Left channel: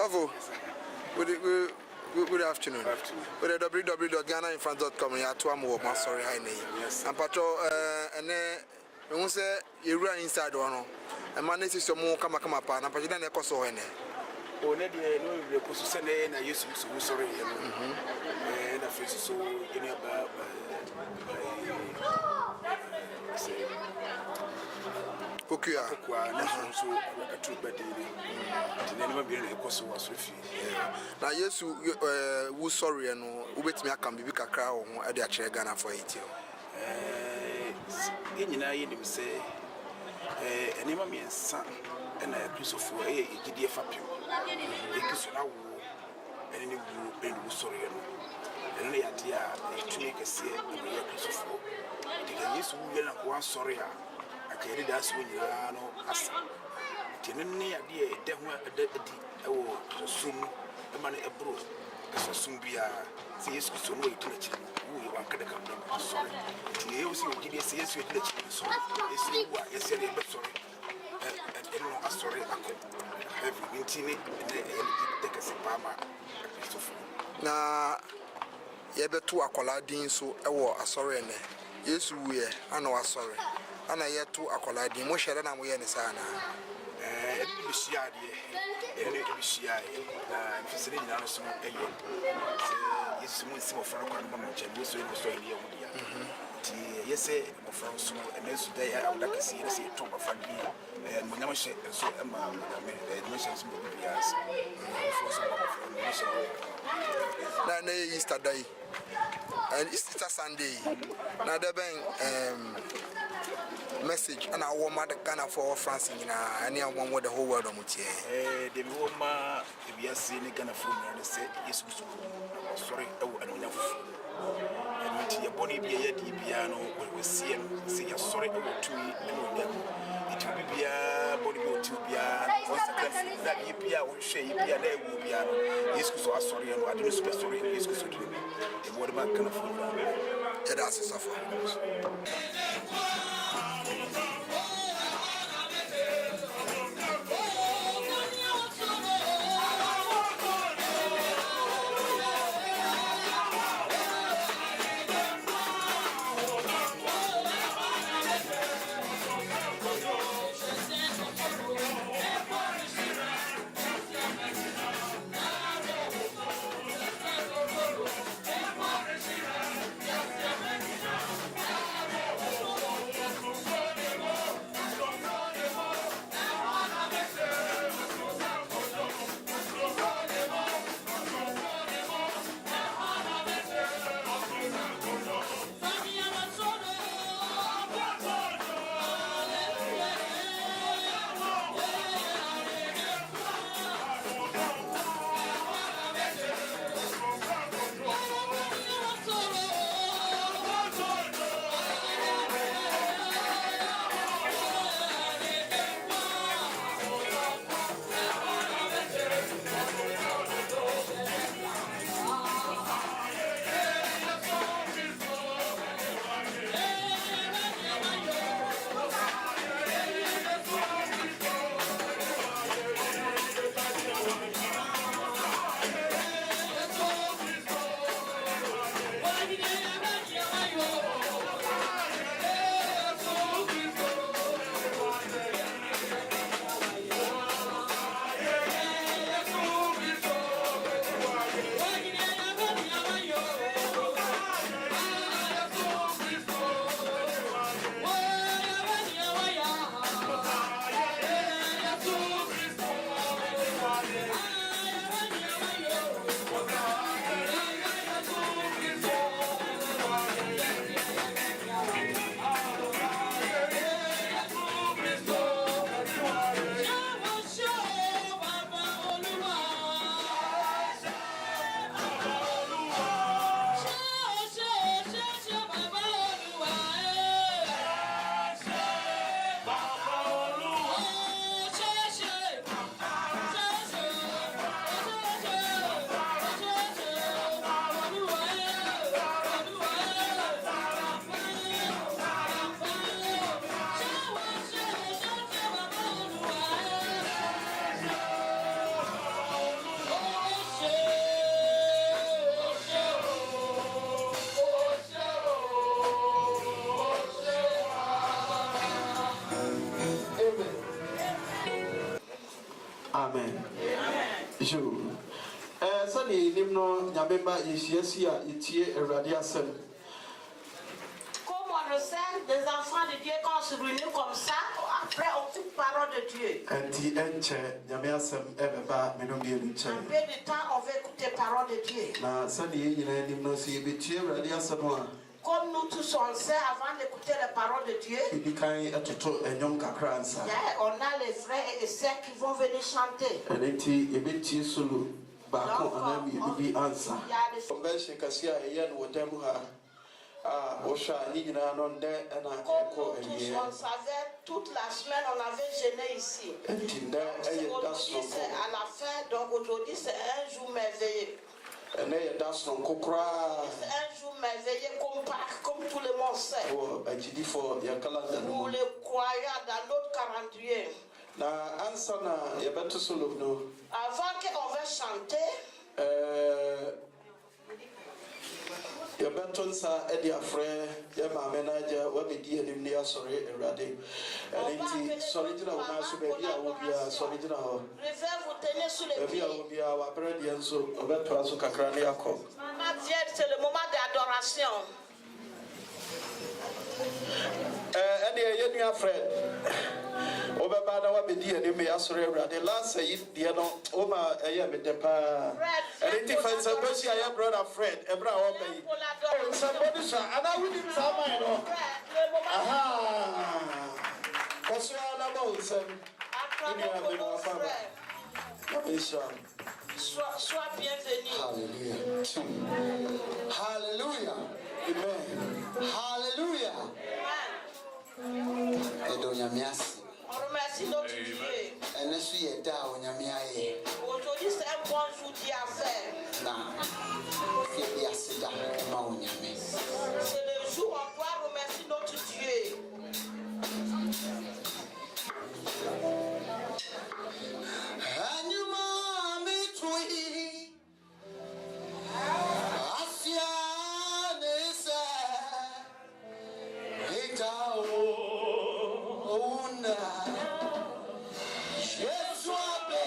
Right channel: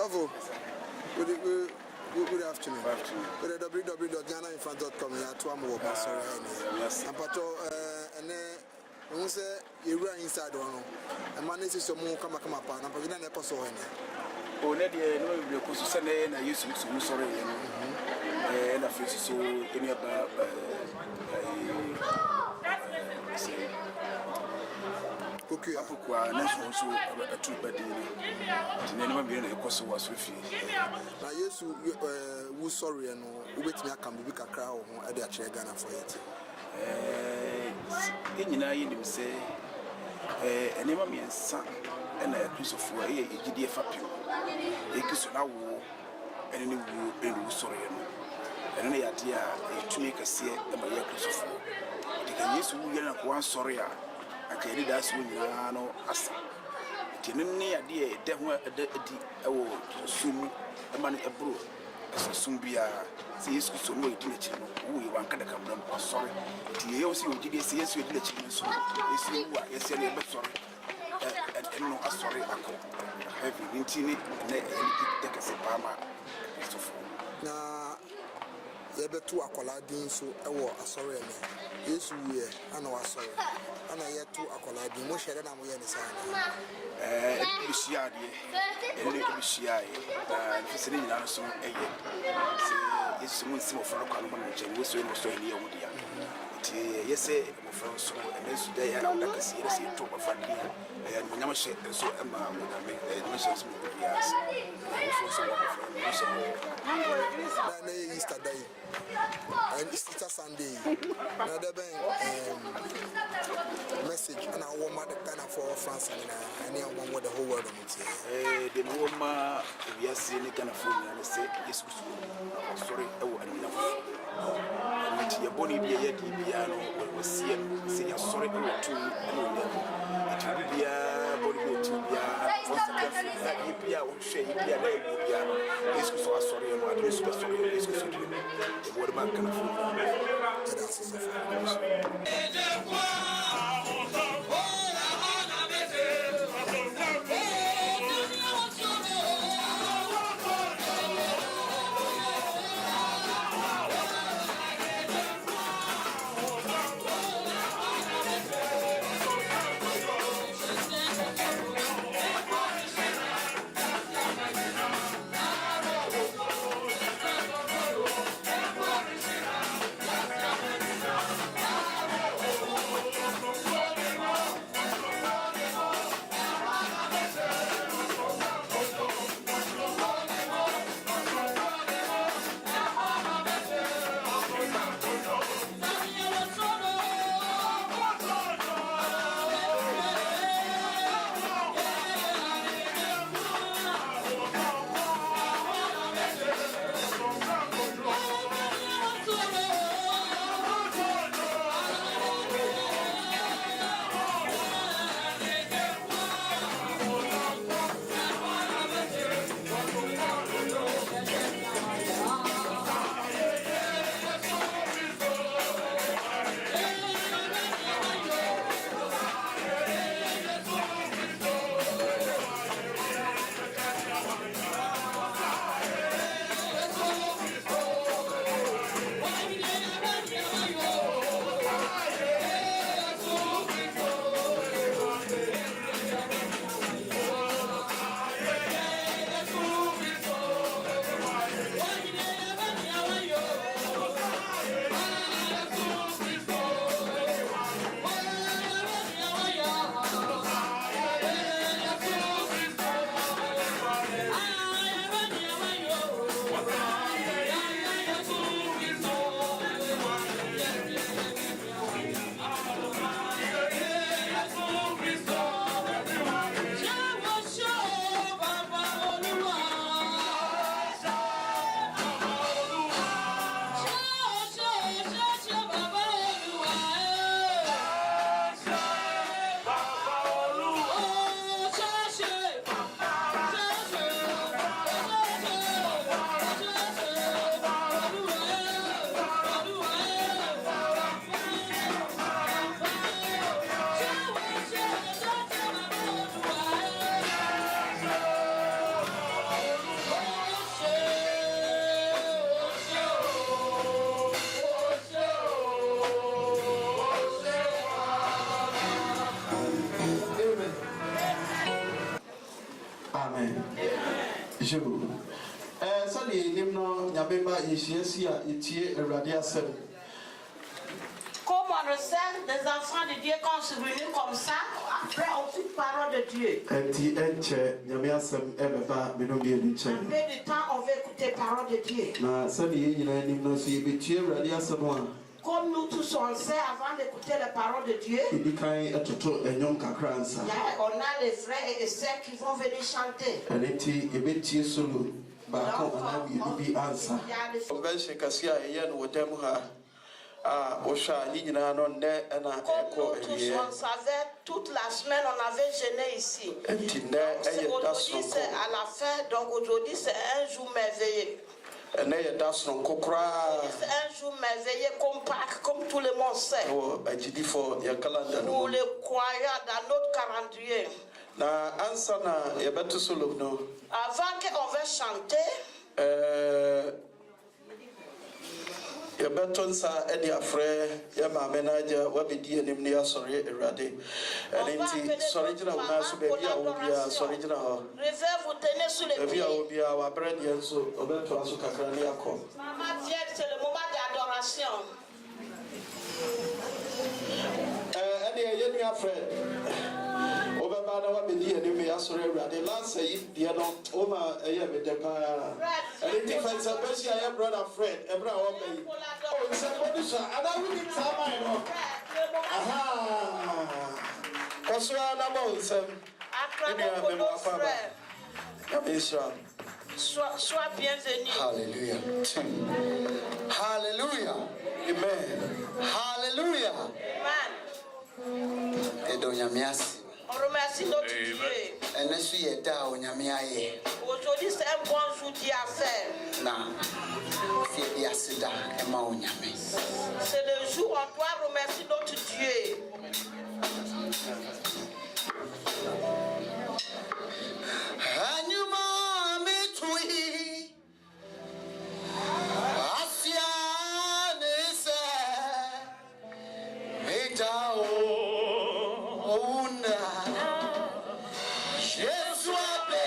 Tavo, good afternoon. With www.ghanainfront.com, you are to am sorry, hi, and patrol, and then say you run inside one, and manage some more come upon, and Pajana Coso. Oh, Neddy, no, you could send in a use of sorry, and I feel so in about say. Pokua, national so a true badini. Tinema being a cost was refused. Now, yes, who sorry and who bet me I can be a crowd at the chair Ghana for it. In him say, a name of me and son, and a Christopher, a GD Fapio, a Kisuna war, and any woo and sorry, and any idea to make a see a Maria Christopher. It can use who get one sorry. I carry that soon, no, asa. Tinny idea, demo a dead, soon a money abroad, as a soon be a see soon wait in the channel. We want to come from sorry. TOC, GDS, you did the channel, so is you are, yes, you're sorry. And no, a sorry, I call. Have you been tinny and any take a Pama, Christopher? Now, you better to a colladine so I war a sorry. Yes, we are, I know, sorry. And I yet to accolade the motion and we are in the sana. It be shy, it be shy, and if it's in the so a year. Yes, some from Kanman, and was in Australia. Yes, my friends, so and this day I would like to see the top of Frankie and when I say so Emma would have made mentions of the years. Now, Easter Day. And it's a Sunday. Now there been message and I want mother Ghana for France in any one with the whole world on which the woman we are seeing a Ghana for me and say yes I'm sorry and we have your body be a piano we see and say sorry to me and it will be a body to be a first that you be a shake piano yes so sorry and I didn't super sorry yes the word back kind of food that's a suffer. sɛdeɛ yɛnim no nyame ma yɛhyia si a yɛtie Awurade asɛm. Comme on le sait, des enfants de Dieu, quand on se réunit comme ça, après on coupe parole de Dieu. Ɛnti ɛnkyɛ nyame asɛm ɛbɛba me no mmienu En nkyɛn. peu de temps, on va écouter parole de Dieu. Na sɛdeɛ yɛn nyinaa nim no sɛ yɛbɛtie Awurade asɛm a Comme nous tous on sait, avant d'écouter les paroles de Dieu, yɛdi kan ɛtoto ɛnnwom kakra ansa. on a les frères et les sœurs qui vont venir chanter. Ɛno nti yɛbɛtie solo baako anaa mmienu bi ansa. Il y a des Convention kɛse a ɛyɛ no wɔ dɛm ha a wohwɛ a ne nyinaa no nnɛ ɛna ɛkɔ Comme nous tous awieɛ. on savait, toute la semaine on avait jeûné ici. Ɛnti nnɛ ɛyɛ da Aujourd'hui c'est soronko. à la fin, donc aujourd'hui c'est un jour merveilleux. Ɛnɛ yɛ da soronko koraa C'est un jour merveilleux comme Pâques, comme tout le monde sait. wɔ agyidifo yɛ kalanda no Pour mu. les croyants dans notre calendrier. Na ansa na yɛbɛto solo no Avant qu'on va chanter, yɛbɛto nsa ɛde afrɛ yɛ maame no agya wabɛdi anim ne yɛasɔre Awurade. Ɛno nti sɔre gyina wo nan so baabi a wo biara sɔre gyina hɔ. réserve vous tenez sous les Baabi a wo pieds. biara wabrɛ deɛ nso ɔbɛtoa so kakra ne yɛakɔ. Maman viens, c'est le moment d'adoration. Ɛne ɛyɛ nua Fred wobɛba na wabɛdi anim ne yɛasɔre Awurade. Lansa yi deɛ no woma ɛyɛ me dɛ paa. Ɛno nti fa nsɛmpa si a yɛ brother Fred ɛberɛ a wɔba yi. Pour l'adoration. Nsɛmpa no hyɛ anaa wonim saa man no. Le moment Aha! Kɔ so ara na ma wo nsɛm. acclamé pour nos frères. Nyame nhyira wo. Sois bienvenu. Hallelujah. Hallelujah. Amen. Hallelujah. Amen. Edo nyame ase. On remercie notre Dieu. Ɛno so yɛ da a onyame ayɛ. Aujourd'hui c'est un bon jour Dieu a fait. Na sɛ bi ase da ɛma onyame. C'est le jour où on doit remercier notre Dieu. Anyuma mi tui. Afia nese. Eta ona. Yesu abe.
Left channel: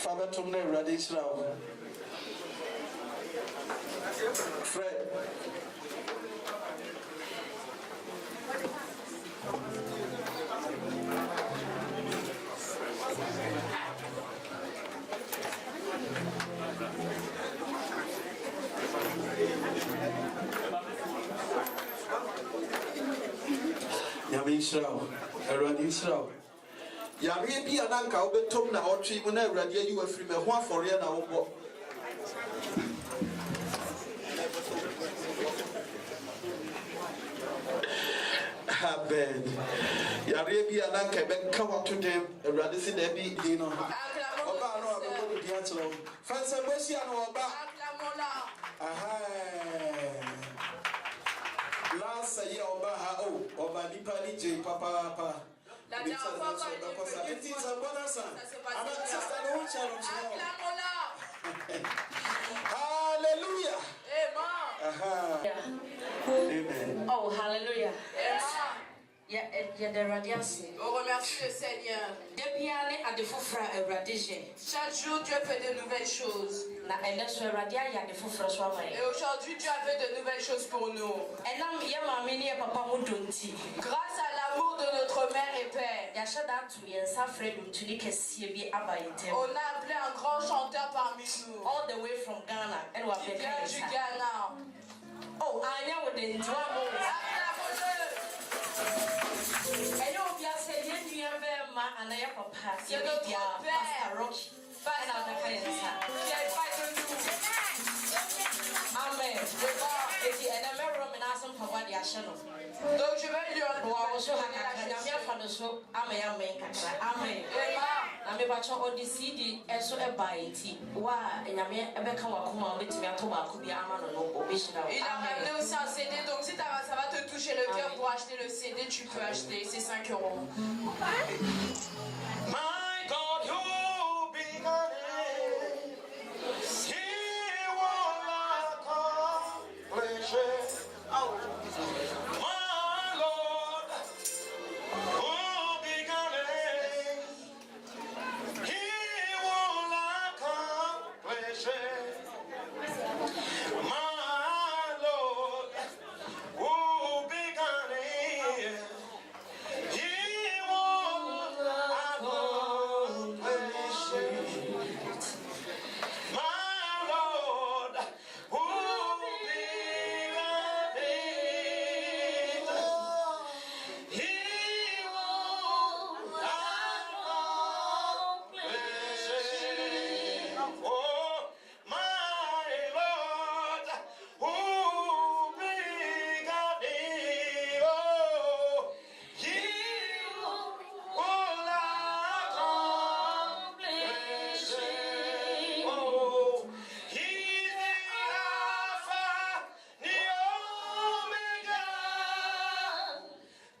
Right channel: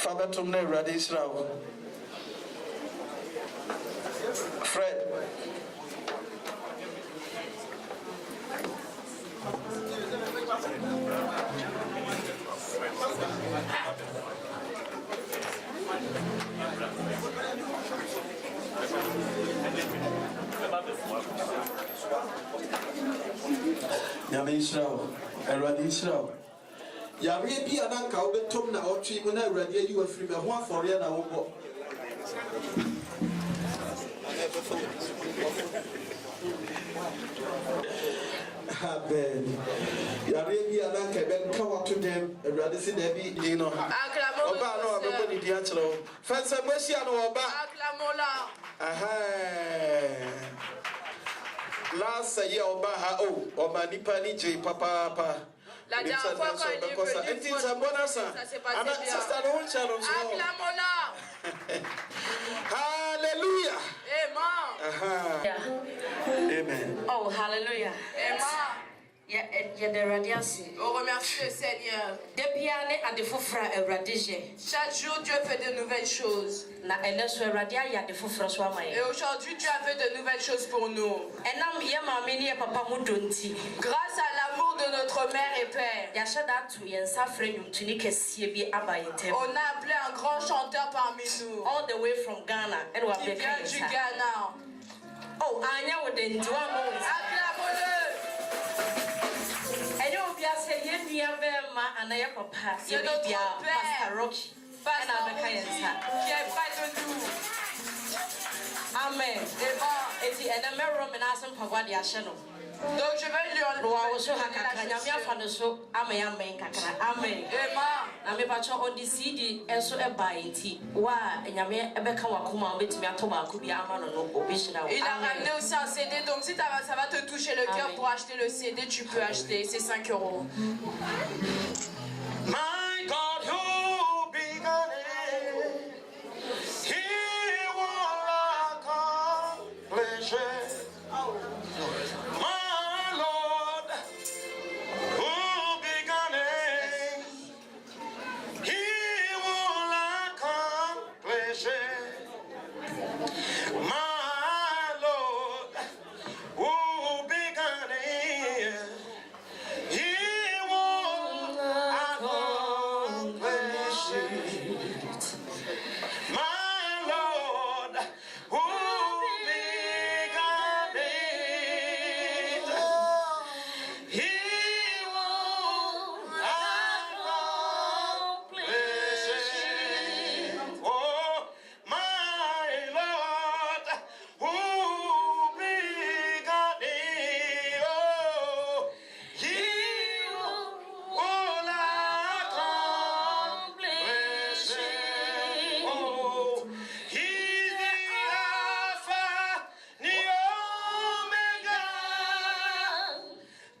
Fabetum ne ready Israel. Fred. Nyame Israel. Ready Israel. Yare bi ananka obetom na otwe mu na awurade ayi wafiri me ho afore na wo Amen. Yare bi ananka be ka wato dem awurade si da bi yi no. Oba no obe ni di achiro. Fansa bosia no oba. Aha. Last year oba ha oba nipa ni je papa. La dernière fois quand il est venu, ça s'est passé bien. Alléluia. Amen. Oh, hallelujah. On remercie le Seigneur. Chaque jour, Dieu fait de nouvelles choses. Et aujourd'hui, Dieu a fait de nouvelles choses pour nous. Grâce à l'amour de notre mère et père, on a appelé un grand chanteur parmi nous. All the way from Ghana. Qui vient du Ghana. Oh, acclamons-le. C'est notre père, Pastor Rocky. Amen. Donc je vais lui enlever. Il a ramené aussi un CD, donc si ça va te toucher le cœur pour acheter le CD, tu peux acheter, c'est 5 €. My God, who began it, He will accomplish it. My Lord, who began it, He will accomplish it. My Lord, who began it, He will accomplish it. My Lord, who began it, He will accomplish it. Oh, my Lord, who began it, oh, He will accomplish it. Oh, He's the Alpha, the Omega,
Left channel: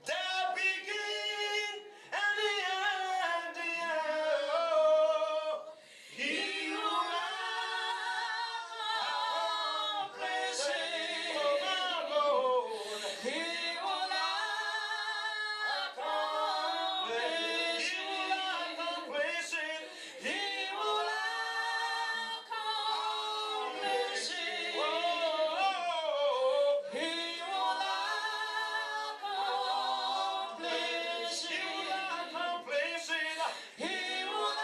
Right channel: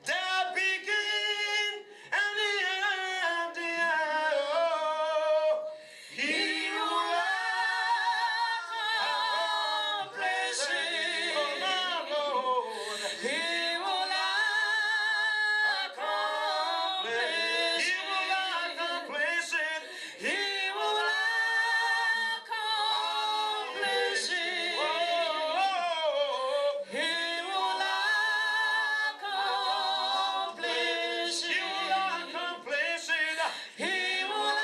the beginning and the end. Oh, He will accomplish it. Oh, my Lord, He will accomplish it. He will accomplish it. He will accomplish it. Oh, He will accomplish it. He will accomplish it. He will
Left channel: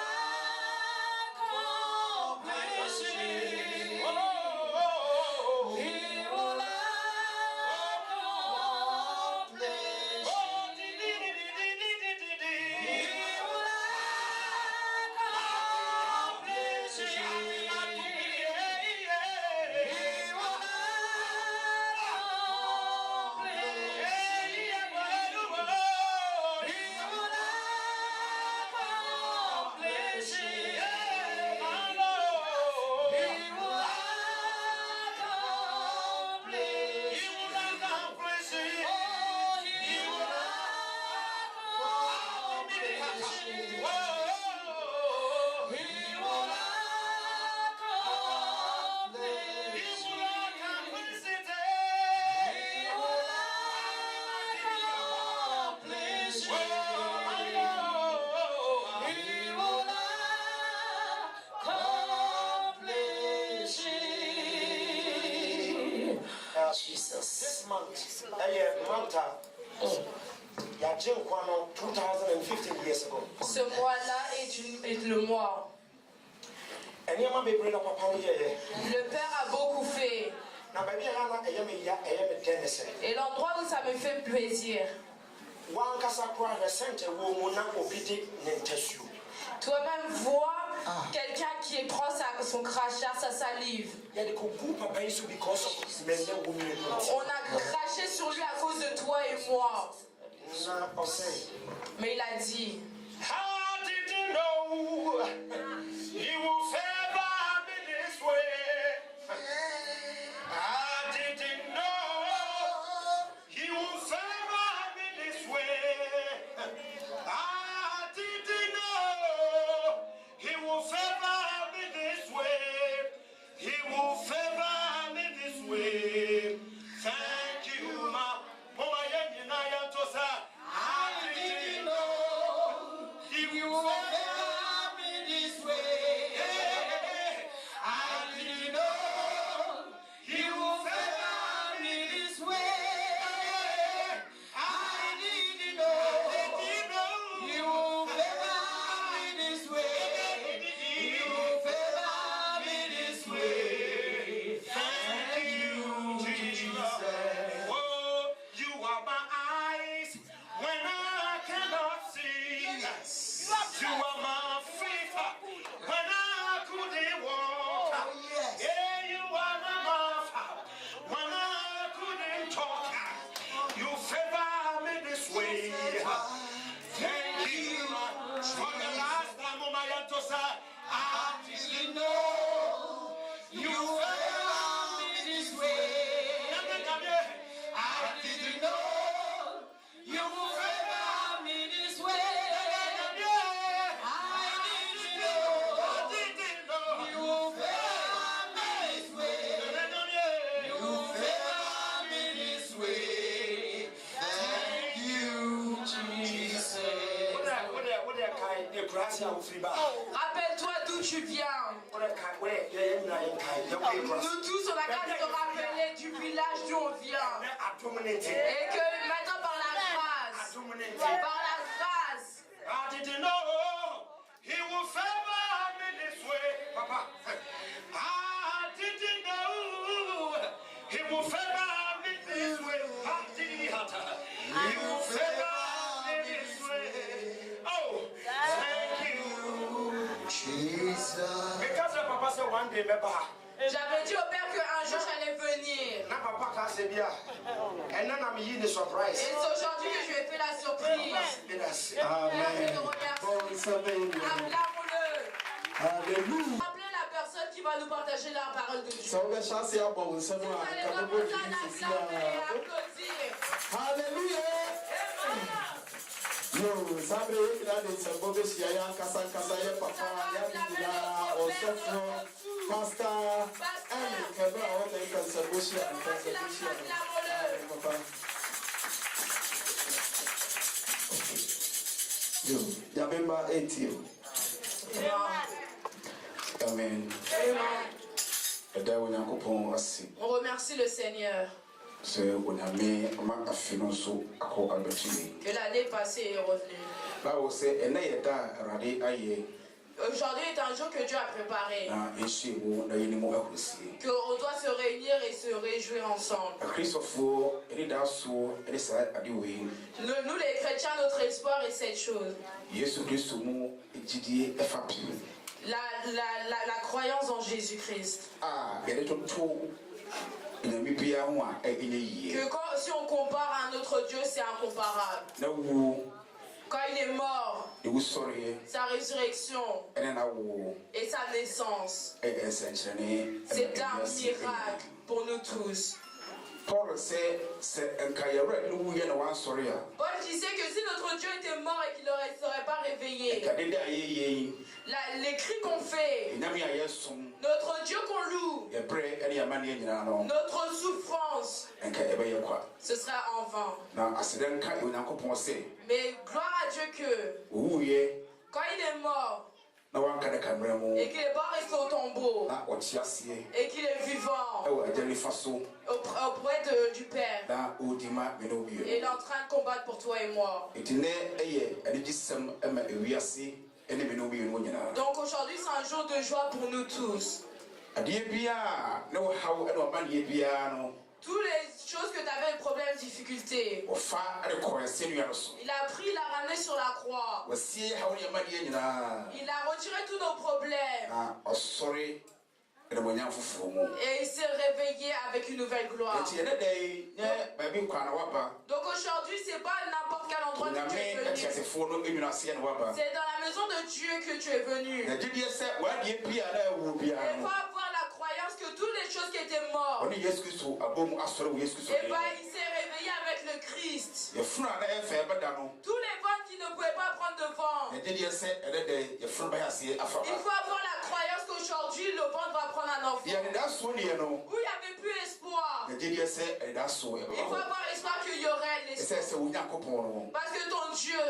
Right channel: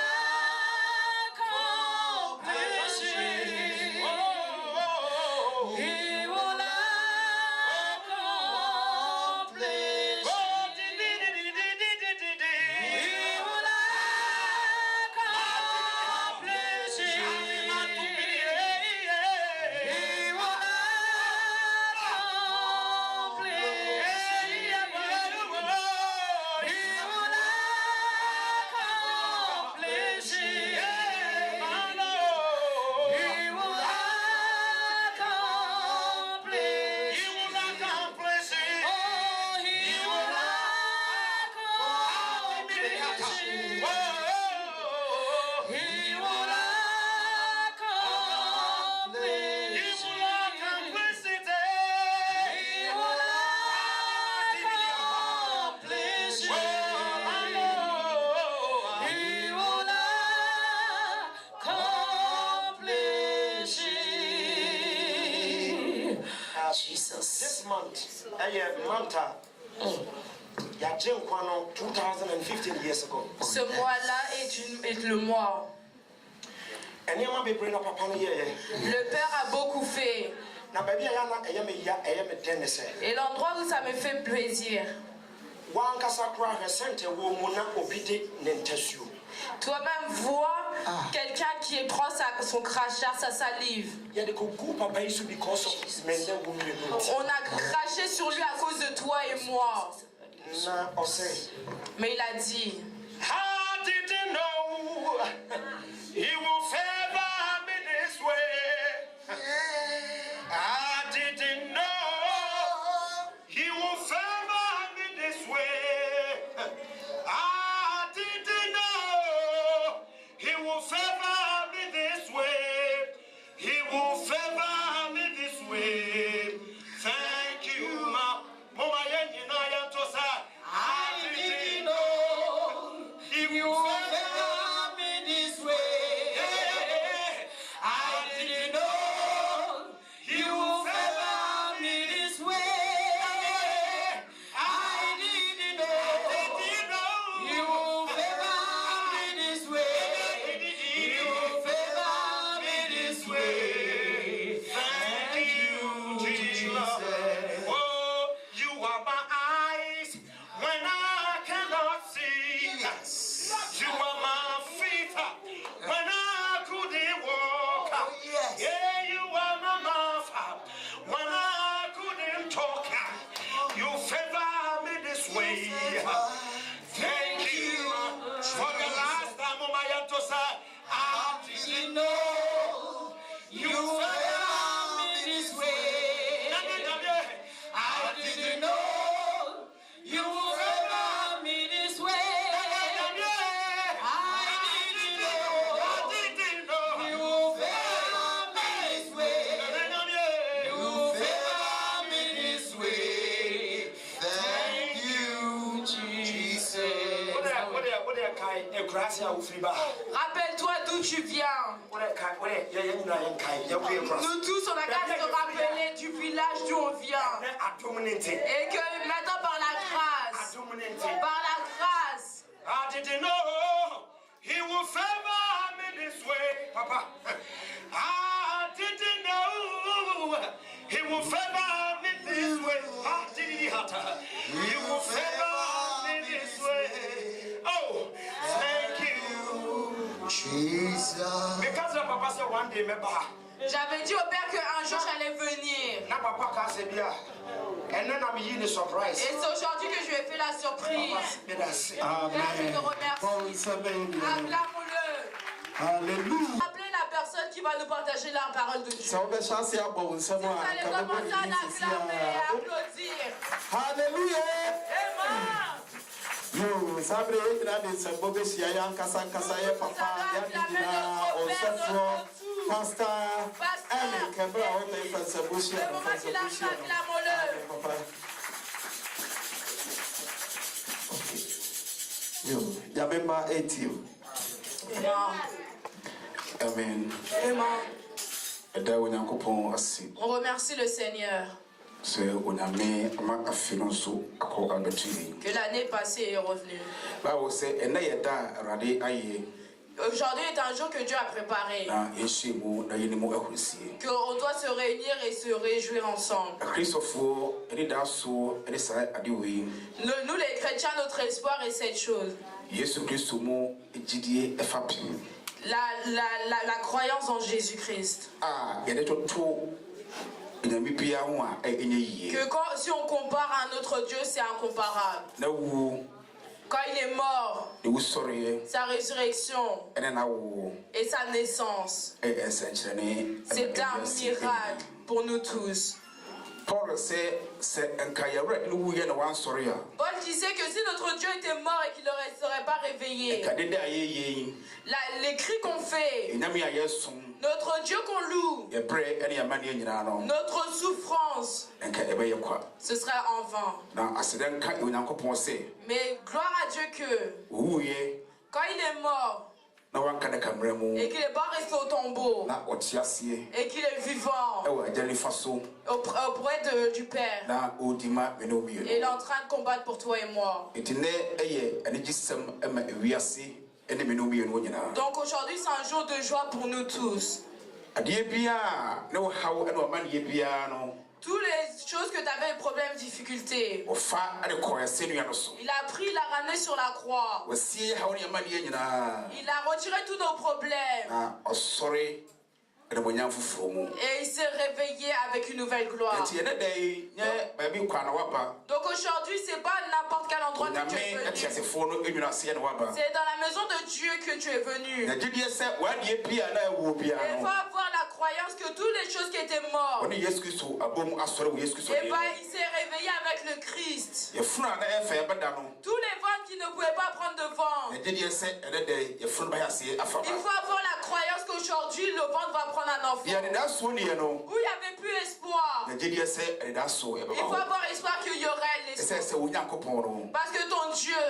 accomplish it. Oh, He will accomplish it. Jesus. This month, Manta, Yajin Kwano, 2015 years ago. Ce mois-là est le mois. And you be bring up a pony. Le Père a beaucoup fait. Now, baby, I am a tennis. Et l'endroit où ça me fait plaisir. One Casacra, a center woman, obedient, Nentesu. Toi-même vois quelqu'un qui prend son crachat, sa salive. On a craché sur lui à cause de toi et moi. Mais il a dit, how did you know he will favor me this way? I didn't know he will favor me this way. I didn't know he will favor me this way. He will favor me this way. Thank you, ma. Mama, I didn't know he will favor me this way. I didn't know he will favor me this way. I didn't know he will favor me this way. He will favor me this way. Thank you, Jesus. Oh, you are my eyes when I cannot see. Yes. You are my feet when I couldn't walk. Yeah, you are my mouth when I couldn't talk. You favor me this way. Thank you for the last time on my answer. I didn't know you favor me this way. I didn't know you will favor me this way. I didn't know you will favor me this way. You favor me this way. Thank you, Jesus. rappelle-toi d'où tu viens. Nous tous, on a qu'à se rappeler du village d'où on vient. Et que maintenant, par la grâce, Did you know he will favor me this way, Papa? I didn't know he will favor me this way. He will favor me this way. Oh, thank you, Jesus. Because of Papa said one day, remember. j'avais dit au Père qu'un jour j'allais venir. Now Papa can't say bien. And then I'm in the surprise. Et c'est aujourd'hui que je lui ai fait la surprise. Amen. Bon, vous savez, Acclame-le. Alléluia. Appelez la personne qui va nous partager la parole de Dieu. Ça va chancer à bon, ça Vous allez commencer à l'acclamer et à applaudir. Alléluia. Yo, sabre ina de sabo be sia ya kasa ya papa ya bidina o sefo pastor and kebra o te ka sabo sia papa. Yo, ya bemba 18. Amen. On remercie le Seigneur que l'année passée est revenue. Aujourd'hui est un jour que Dieu a préparé. Qu'on doit se réunir et se réjouir ensemble. Nous les chrétiens, notre espoir est cette chose. La croyance en Jésus-Christ. Que si on compare à notre Dieu, c'est incomparable. Quand il est mort, sa résurrection et sa naissance, c'est un miracle pour nous tous. Paul disait que si notre Dieu était mort et qu'il ne serait pas réveillé, les cris qu'on fait, notre Dieu qu'on loue, notre souffrance, ce sera en vain. Mais gloire à Dieu que quand il est mort, et qu'il n'est pas resté au tombeau et qu'il est vivant auprès du Père. Et il est en train de combattre pour toi et moi. Donc aujourd'hui c'est un jour de joie pour nous tous. Toutes les choses que tu avais des problèmes, difficultés, il a pris, il a ramené sur la croix. Il a retiré tous nos problèmes. Et il s'est réveillé avec une nouvelle gloire. Donc aujourd'hui, c'est pas n'importe quel endroit que tu es venu. C'est dans la maison de Dieu que tu es venu. Et il faut avoir la croyance que toutes les choses qui étaient mortes, il s'est réveillé avec le Christ. Tous les vents qui ne pouvaient pas prendre de vent, il faut avoir la croyance qu'aujourd'hui le vent va prendre un enfant. Où il n'y avait plus espoir, il faut avoir espoir qu'il y aurait l'espoir. Parce que ton Dieu,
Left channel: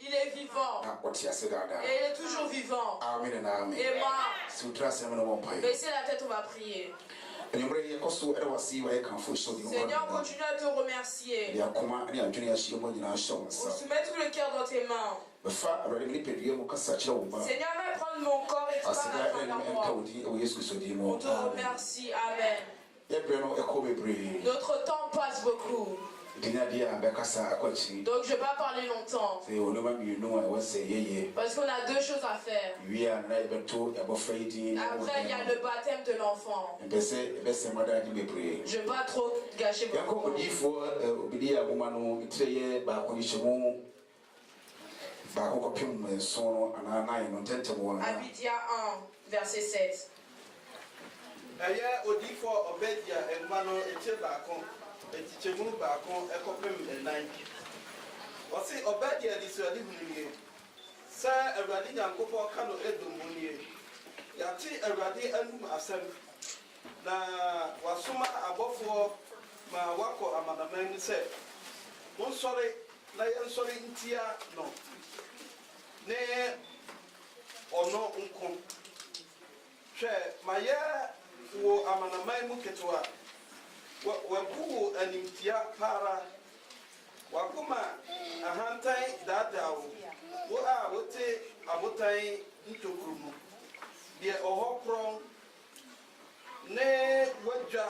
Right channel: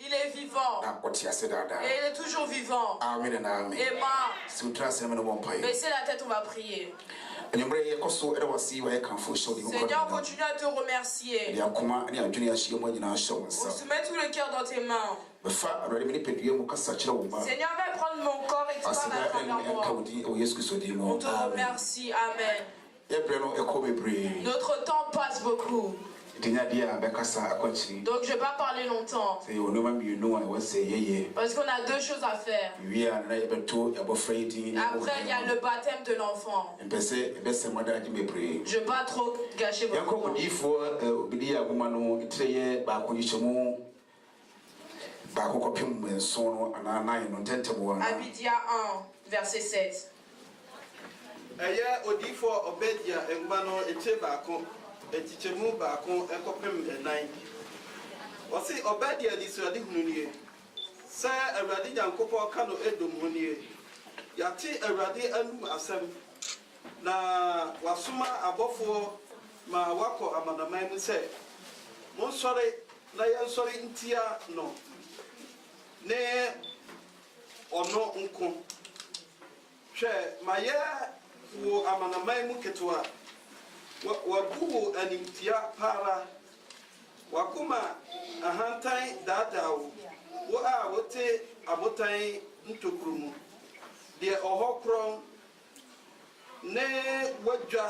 il est vivant. Et il est toujours vivant. Amen. Baissez la tête, on va prier. Seigneur, continue à te remercier. On se met tout le cœur dans tes mains. Seigneur, va prendre mon corps et tu vas prendre moi. On te remercie. Amen. Notre temps passe beaucoup. Donc je ne vais pas parler longtemps. Parce qu'on a deux choses à faire. Après il y a le baptême de l'enfant. Je ne vais pas trop gâcher votre temps. Abidja 1, verset 7. Etichemu baako ekopem enan. Wasi Obadia di suadi hununie. Sa Awurade Nyankopɔn ka no Edom hunie. Yate Awurade anum asɛm. Na wasoma abɔfoɔ ma wakɔ amanaman mu sɛ monsɔre na yɛnsɔre ntia no. Ne ɔno nko. Hwɛ ma yɛ wo amanaman mu ketewa. Wabu animtia para wakuma ahantan dadao wo a wote abotan ntokrumu de ohokron ne wadwa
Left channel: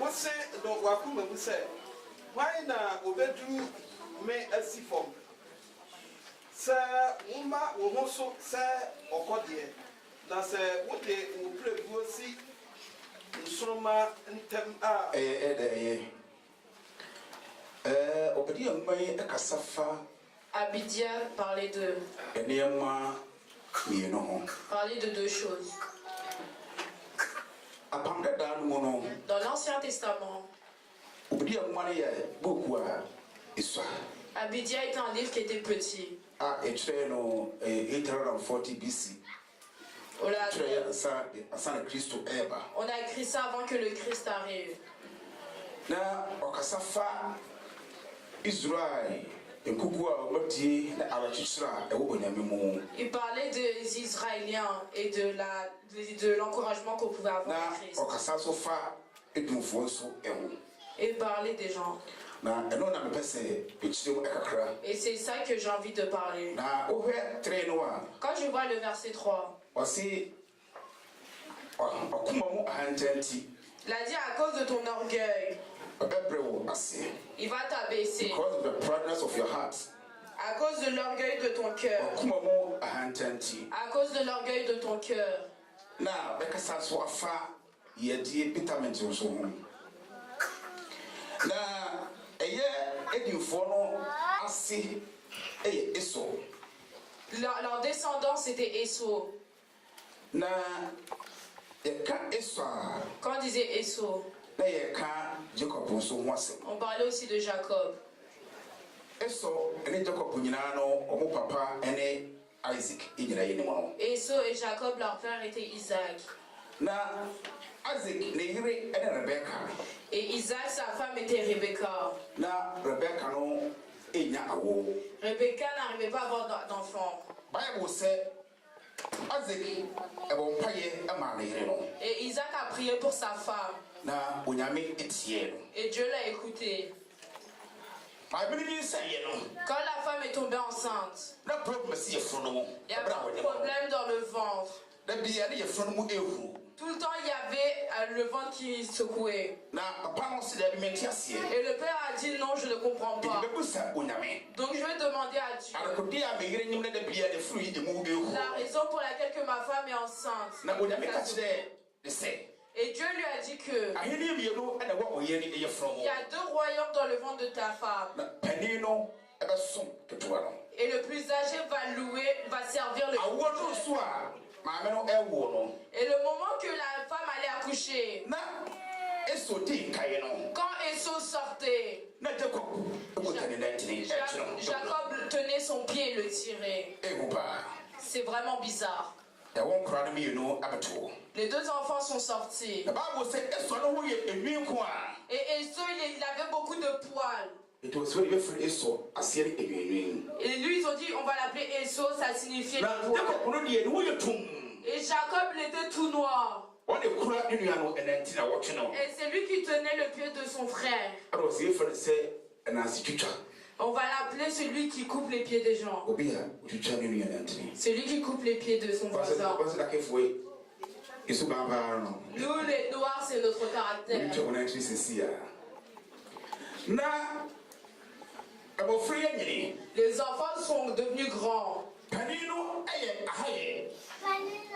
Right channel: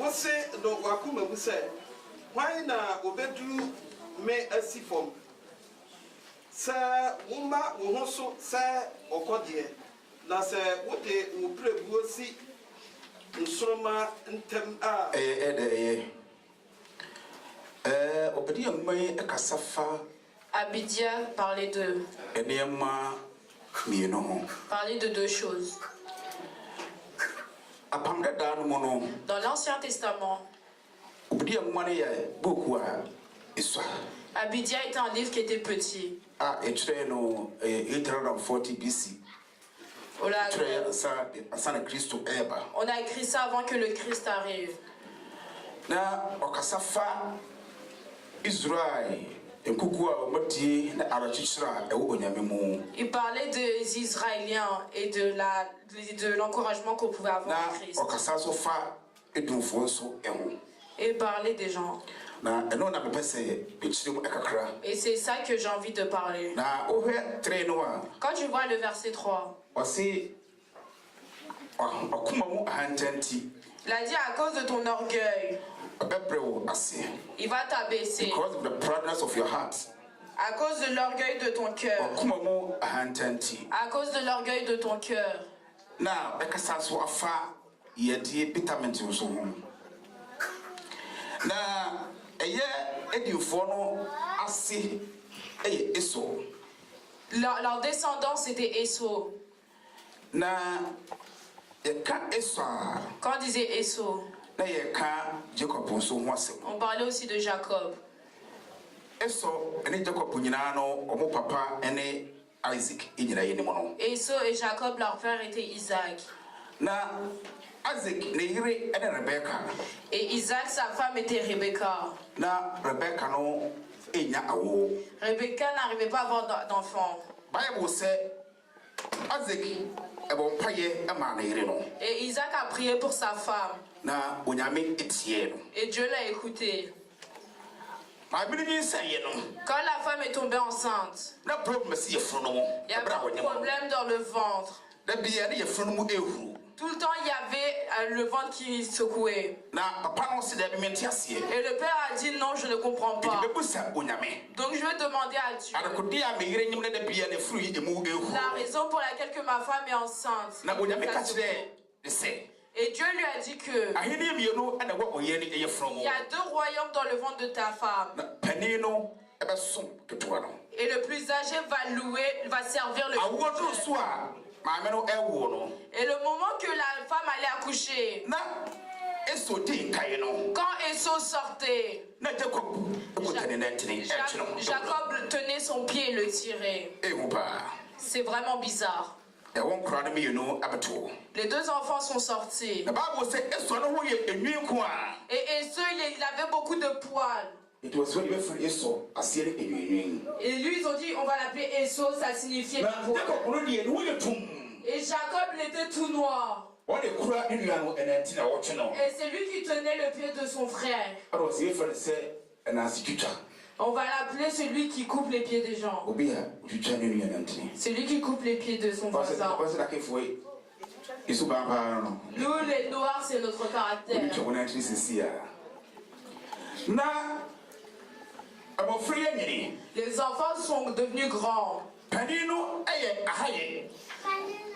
wose do wakuma bu se hwan na obedu me asifom sa woma wo ho so sa okode na se wote wo prebuo si Nsoroma ntem a Abidja parlait de deux choses. Dans l'Ancien Testament, Abidja était un livre qui était petit. On a écrit ça avant que le Christ arrive. Il parlait des Israéliens et de l'encouragement qu'on pouvait avoir en Christ. Et il parlait des gens. Et c'est ça que j'ai envie de parler. Quand tu vois le verset 3, il a dit à cause de ton orgueil, il va t'abaisser. À cause de l'orgueil de ton cœur. À cause de l'orgueil de ton cœur. Leur descendance était Esau. Quand on disait Esau, on parlait aussi de Jacob. Esau et Jacob, leur père était Isaac. Et Isaac, sa femme était Rebecca. Rebecca n'arrivait pas à avoir d'enfant. Bible said, et Isaac a prié pour sa femme. Et Dieu l'a écouté. Quand la femme est tombée enceinte, il y a un problème dans le ventre. Tout le temps, il y avait le ventre qui secouait. Et le père a dit non, je ne comprends pas. Donc je vais demander à Dieu la raison pour laquelle que ma femme est enceinte. Et Dieu lui a dit que il y a 2 royaumes dans le ventre de ta femme. Et le plus âgé va servir le plus jeune. Et le moment que la femme allait accoucher, quand Esau sortait, Jacob tenait son pied et le tirait. C'est vraiment bizarre. Les 2 enfants sont sortis. Et Esau, il avait beaucoup de poils. Et lui, ils ont dit, on va l'appeler Esau, ça signifiait le poil. Et Jacob, il était tout noir. Et c'est lui qui tenait le pied de son frère. On va l'appeler celui qui coupe les pieds des gens. Celui qui coupe les pieds de son voisin. Nous, les noirs, c'est notre caractère. Les enfants sont devenus grands.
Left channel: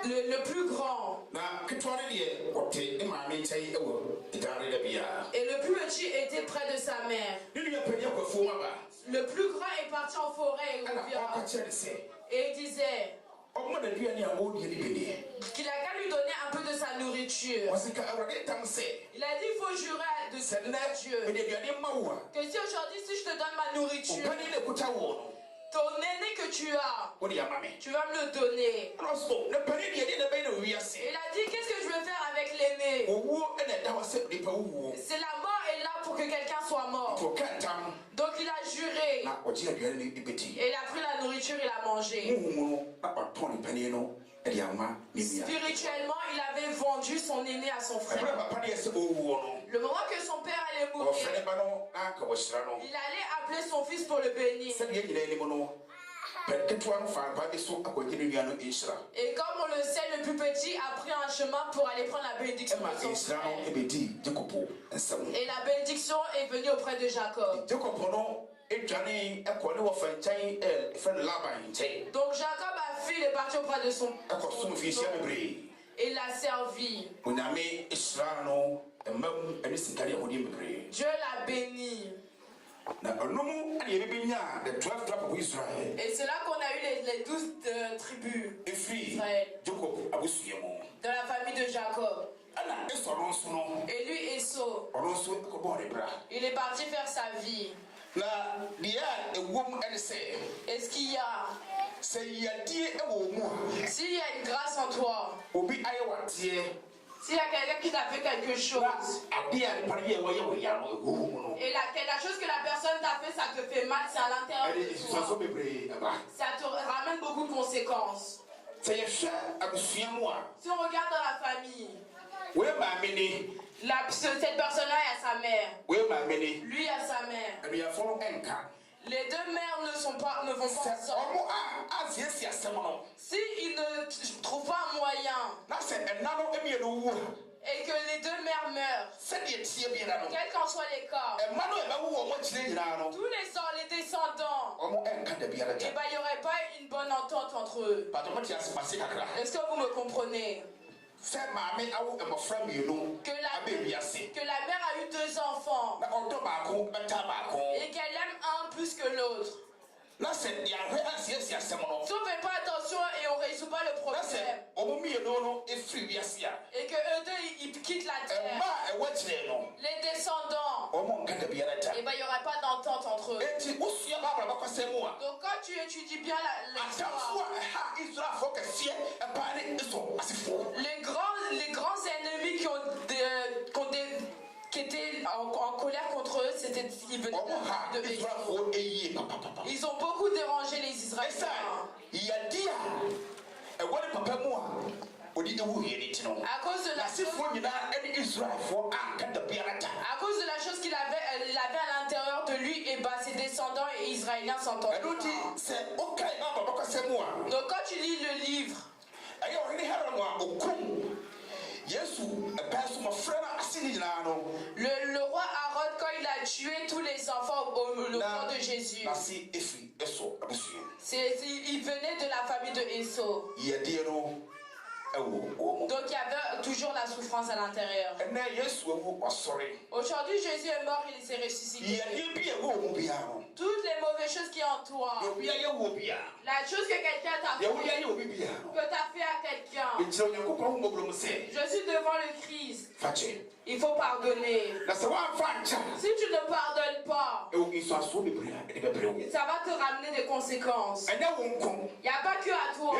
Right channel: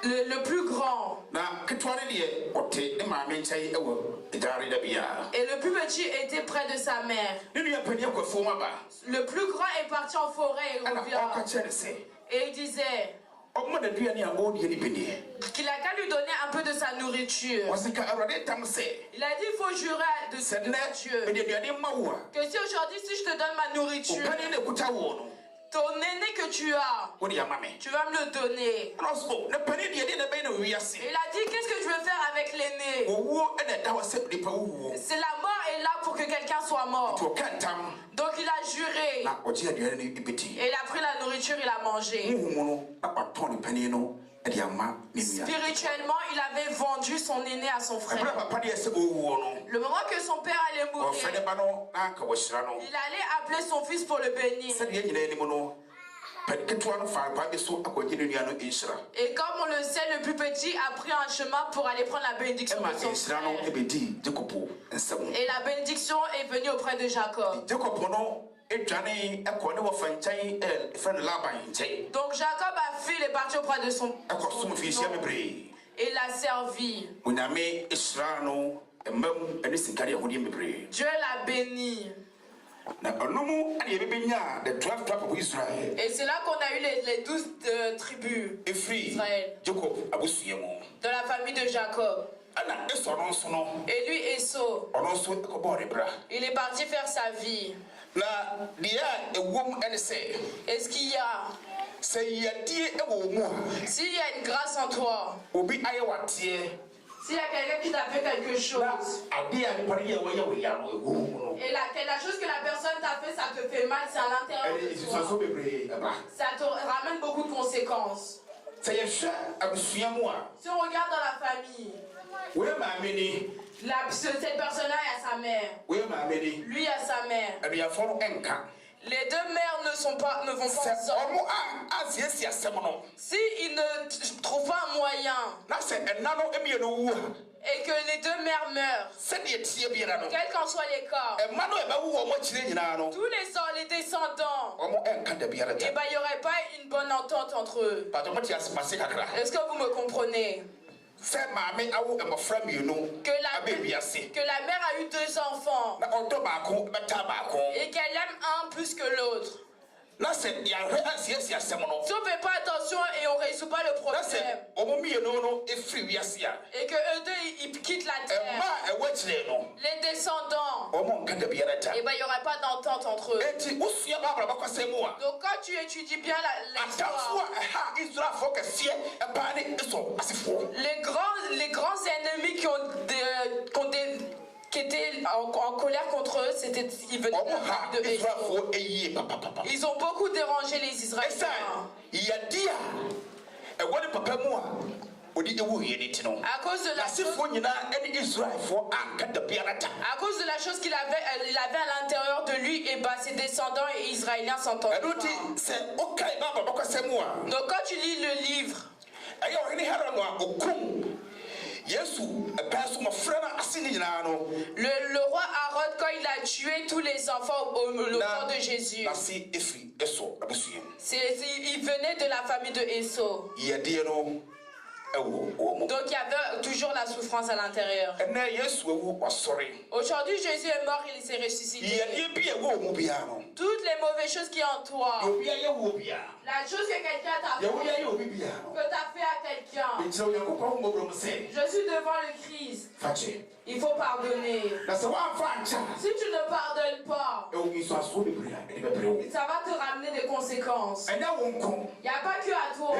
Le plus grand. Et le plus petit était près de sa mère. Le plus grand est parti en forêt et revient. Et il disait qu'il a qu'à lui donner un peu de sa nourriture. Il a dit il faut jurer de Dieu que si aujourd'hui si je te donne ma nourriture, ton aîné que tu as, tu vas me le donner. Il a dit qu'est-ce que je veux faire avec l'aîné? C'est la mort est là pour que quelqu'un soit mort. Donc il a juré. Et il a pris la nourriture, il a mangé. Spirituellement, il avait vendu son aîné à son frère. Le moment que son père allait mourir, il allait appeler son fils pour le bénir. Et comme on le sait, le plus petit a pris un chemin pour aller prendre la bénédiction de son frère. Et la bénédiction est venue auprès de Jacob. Donc Jacob a fui, il est parti auprès de son fils. Et l'a servi. Dieu l'a béni. Et c'est là qu'on a eu les 12 tribus d'Israël, de la famille de Jacob. Et lui, Esau, il est parti faire sa vie. Est-ce qu'il y a, s'il y a une grâce en toi, s'il y a quelqu'un qui t'a fait quelque chose, et la chose que la personne t'a fait, ça te fait mal, c'est à l'intérieur de toi, ça te ramène beaucoup de conséquences. Si on regarde dans la famille, cette personne-là a sa mère, lui a sa mère. Les 2 mères ne vont pas ensemble. S'ils ne trouvent pas un moyen et que les 2 mères meurent, quel qu'en soit les cas, tous les descendants, il n'y aurait pas une bonne entente entre eux. Est-ce que vous me comprenez? Que la mère a eu 2 enfants et qu'elle aime un plus que l'autre. Si on ne fait pas attention et on ne résout pas le problème, et que eux 2 ils quittent la terre, les descendants, il n'y aura pas d'entente entre eux. Donc quand tu étudies bien l'histoire, les grands ennemis qui étaient en colère contre eux, ils venaient de Ésaü. Ils ont beaucoup dérangé les Israéliens. À cause de la chose qu'il avait à l'intérieur de lui, et ses descendants et Israéliens s'entendent. Donc quand tu lis le livre, le roi Aaron, quand il a tué tous les enfants au temps de Jésus, il venait de la famille de Ésaü. Donc il y avait toujours la souffrance à l'intérieur. Aujourd'hui Jésus est mort, il s'est ressuscité. Toutes les mauvaises choses qui en toi, la chose que quelqu'un t'a fait, que tu as fait à quelqu'un, je suis devant le Christ. Il faut pardonner. Si tu ne pardonnes pas, ça va te ramener des conséquences. Il n'y a pas que à toi,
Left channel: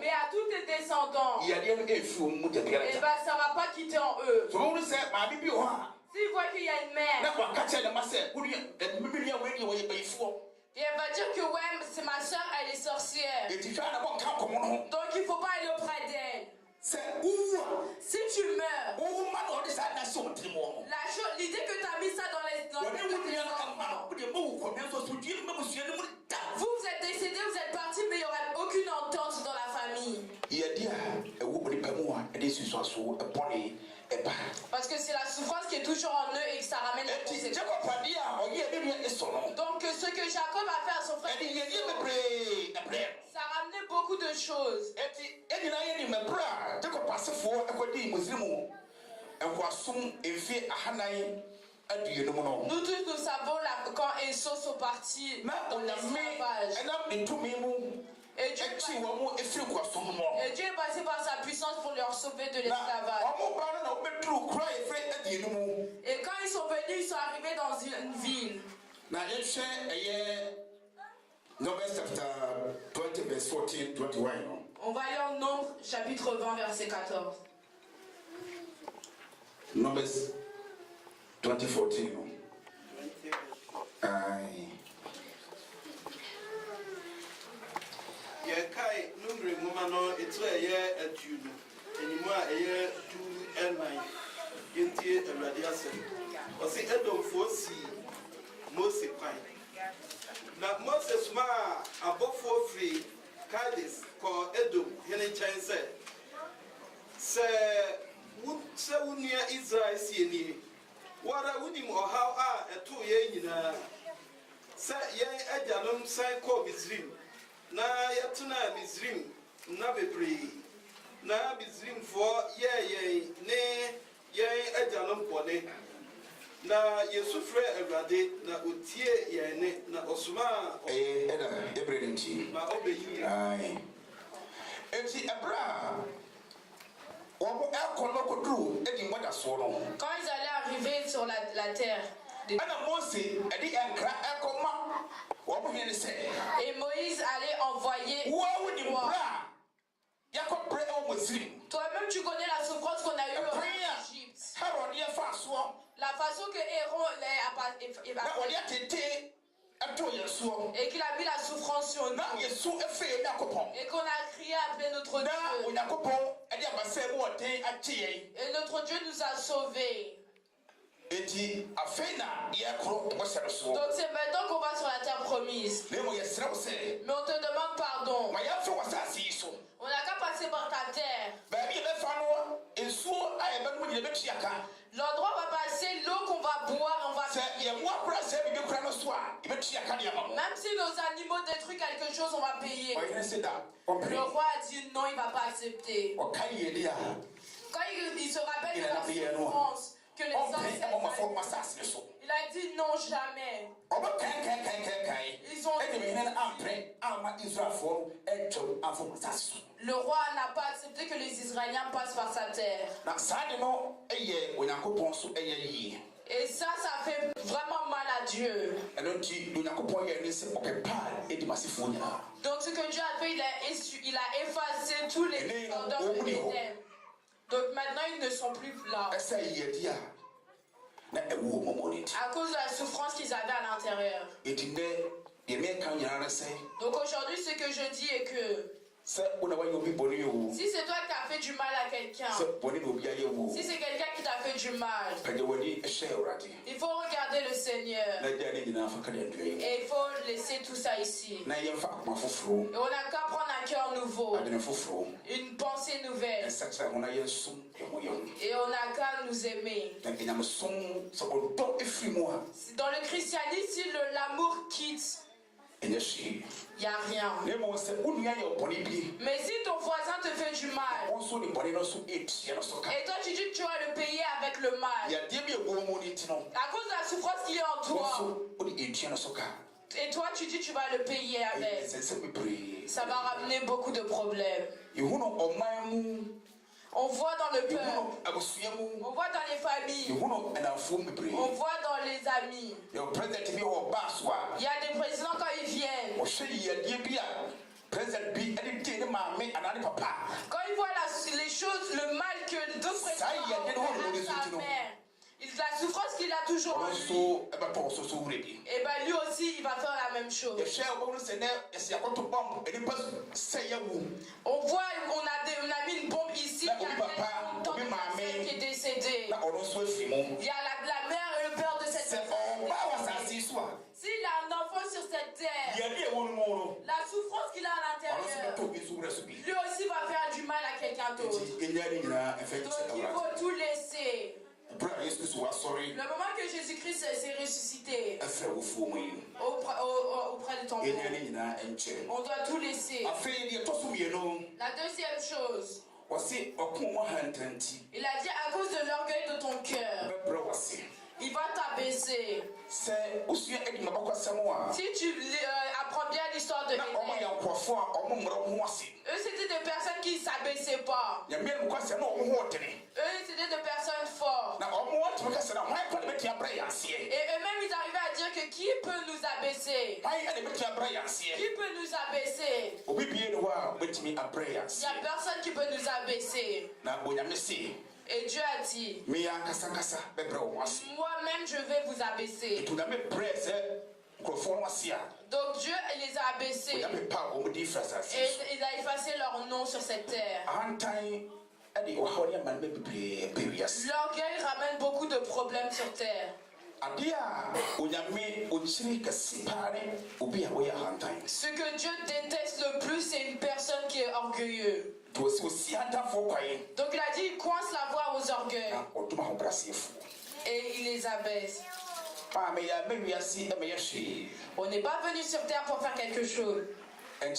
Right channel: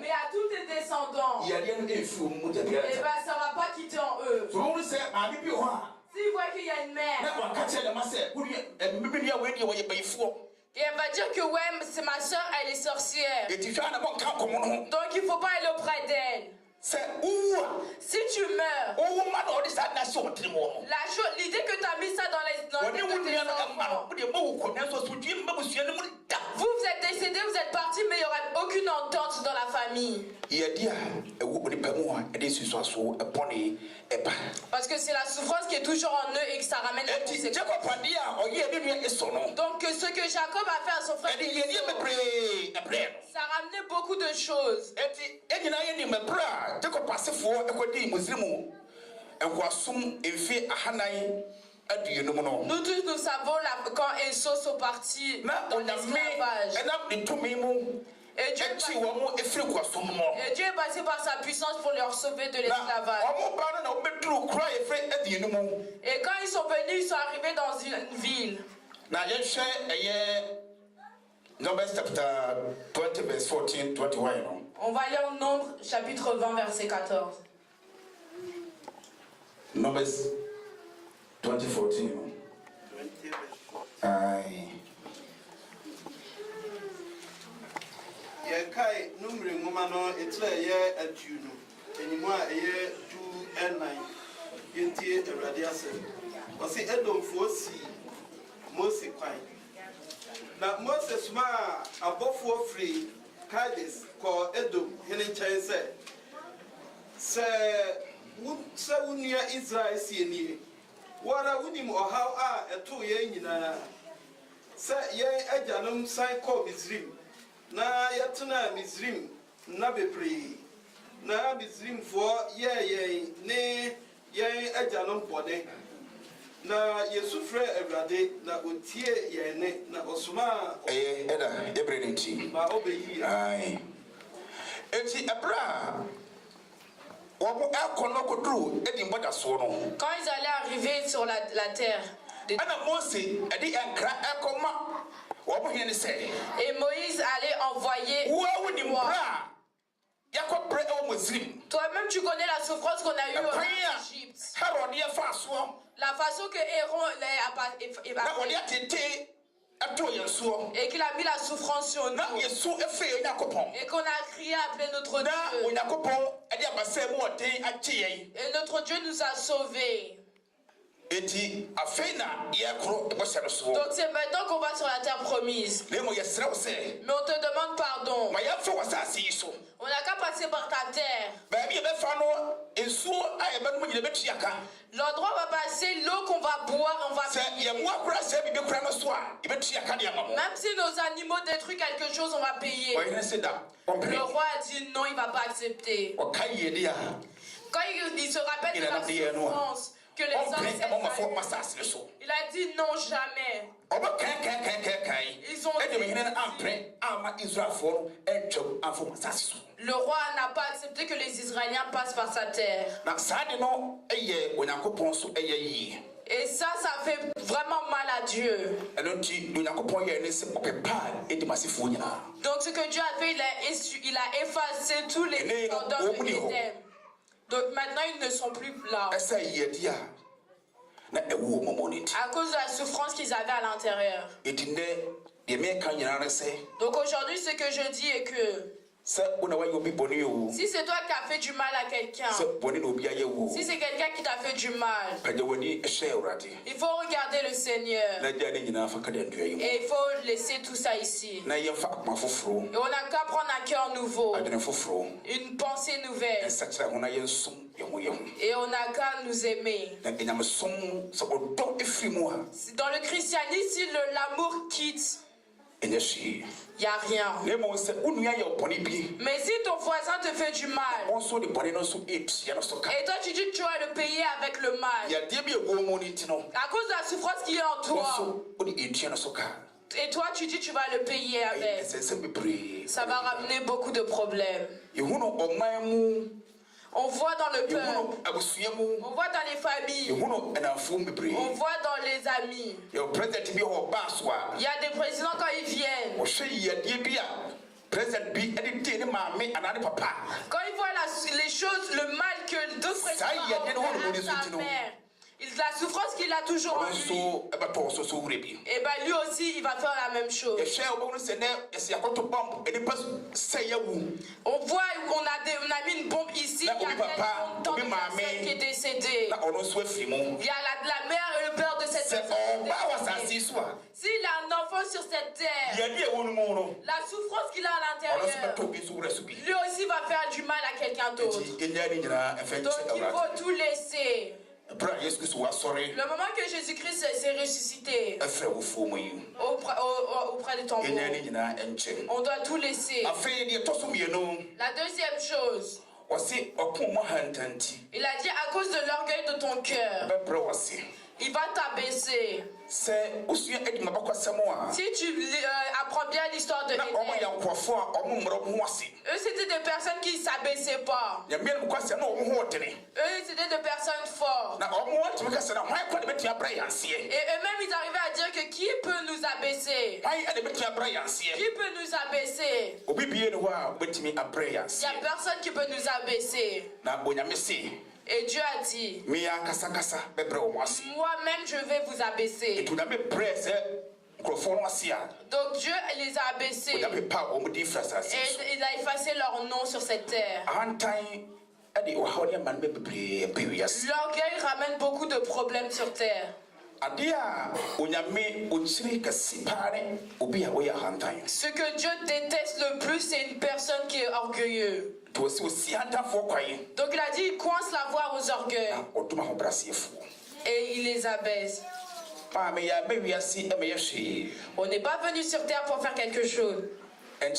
mais à tous tes descendants. Et ça ne va pas quitter en eux. S'ils voient qu'il y a une mère, et elle va dire que ouais, c'est ma soeur, elle est sorcière. Donc il ne faut pas aller auprès d'elle. Si tu meurs, l'idée que tu as mis ça dans les enfants, vous êtes décédés, vous êtes partis, mais il n'y aura aucune entente dans la famille. Parce que c'est la souffrance qui est toujours en eux et que ça ramène les conséquences. Donc ce que Jacob a fait à son frère, ça ramenait beaucoup de choses. Nous tous nous savons quand Ésaü sont partis en esclavage. Et Dieu est passé par sa puissance pour leur sauver de l'esclavage. Et quand ils sont venus, ils sont arrivés dans une ville. On va lire Nombre chapitre 20 verset 14. Numbers 20:14. Yekai numri ngoma no etra ye atuno enimo a eye du enai yentie awrade asem osi edomfo si Mose kwan na Mose suma abofo free Kades ko Edom hene nchen se wunia Israel si eni wara wunim ohaw a eto ye nyina se ye ajalom san ko Misrim na yatuna Misrim na bebre na Misrim fo ye ne ye ajalom bone na Yesufre Awrade na otie ye ne na osuma everything ma obeyi ai enti Abraham quand ils allaient arriver sur la terre, et Moïse allait envoyer. Toi-même tu connais la souffrance qu'on a eue en Égypte. La façon que Aaron et qu'il a mis la souffrance sur nous. Et qu'on a crié appelé notre Dieu. Et notre Dieu nous a sauvés. Donc c'est maintenant qu'on va sur la terre promise. Mais on te demande pardon. On n'a qu'à passer par ta terre. L'endroit va passer, l'eau qu'on va boire, on va payer. Même si nos animaux détruisent quelque chose, on va payer. Le roi a dit non, il ne va pas accepter. Quand il se rappelle de la souffrance que les hommes, il a dit non, jamais. Ils ont dit, le roi n'a pas accepté que les Israéliens passent par sa terre. Et ça fait vraiment mal à Dieu. Donc ce que Dieu a fait, il a effacé tous les ordres de l'Éden. Donc maintenant, ils ne sont plus là. À cause de la souffrance qu'ils avaient à l'intérieur. Donc aujourd'hui, ce que je dis est que si c'est toi qui as fait du mal à quelqu'un, si c'est quelqu'un qui t'a fait du mal, il faut regarder le Seigneur. Et il faut laisser tout ça ici. Et on n'a qu'à prendre un cœur nouveau, une pensée nouvelle. Et on n'a qu'à nous aimer. Dans le christianisme, si l'amour quitte, il n'y a rien. Mais si ton voisin te fait du mal, et toi tu dis que tu vas le payer avec le mal, à cause de la souffrance qui est en toi, et toi tu dis que tu vas le payer avec, ça va ramener beaucoup de problèmes. On voit dans le peuple, on voit dans les familles, on voit dans les amis. Il y a des présidents quand ils viennent. Quand ils voient les choses, le mal que d'autres présidents ont fait à sa mère, la souffrance qu'il a toujours en lui, et ben lui aussi il va faire la même chose. On voit qu'on a mis une bombe ici, il y a longtemps de personne qui est décédée. Il y a la mère et le père de cette personne. S'il a un enfant sur cette terre, la souffrance qu'il a à l'intérieur, lui aussi va faire du mal à quelqu'un d'autre. Donc il faut tout laisser. Le moment que Jésus-Christ s'est ressuscité auprès de ton monde, on doit tout laisser. La deuxième chose, il a dit à cause de l'orgueil de ton cœur, il va t'abaisser. Si tu apprends bien l'histoire de l'Éden, eux c'était des personnes qui ne s'abaissaient pas. Eux c'était des personnes fortes. Et eux-mêmes ils arrivaient à dire que qui peut nous abaisser? Qui peut nous abaisser? Il n'y a personne qui peut nous abaisser. Et Dieu a dit, moi-même je vais vous abaisser. Donc Dieu les a abaissés. Et il a effacé leur nom sur cette terre. L'orgueil ramène beaucoup de problèmes sur terre. Ce que Dieu déteste le plus, c'est une personne qui est orgueilleuse. Donc il a dit, il coince la voie aux orgueils. Et il les abaisse. On n'est pas venu sur terre pour faire quelque chose. Donc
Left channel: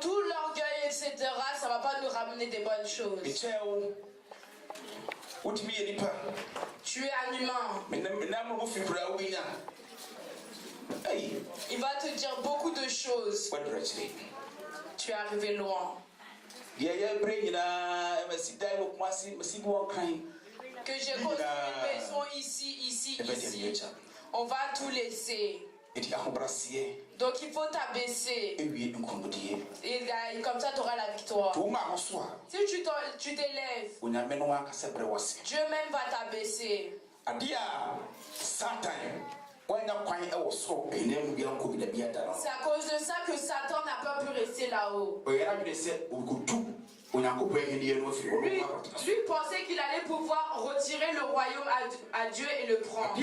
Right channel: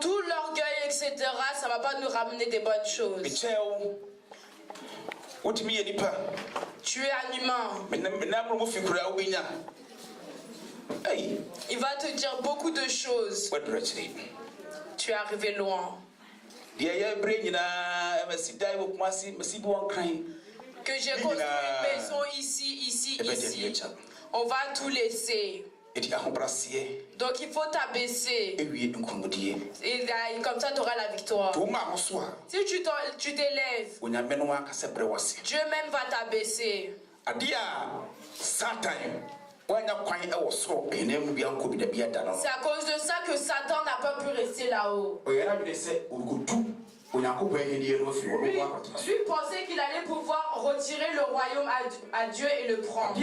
tout l'orgueil, etc., ça ne va pas nous ramener des bonnes choses. Tu es un humain. Il va te dire beaucoup de choses. Tu es arrivé loin. Que j'ai construit une maison ici. On va tout laisser. Donc il faut t'abaisser. Et comme ça tu auras la victoire. Si tu t'élèves, Dieu même va t'abaisser. C'est à cause de ça que Satan n'a pas pu rester là-haut. Lui pensait qu'il allait pouvoir retirer le royaume à Dieu et le prendre.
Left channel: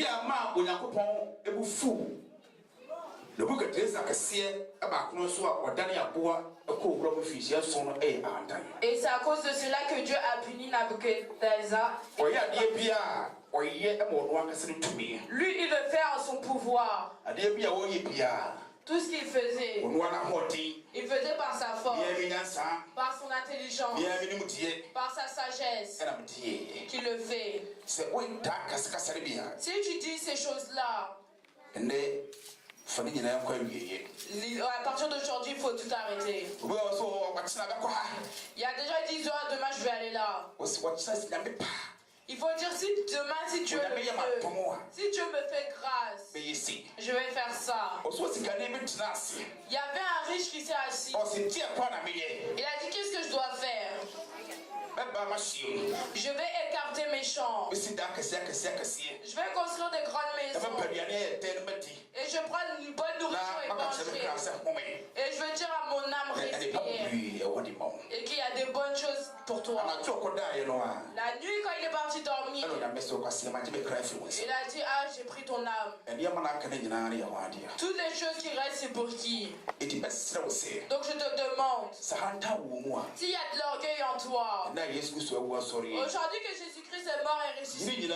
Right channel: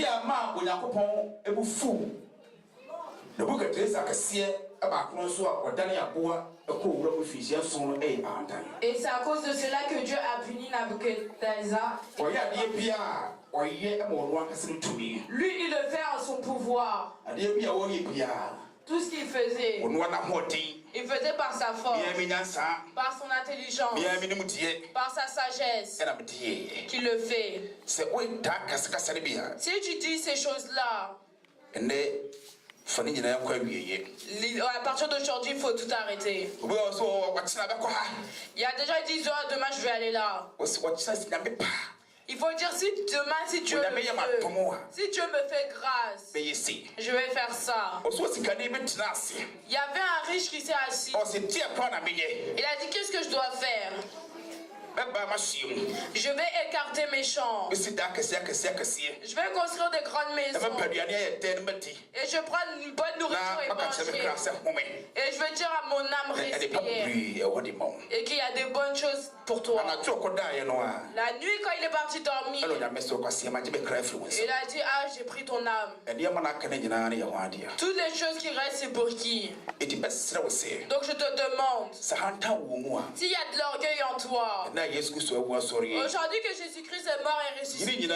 Et c'est à cause de cela que Dieu a puni Nabuchodonosor. Lui, il le fait en son pouvoir. Tout ce qu'il faisait, il faisait par sa force, par son intelligence, par sa sagesse qu'il le fait. Si tu dis ces choses-là, à partir d'aujourd'hui, il faut tout arrêter. Il y a des gens qui disent, oh, demain je vais aller là. Il faut dire si demain, si Dieu me fait grâce, je vais faire ça. Il y avait un riche qui s'est assis. Il a dit, qu'est-ce que je dois faire? Je vais écarter mes champs. Je vais construire des grandes maisons. Et je prends une bonne nourriture et manger. Et je veux dire à mon âme respire. Et qu'il y a des bonnes choses pour toi. La nuit, quand il est parti dormir, il a dit, ah, j'ai pris ton âme. Toutes les choses qui restent, c'est pour qui? Donc je te demande, s'il y a de l'orgueil en toi, aujourd'hui que Jésus-Christ est mort et ressuscité,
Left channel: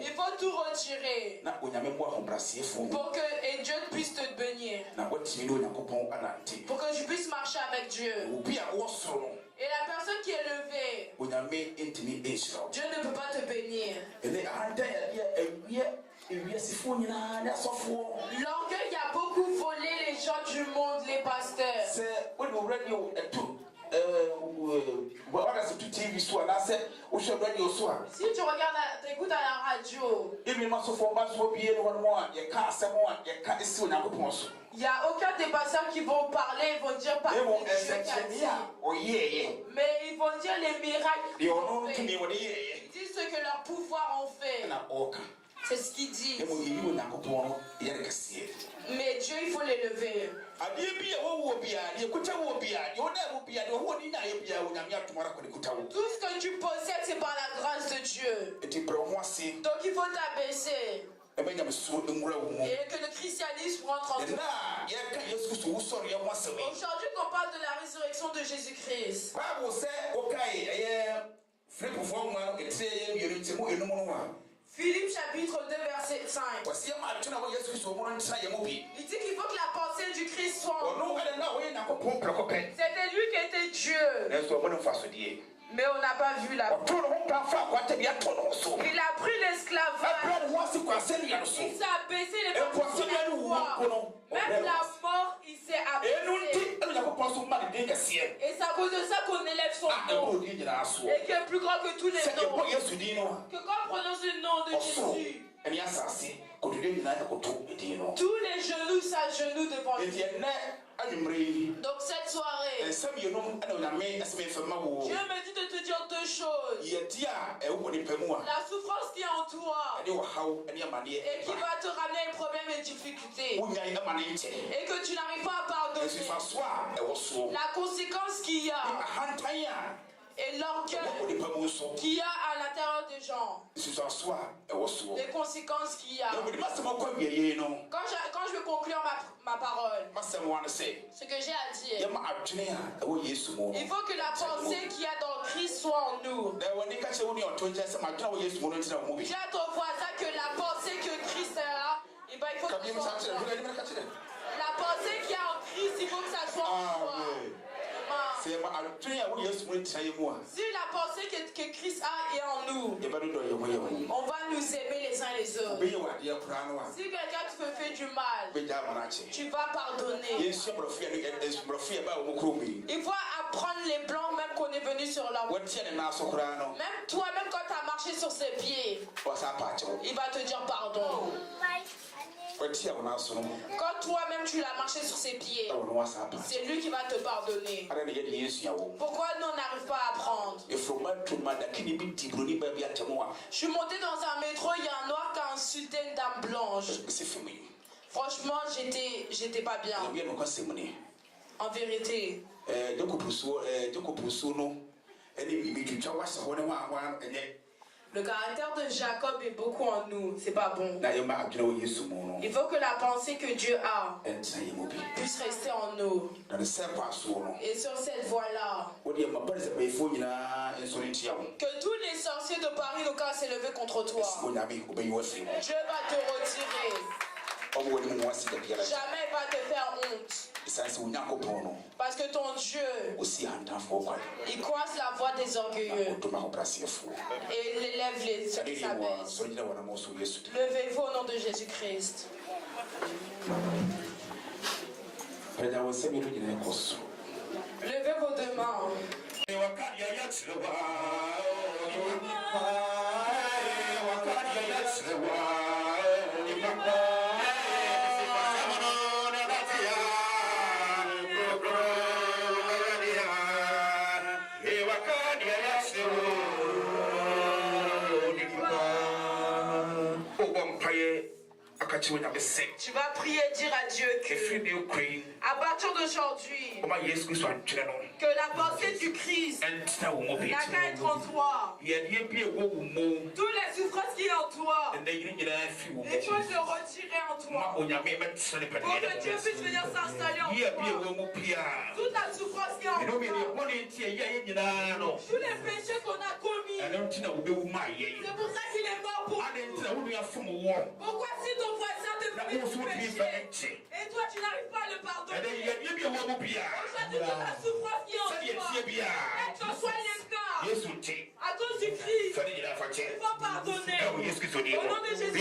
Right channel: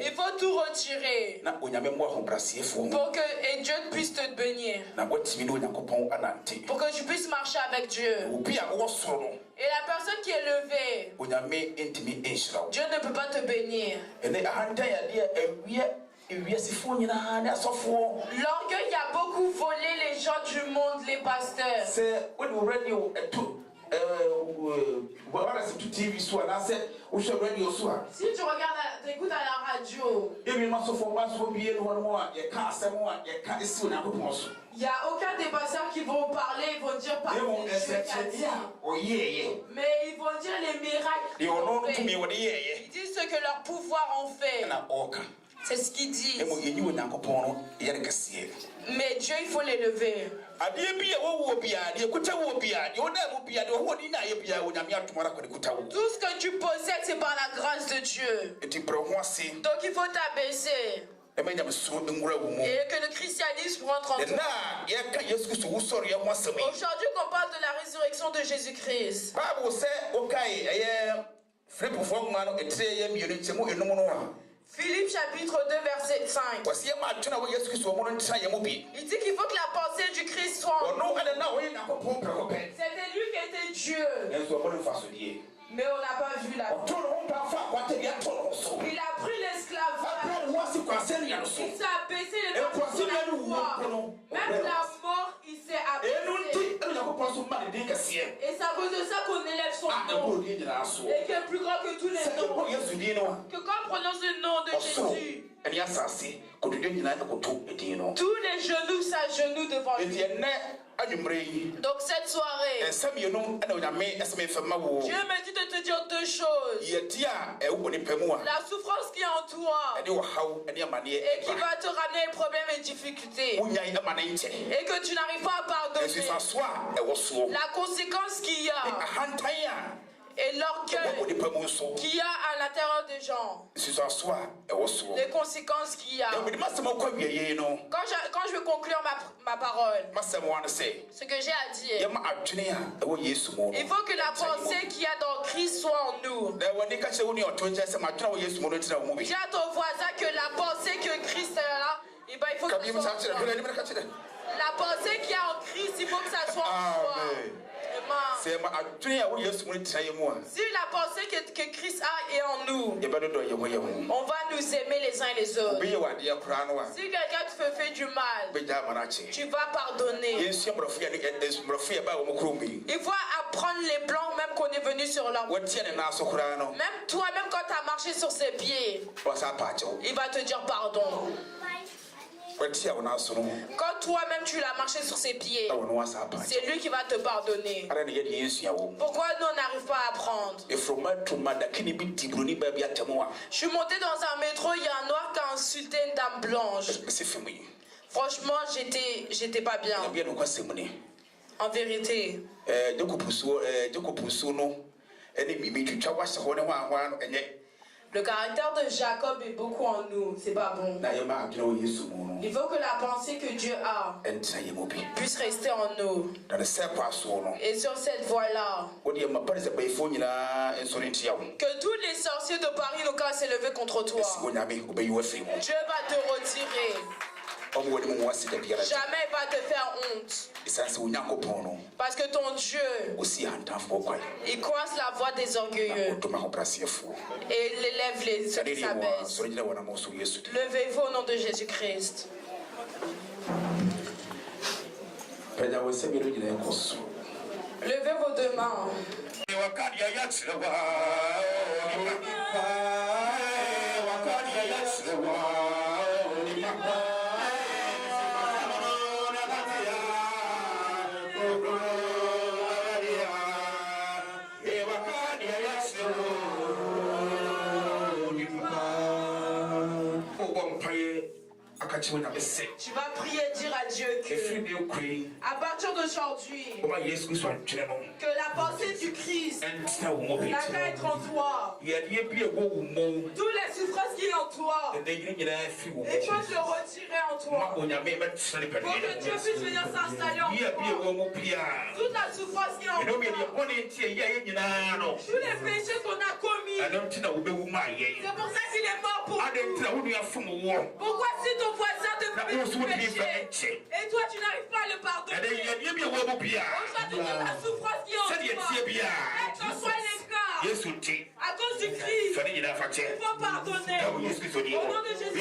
il faut tout retirer pour que Dieu puisse te bénir, pour que je puisse marcher avec Dieu. Et la personne qui est levée, Dieu ne peut pas te bénir. L'orgueil a beaucoup volé les gens du monde, les pasteurs. Si tu regardes, t'écoutes à la radio, il n'y a aucun des pasteurs qui vont parler, ils vont dire par Dieu qu'a dit. Mais ils vont dire les miracles qu'ils ont fait. Ils disent ce que leur pouvoir ont fait. C'est ce qu'ils disent. Mais Dieu, il faut l'élever. Tout ce que tu possèdes, c'est par la grâce de Dieu. Donc il faut t'abaisser. Et que le christianisme rentre en toi. Aujourd'hui qu'on parle de la résurrection de Jésus-Christ. Philippe chapitre 2 verset 5. Il dit qu'il faut que la pensée du Christ soit en nous. C'était lui qui était Dieu. Mais on n'a pas vu la. Il a pris l'esclavage. Il s'est abaissé les personnes sur la croix. Même la mort, il s'est abaissé. Et c'est à cause de ça qu'on élève son nom. Et qui est plus grand que tous les noms. Que quand on prononce le nom de Jésus, tous les genoux s'agenouillent devant lui. Donc cette soirée, Dieu me dit de te dire deux choses. La souffrance qui est en toi et qui va te ramener les problèmes et difficultés et que tu n'arrives pas à pardonner. La conséquence qu'il y a et l'orgueil qu'il y a à l'intérieur des gens. Les conséquences qu'il y a. Quand je vais conclure ma parole, ce que j'ai à dire, il faut que la pensée qu'il y a dans Christ soit en nous. Dis à ton voisin que la pensée que Christ est là, il faut que ça soit en toi. La pensée qu'il y a en Christ, il faut que ça soit en toi. Si la pensée que Christ a est en nous, on va nous aimer les uns les autres. Si quelqu'un te fait du mal, tu vas pardonner. Il faut apprendre les plans même qu'on est venu sur la route. Même toi, même quand tu as marché sur ses pieds, il va te dire pardon. Quand toi-même tu l'as marché sur ses pieds, c'est lui qui va te pardonner. Pourquoi nous on n'arrive pas à apprendre? Je suis monté dans un métro, il y a un noir qui a insulté une dame blanche. Franchement, j'étais pas bien. En vérité. Le caractère de Jacob est beaucoup en nous, c'est pas bon. Il faut que la pensée que Dieu a puisse rester en nous. Et sur cette voie-là, que tous les sorciers de Paris n'ont qu'à s'élever contre toi. Dieu va te retirer. Jamais il va te faire honte. Parce que ton Dieu, il coince la voix des orgueilleux et il élève ceux qui s'abaissent. Levez-vous au nom de Jésus-Christ. Levez vos deux mains. Tu vas prier et dire à Dieu que à partir d'aujourd'hui, que la pensée du Christ n'a qu'à être en toi. Toutes les souffrances qui sont en toi, et choses se retirer en toi. Pour que Dieu puisse venir s'installer en toi. Toute la souffrance qui est en toi, tous les péchés qu'on a commis, c'est pour ça qu'il est mort pour nous. Pourquoi si ton voisin te fait du péché et toi tu n'arrives pas à le pardonner? Aujourd'hui, toute la souffrance qui est en toi, quel que soit les cas, à cause du Christ, il faut pardonner. Au nom de Jésus.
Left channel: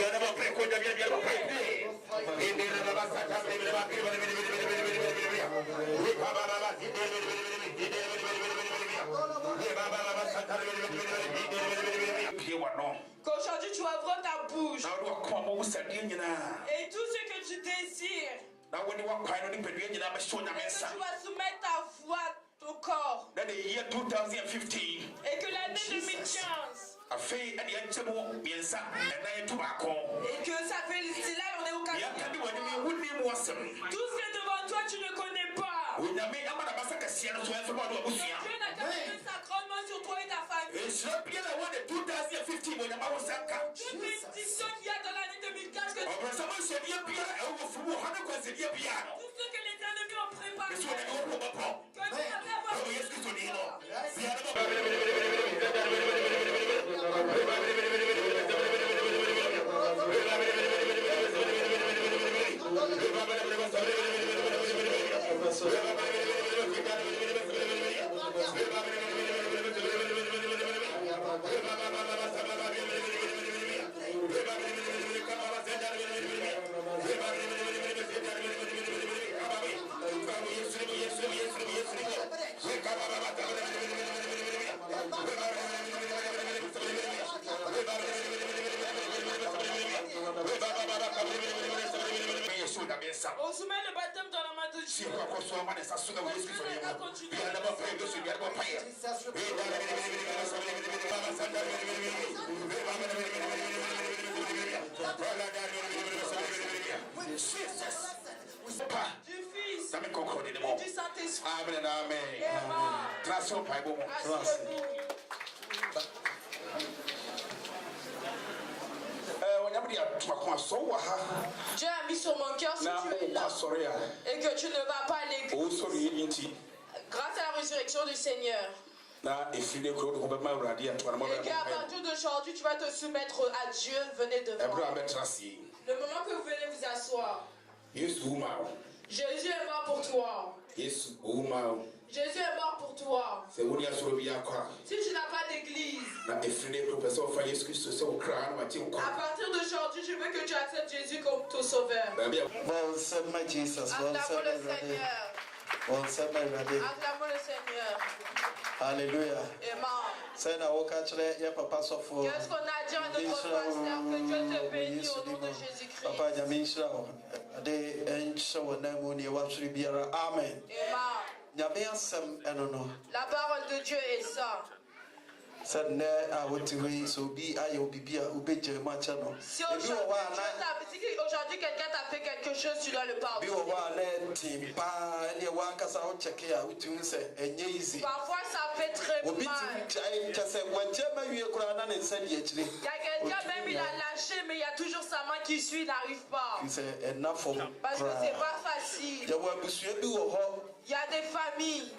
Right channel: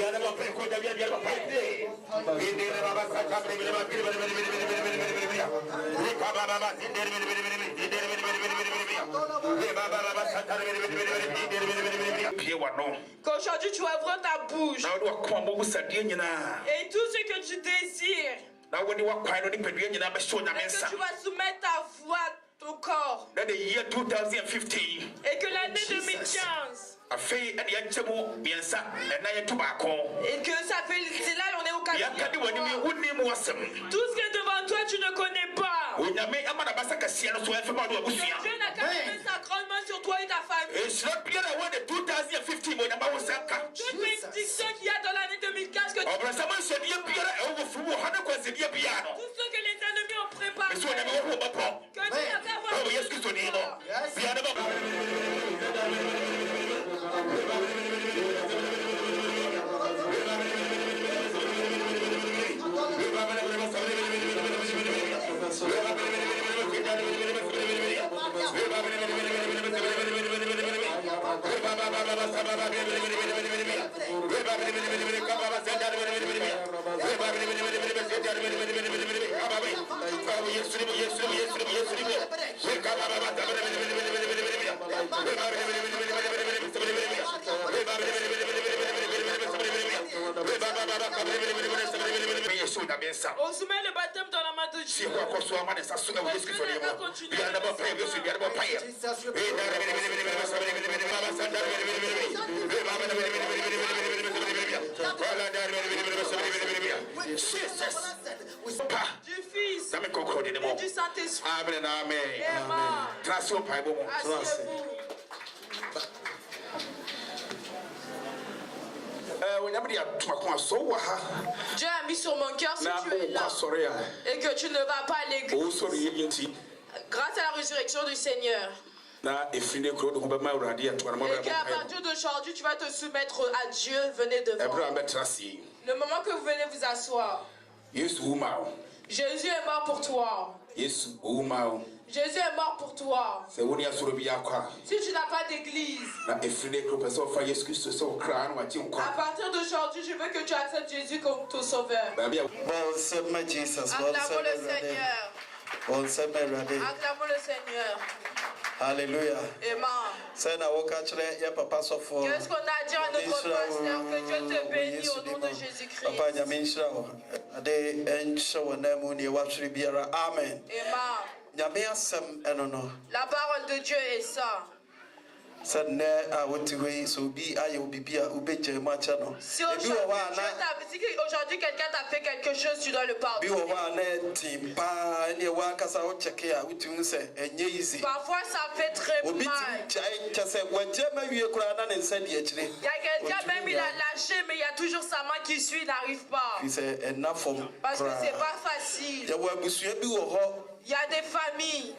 Qu'aujourd'hui tu ouvres ta bouche et tout ce que tu désires, et que tu vas soumettre ta voix, ton corps, et que l'année 2015, et que ça fait, c'est là on est au 4e. Tout ce qui est devant toi tu ne connais pas. Dieu n'a qu'à mettre sa grande main sur toi et ta famille. Toute bénédiction qu'il y a dans l'année 2015 que tu tout ce que les ennemis ont préparé, que Dieu n'a qu'à voir. On soumet le baptême dans la main de Dieu. Du Fils et du Saint-Esprit. Amen. Amen. Asseyez-vous. Dieu a mis sur mon cœur si tu es là et que tu ne vas pas à l'église grâce à la résurrection du Seigneur. Et qu'à partir d'aujourd'hui, tu vas te soumettre à Dieu. Venez devant. Le moment que vous venez vous asseoir. Jésus est mort pour toi. Jésus est mort pour toi. Si tu n'as pas d'église, à partir d'aujourd'hui, je veux que tu acceptes Jésus comme ton sauveur. Acclamons le Seigneur. Acclamons le Seigneur. Alléluia. Qu'est-ce qu'on a dit à notre pasteur? Que Dieu te bénisse au nom de Jésus-Christ. Amen. La parole de Dieu est ça. Si aujourd'hui quelqu'un t'a fait quelque chose, tu dois le pardonner. Parfois ça fait très mal. Il y a quelqu'un même il a lâché, mais il y a toujours sa main qui suit, il n'arrive pas. Parce que c'est pas facile. Il y a des familles.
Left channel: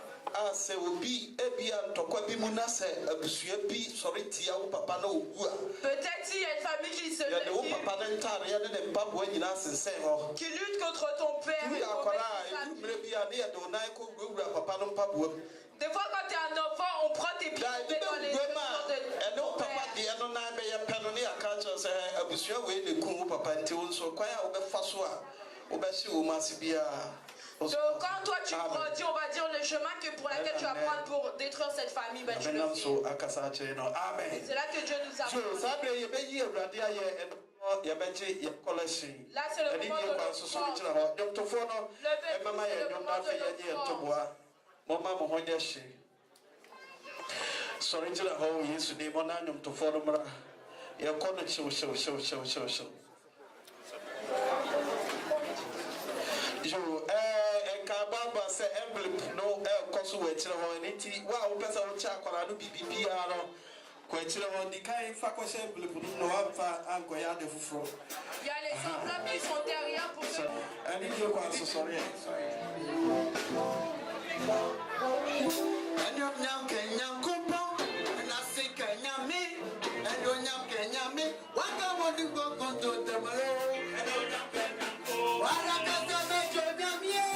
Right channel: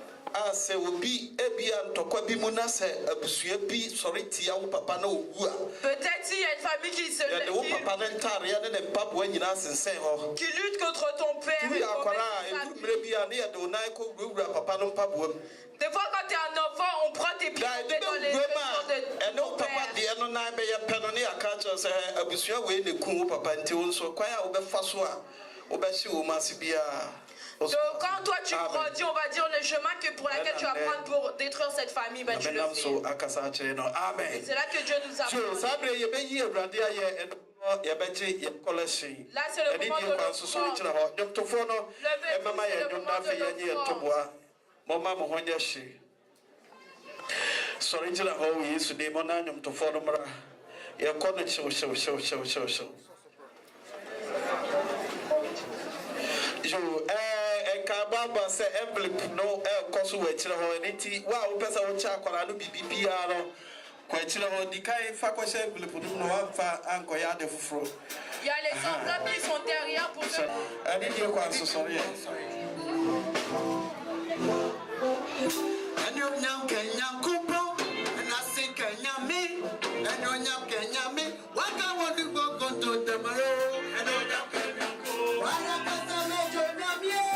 Peut-être s'il y a une famille qui se lève, qui lutte contre ton père. Des fois quand tu es un enfant, on prend tes pieds dans les mains de ton père. Donc quand toi tu grandis, on va dire le chemin pour lequel tu vas prendre pour détruire cette famille, mais tu le fais. C'est là que Dieu nous a. Yabeji, Yakolesi. Là, c'est le moment de l'offrande. Dr. Fono, Emma, Toboa, Mama Mohonyashi. Sorry, to the whole years, the Monanum to Fonumra. Yakona show. You, Kababa say envelope, no consul, which wow, Pesa Chakra, PPR. Question the kind faculty no alpha and Goya de Fro. Il y a les enveloppes, ils sont derrière pour ça. I need your answer, sorry. And you young Kenyan couple, and I say Kenyami, and you young Kenyami. What I want to go to tomorrow, and I young Kenyan. What I got to make your name,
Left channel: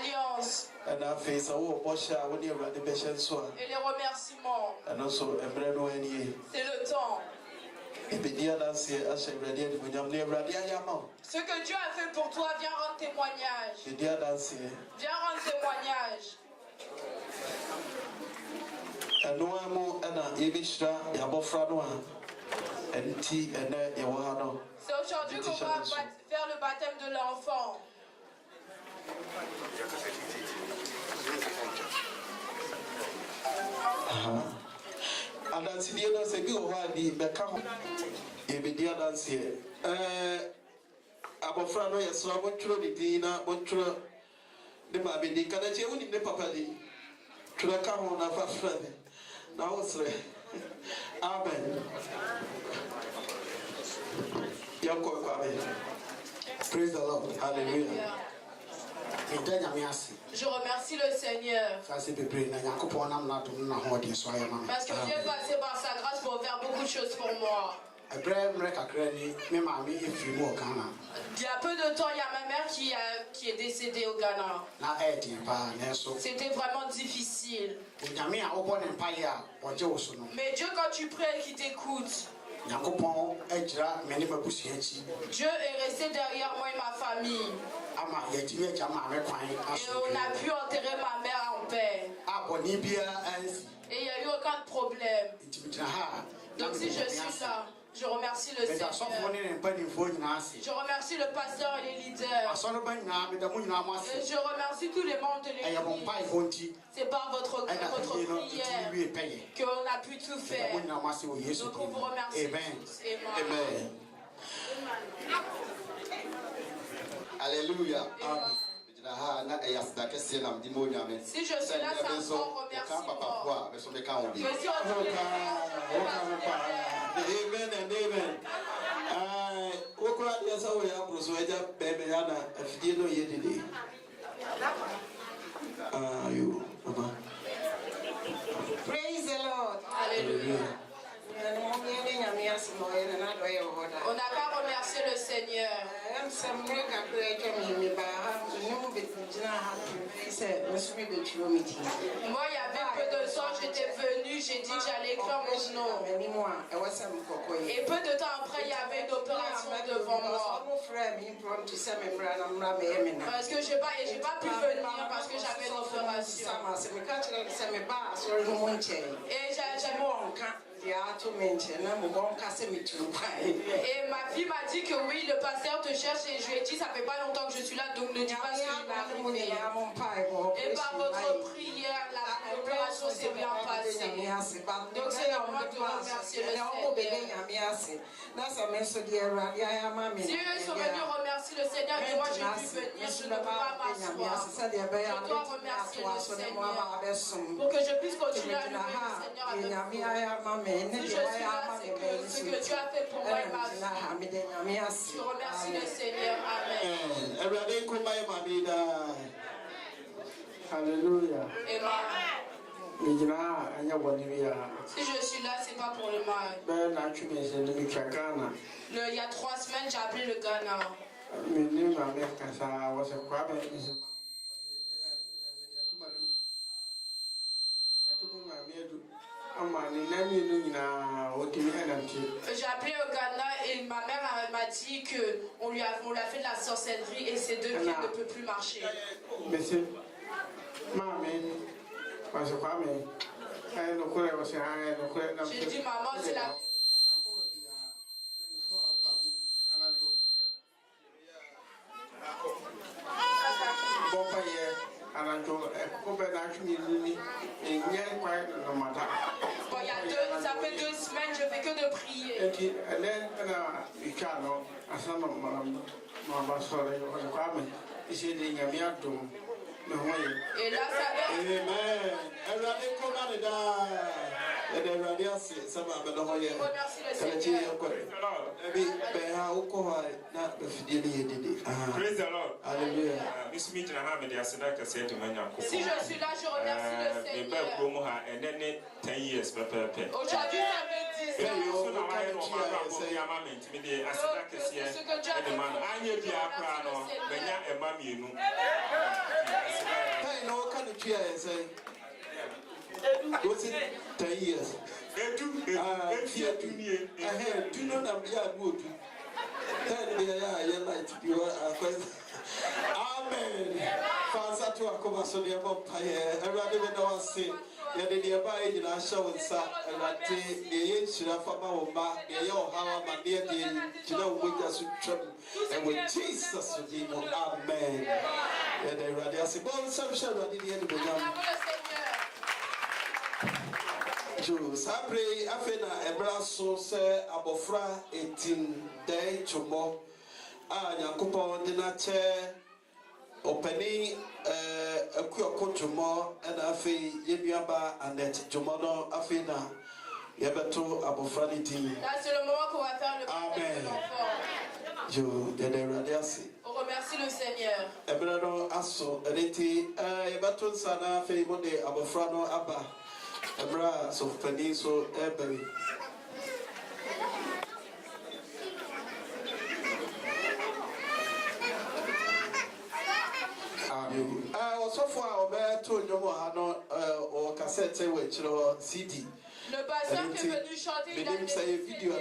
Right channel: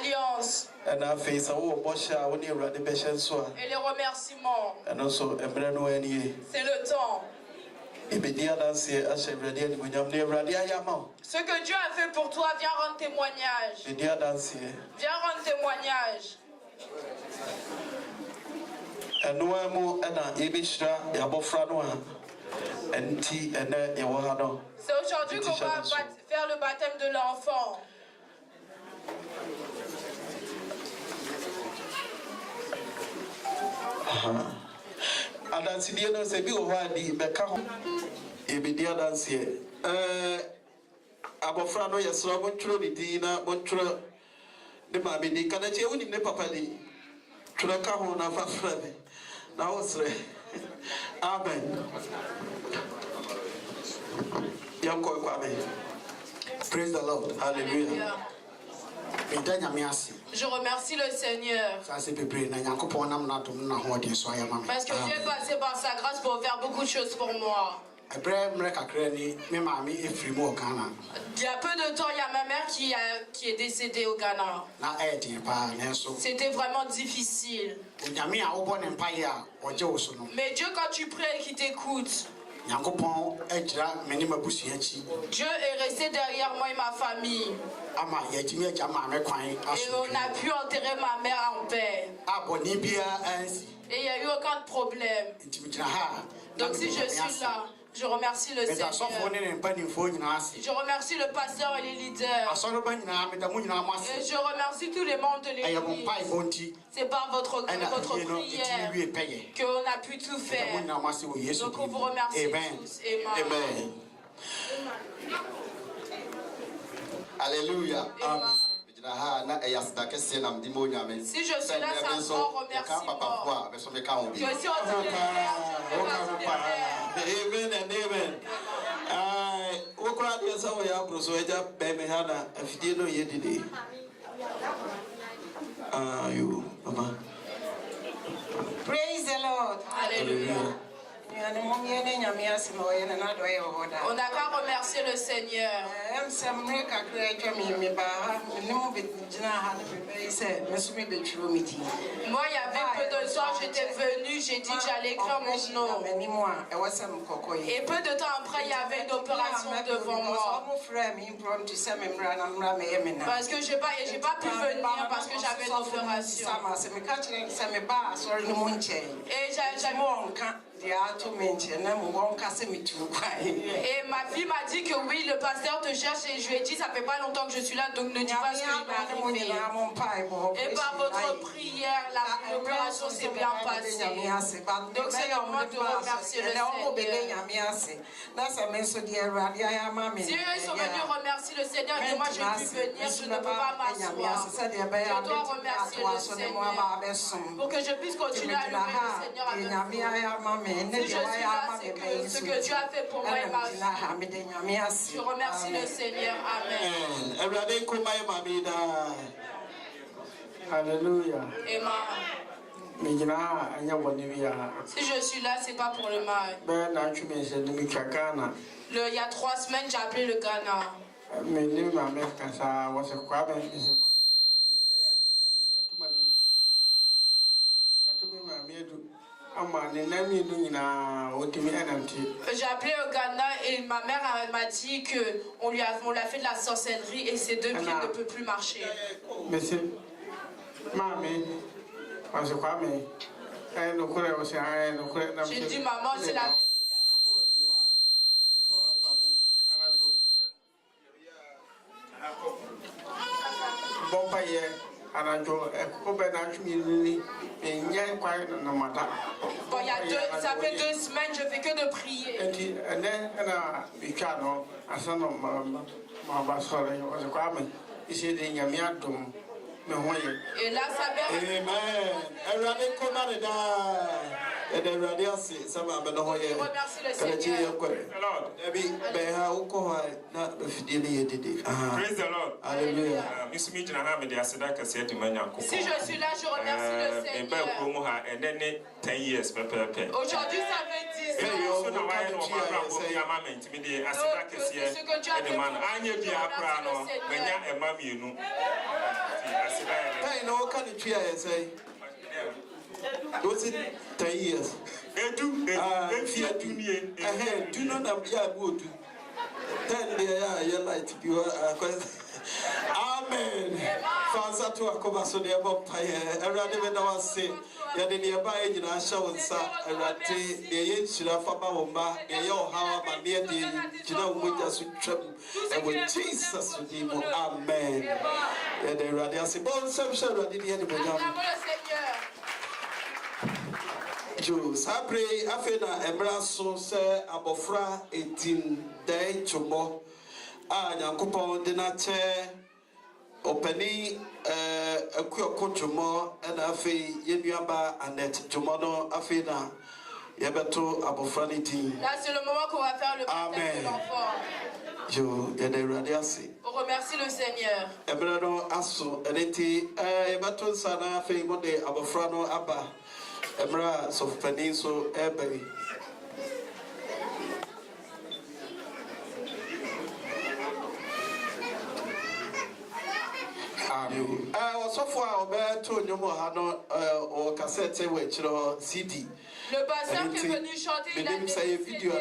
Alliance. Et les remerciements. C'est le temps. Ce que Dieu a fait pour toi, viens rendre témoignage. Viens rendre témoignage. C'est aujourd'hui qu'on va faire le baptême de l'enfant. Abofrano yesra bontro bidina bontro de babedi kada che woni ne papa di tura ka ho na fafra na osre amen yanko kwa amen. Praise the Lord. Hallelujah. Je remercie le Seigneur. Parce que Dieu est passé par sa grâce pour faire beaucoup de choses pour moi. Il y a peu de temps, il y a ma mère qui est décédée au Ghana. C'était vraiment difficile. Mais Dieu, quand tu pries et qu'il t'écoute, Dieu est resté derrière moi et ma famille. Et on a pu enterrer ma mère en paix. Et il n'y a eu aucun problème. Donc si je suis là, je remercie le Seigneur. Je remercie le pasteur et les leaders. Et je remercie tous les membres de l'église. C'est par votre prière qu'on a pu tout faire. Donc on vous remercie tous. Amen. Alléluia. Si je suis là, c'est un grand remerciement. Amen and amen. Praise the Lord. Hallelujah. On n'a qu'à remercier le Seigneur. Moi, il y avait peu de temps, j'étais venue, j'ai dit que j'allais écrire mon nom. Et peu de temps après, il y avait une opération devant moi. Parce que j'ai pas pu venir parce que j'avais une opération. Et et ma fille m'a dit que oui, le pasteur te cherche et je lui ai dit ça fait pas longtemps que je suis là, donc ne dis pas ce qui est arrivé. Et par votre prière, l'opération s'est bien passée. Donc c'est le moment de remercier le Seigneur. Si eux sont venus remercier le Seigneur et moi j'ai pu venir, je ne peux pas m'asseoir. Je dois remercier le Seigneur pour que je puisse continuer à louer le Seigneur avec vous. Si je suis là, c'est que ce que Dieu a fait pour moi et ma vie. Je remercie le Seigneur. Amen. Alléluia. Amen. Si je suis là, c'est pas pour le mal. Il y a 3 semaines, j'ai appelé le Ghana. J'ai appelé au Ghana et ma mère m'a dit qu'on lui a fait de la sorcellerie et ses 2 pieds ne peuvent plus marcher. J'ai dit maman, c'est la... Ça fait 2 semaines, je fais que de prier. Et là, ça vient. Praise the Lord. Alléluia. Si je suis là, je remercie le Seigneur. Aujourd'hui, ça fait 10 ans. Was it 10 years? Do you know that we are good? 10 years, light. Amen. Fansa to a cover so they have up here. Everybody when I was saying, you are the nearby in our show, sir. And that the age should have a mama, the yo, how my dear, you know, we just trouble. And with Jesus, amen. And they rather say, bon, some shall not in the end of the Sapre afena emraso se abofra 18 day chomo a Nyankopon de na che openi akuoko chomo na afi yenuaba anet chomo no afi na yebeto abofra ni tin. Là c'est le moment qu'on va faire le baptême de l'enfant. Je yede radiasi. On remercie le Seigneur. Le pasteur qui est venu chanter, il a mis vidéo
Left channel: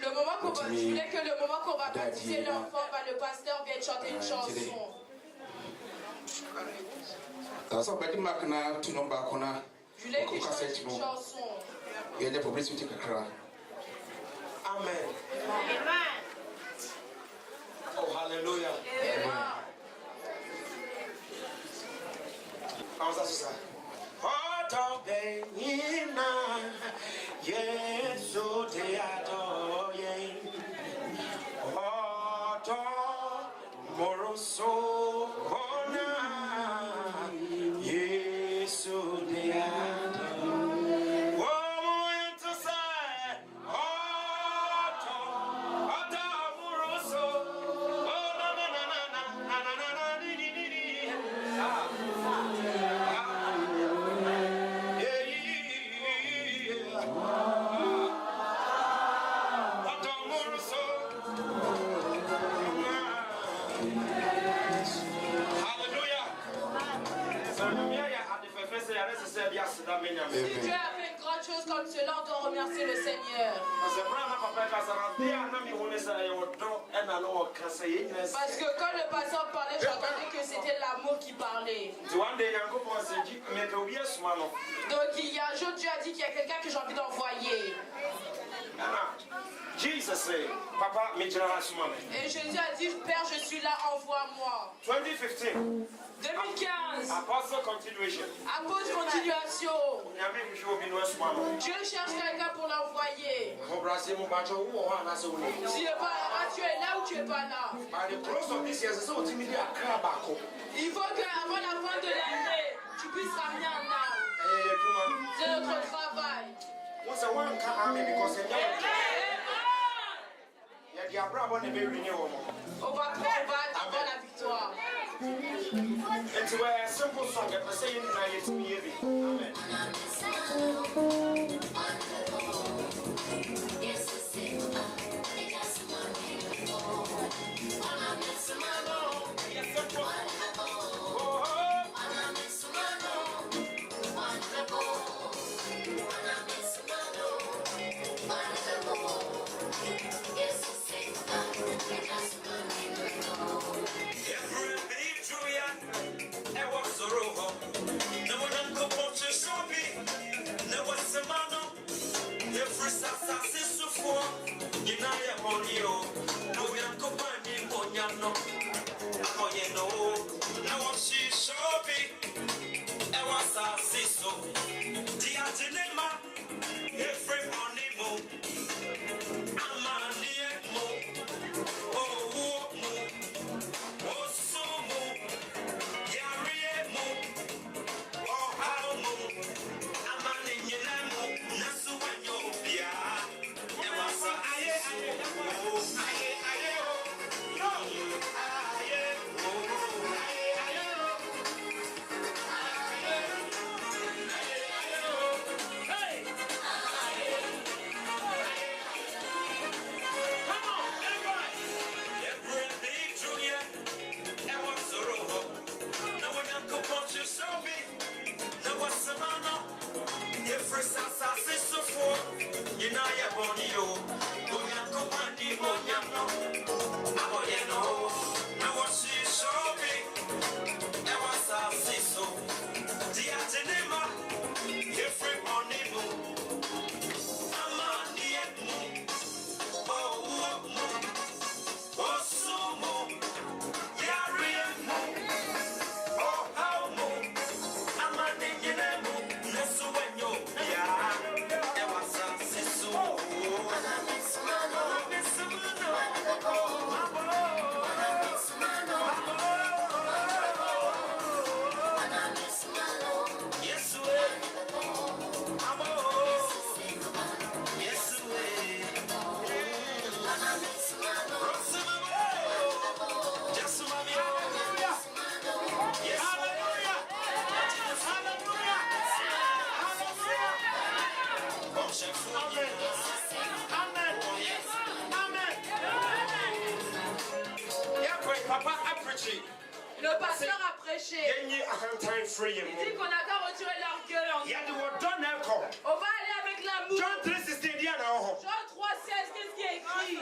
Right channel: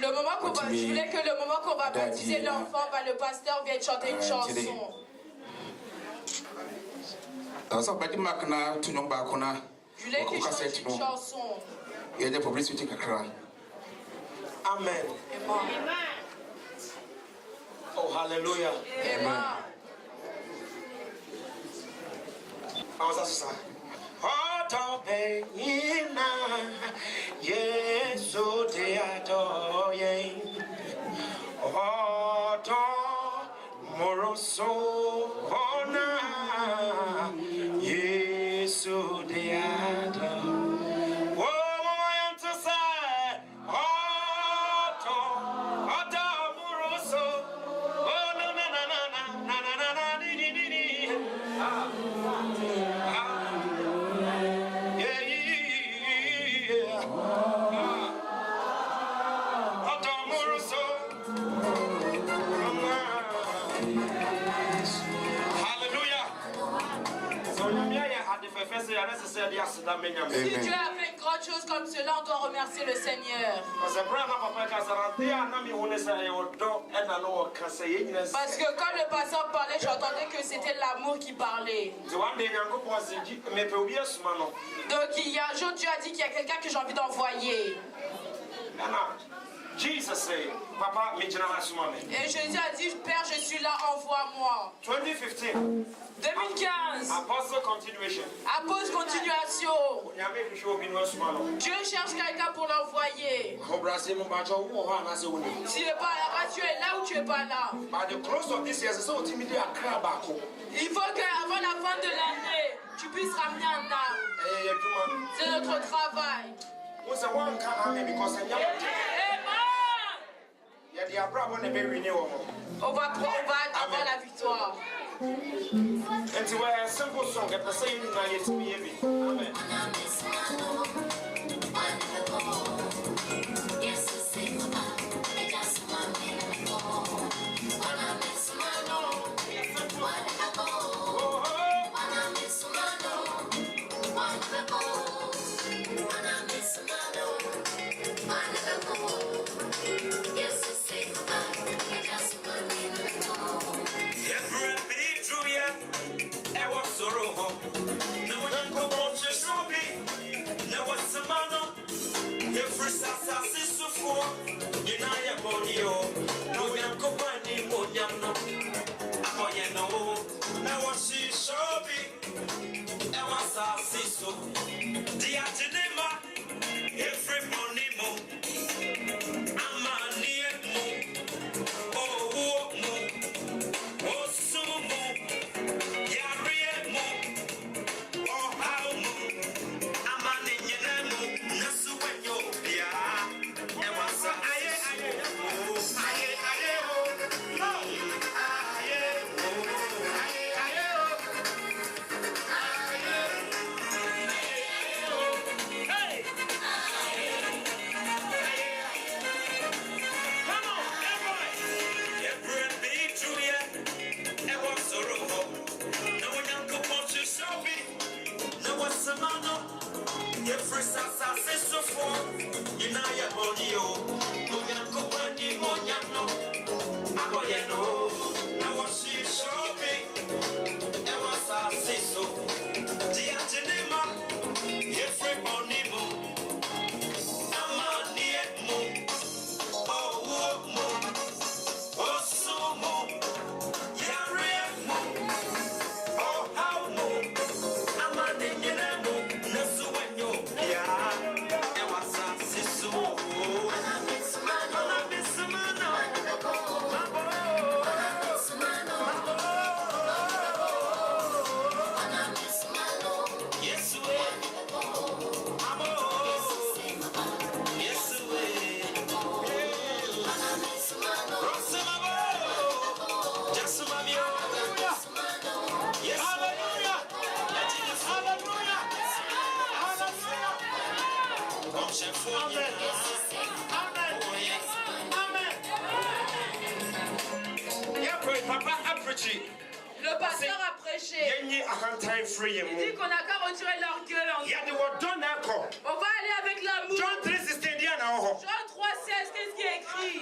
le moment qu'on va, je voulais que le moment qu'on va baptiser l'enfant, le pasteur vienne chanter une chanson. Je voulais qu'il chante une chanson. Amen. Oh, hallelujah. Amen. Si Dieu a fait une grande chose comme cela, on doit remercier le Seigneur. Parce que quand le pasteur parlait, j'entendais que c'était l'amour qui parlait. Donc il y a un jour, Dieu a dit qu'il y a quelqu'un que j'ai envie d'envoyer. Et Jésus a dit, Père, je suis là, envoie-moi. 2015. Apôtre continuation. Dieu cherche quelqu'un pour l'envoyer. Tu n'es pas là, tu es là ou tu n'es pas là. Il faut qu'avant la fin de l'année, tu puisses ramener un âme. C'est notre travail. On va avoir la victoire. And to wear a simple song at the same time, it's me. Amen. Yeah. Le pasteur a prêché. Il dit qu'on n'a qu'à retirer l'orgueil en nous. On va aller avec l'amour. Jean 3,16, qu'est-ce qui est écrit?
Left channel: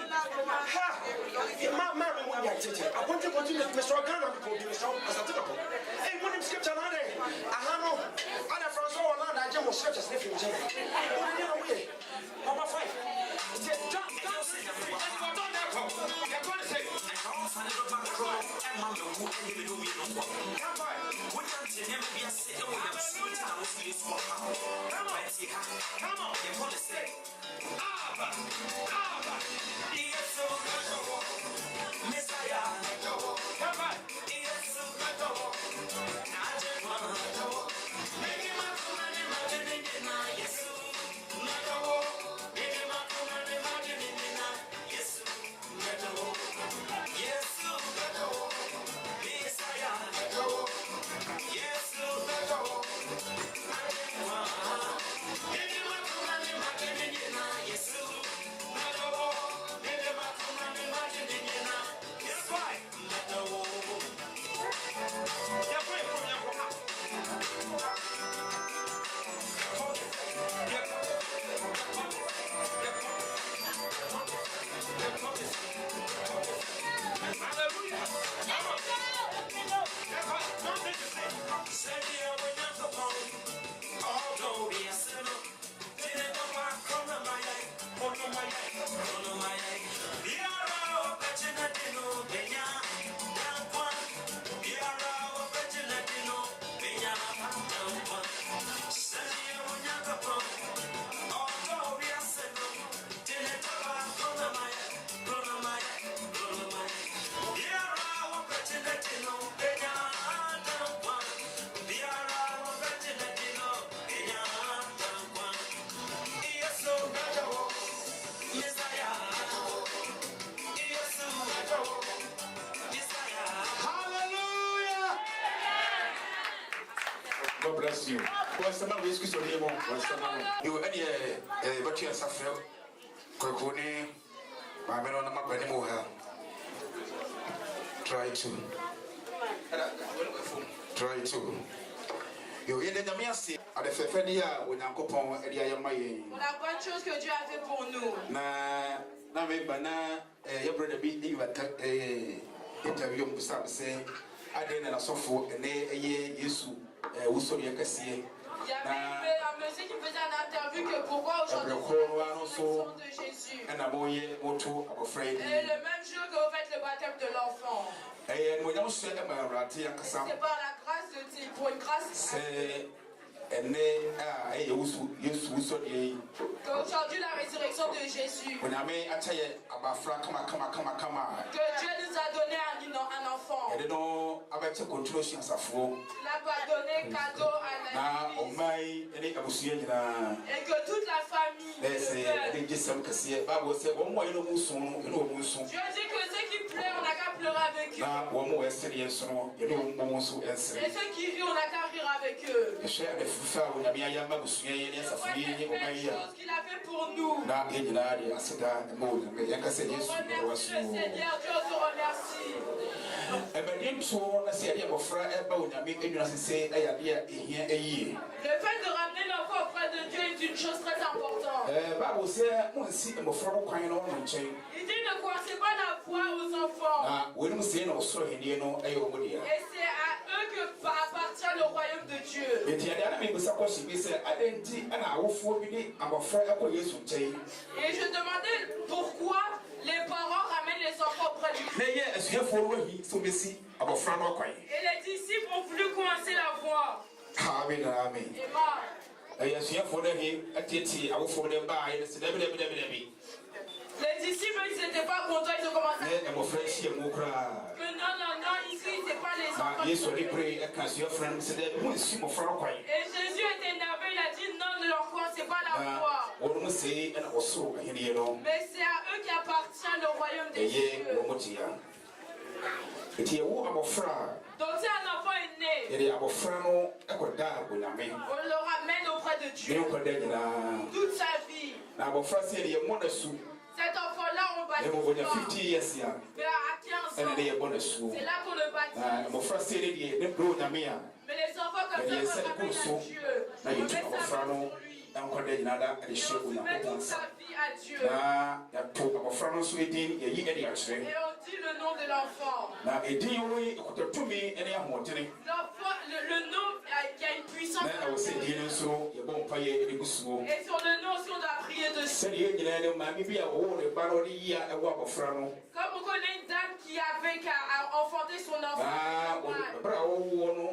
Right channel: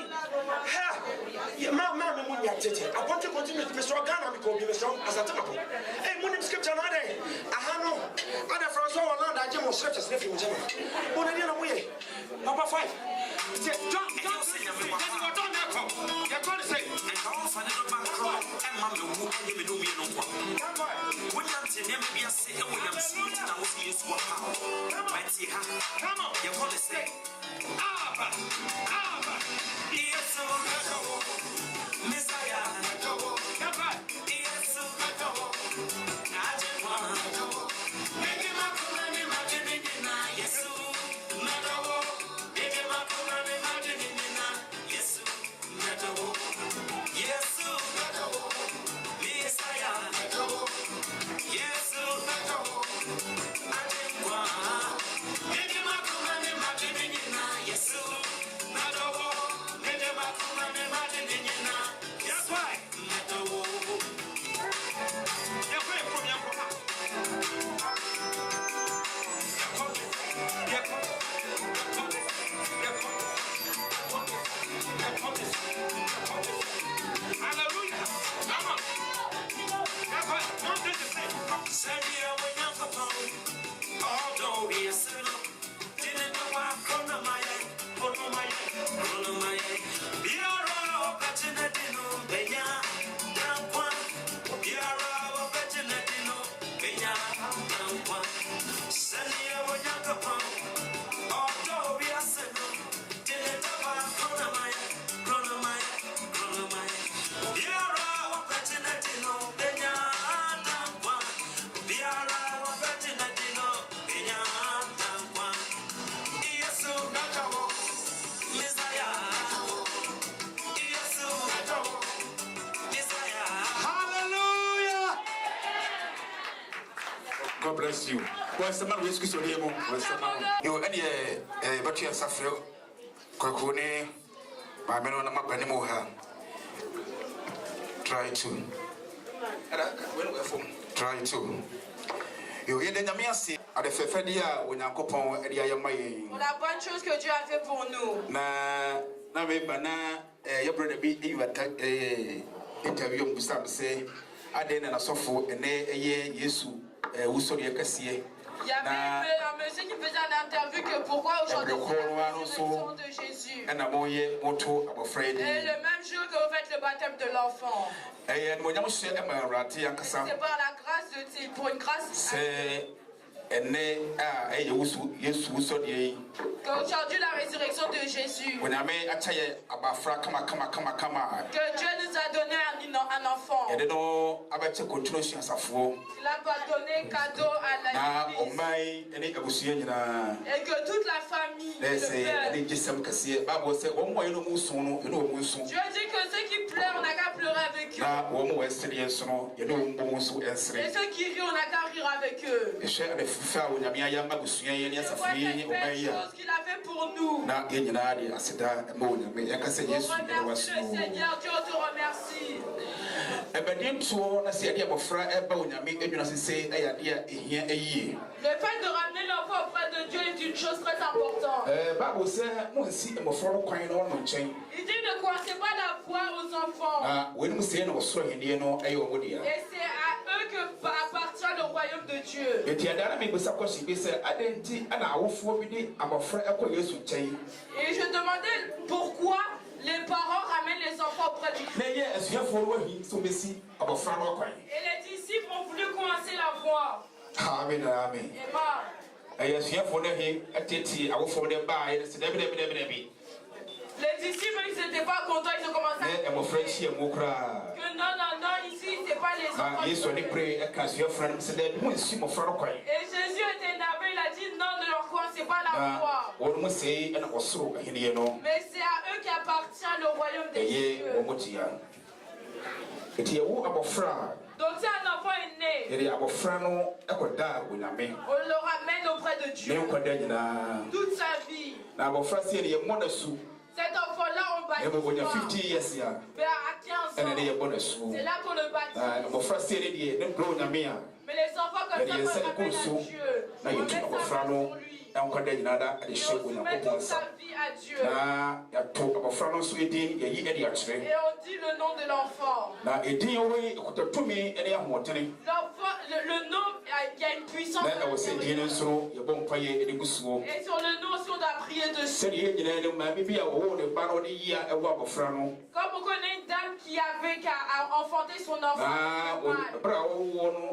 God bless you. Well, someone will excuse your name. You any but you suffer. Kokone, my men on my Benimoha. Try to. You hear the Namiasi at the Fefenia when I coupon at the Ayamay. On a bonne chose que Dieu a fait pour nous. Na me bana your brother be interview Gustave say I didn't suffer and a year Yesu also your Cassie. Il y avait un monsieur qui faisait une interview que pourquoi aujourd'hui c'est le sang de Jésus. Et le même jour que vous faites le baptême de l'enfant. C'est par la grâce de Dieu, pour une grâce. Qu'aujourd'hui la résurrection de Jésus. Que Dieu nous a donné un enfant. Il a donné cadeau à la vie. Et que toute la famille le pleure. Dieu dit que ceux qui pleurent, on n'a qu'à pleurer avec eux. Et ceux qui rient, on n'a qu'à rire avec eux. C'est une chose qu'il a fait pour nous. On remercie le Seigneur, Dieu te remercie. Le fait de ramener l'enfant auprès de Dieu est une chose très importante. Il dit ne commencez pas la voix aux enfants. Et c'est à eux que appartient le royaume de Dieu. Et je demandais pourquoi les parents ramènent les enfants auprès du Christ. Et les disciples ont voulu commencer la voix. Amen. Les disciples, ils n'étaient pas contents, ils ont commencé à dire que non, ici, c'est pas les enfants. Et Jésus était énervé, il a dit non, ne leur commencez pas la foi. Mais c'est à eux qu'appartient le royaume des cieux. Et il y a où abofra. Donc si un enfant est né, Il y a abofra no ekoda wo nyame. on le ramène auprès de Dieu toute sa vie. Na abofra si ye mo na su. Cet enfant-là, on E mo baptise. 50 years ya. Mais à 15 Et ans, na ye mo na su. c'est là qu'on le baptise. Abofra si ye ne bro nyame ya. Mais les enfants comme ça, Yes, on ramène à Dieu. Na On ye met tu sa abofra vie no pour lui. enkoda nyina da Et ehye on wo na soumet ko toute sa. sa vie à Dieu. Na ya to abofra no so edi ye yi edi akire. Et on dit le nom de l'enfant. Na edi yo we ekototumi ene ahotene. L'enfant, le nom, il y a une puissance. Na wo se di ne so ye bon paye edi gusuo. Et sur le nom, on doit prier dessus. Se di nyina ne ma bibi a wo le baro di ya e wo abofra no. Comme on connaît une dame qui a enfanté son enfant. Bra wo no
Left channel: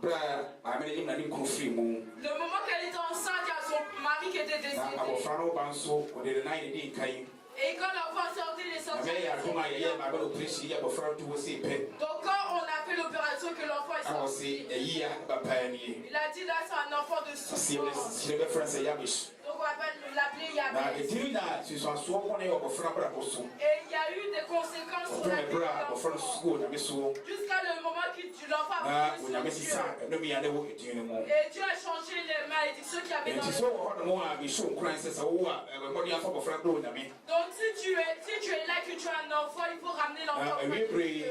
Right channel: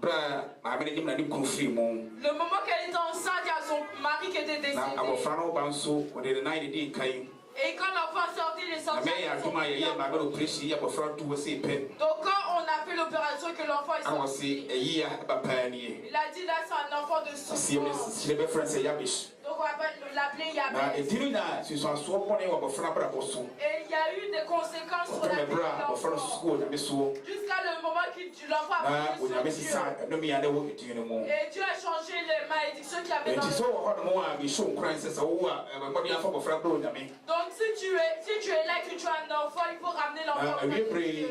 bra ma me ni ko fi mo. Le moment qu'elle était enceinte, il y a son mari qui était décédé. Na abofra no banso o de na ye di kai. Et quand l'enfant sortit, il est sorti. Me ya duma ye ma go prechi ya abofra to wo se pe. Donc quand on a fait l'opération que l'enfant est I was sorti, say, yeah, Papa, il a dit là c'est un enfant de souffrance. she never friends say Yabish. Donc on va l'appeler Now, Yabes. it didn't that she was so funny of a friend, but also, Et il y a eu des conséquences sur la vie de of friend l'enfant. school, and so, Jusqu'à le moment que l'enfant a when I pris miss sur it, Dieu. no me, I know it anymore. Et Dieu a changé les malédictions qu'il y avait And dans it's le so hard more, I be shown crying, says, oh, what do you have for a friend, bro? I mean, Donc si tu es là, que tu as un enfant, il faut ramener l'enfant. we pray,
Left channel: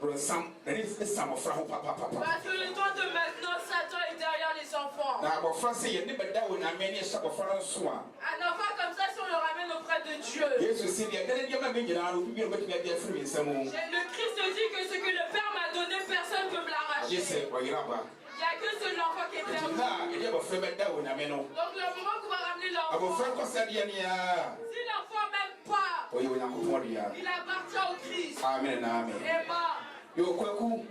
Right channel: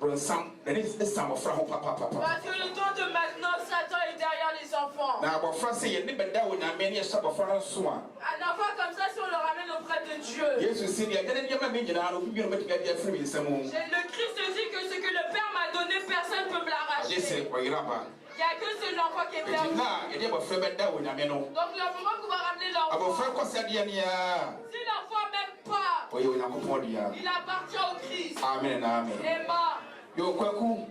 bro, some, and it's some of Papa. Parce que le temps de maintenant, Satan est derrière les enfants. Now, our friend say, you never know when I many a shop of friend swan. Un enfant comme ça, si on le ramène auprès de Dieu. Yes, you see, I can't get my major now, you know, get their free some more. Le Christ dit que ce que le Père m'a donné, personne ne peut me l'arracher. Yes, Il well, you're up. n'y a que seul enfant qui est Now, perdu. you never feel better when I mean, Donc le moment qu'on va ramener abo l'enfant, franco sadiania si l'enfant m'aime pas, oyo nyakopodia il appartient au Christ. amen amen Emma, yo kwaku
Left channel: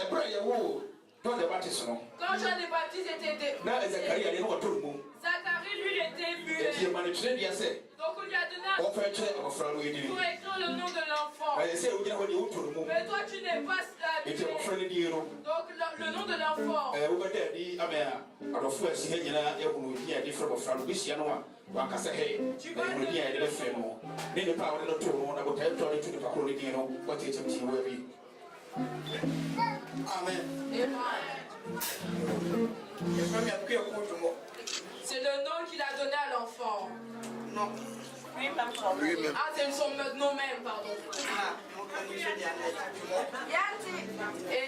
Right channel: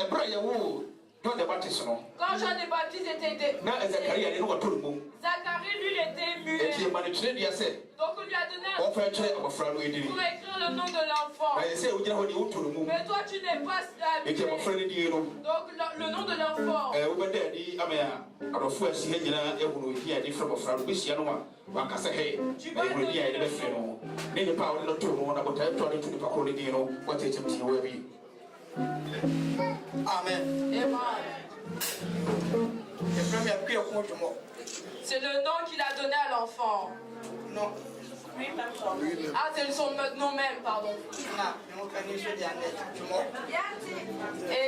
ebra ye wo John the Baptist no quand Jean le Baptiste était na Zachariah ne wo tolu Zacharie, lui, il était mu e tie muet. mane tire dia se Donc on lui a donné o fa tire abo fra lo edini pour écrire le nom de l'enfant. na ye se o jira ho ni wo tolu mu Mais toi, tu n'es pas e tie abo fra habitué. le di no Donc le nom de l'enfant. wo be de di amaya adofo asi he nyina e wo di adi fra abo fra lo bisia no wa kasa he e wo di adi be fe no ne ni pa wo no tolu na bo tai to ni tu pa ko le di no what te chim ti wo bi Amen. Emma. C'est C'est le nom qu'il a donné à l'enfant. Non. Ah, c'est son nom même, pardon. Et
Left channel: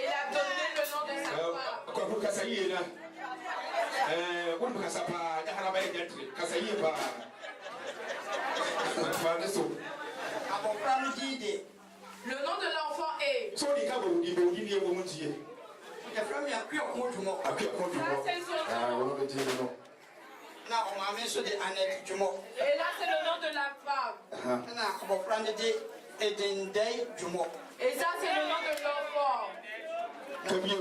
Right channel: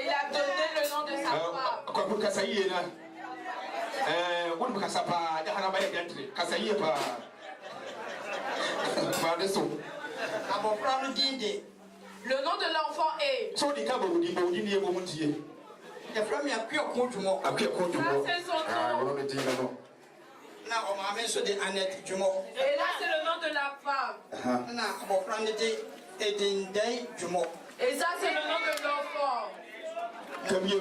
il a donné le nom de sa femme. kwa kasa yie na wo ni kasa pa da hana ba ye gantri kasa yie pa ma de so Le nom de l'enfant est. so di ka bo di ni e wo muntie akwa ko du mo C'est son nom. wo di no Et là, c'est le nom de la femme. Et ça, c'est le nom de l'enfant. kamio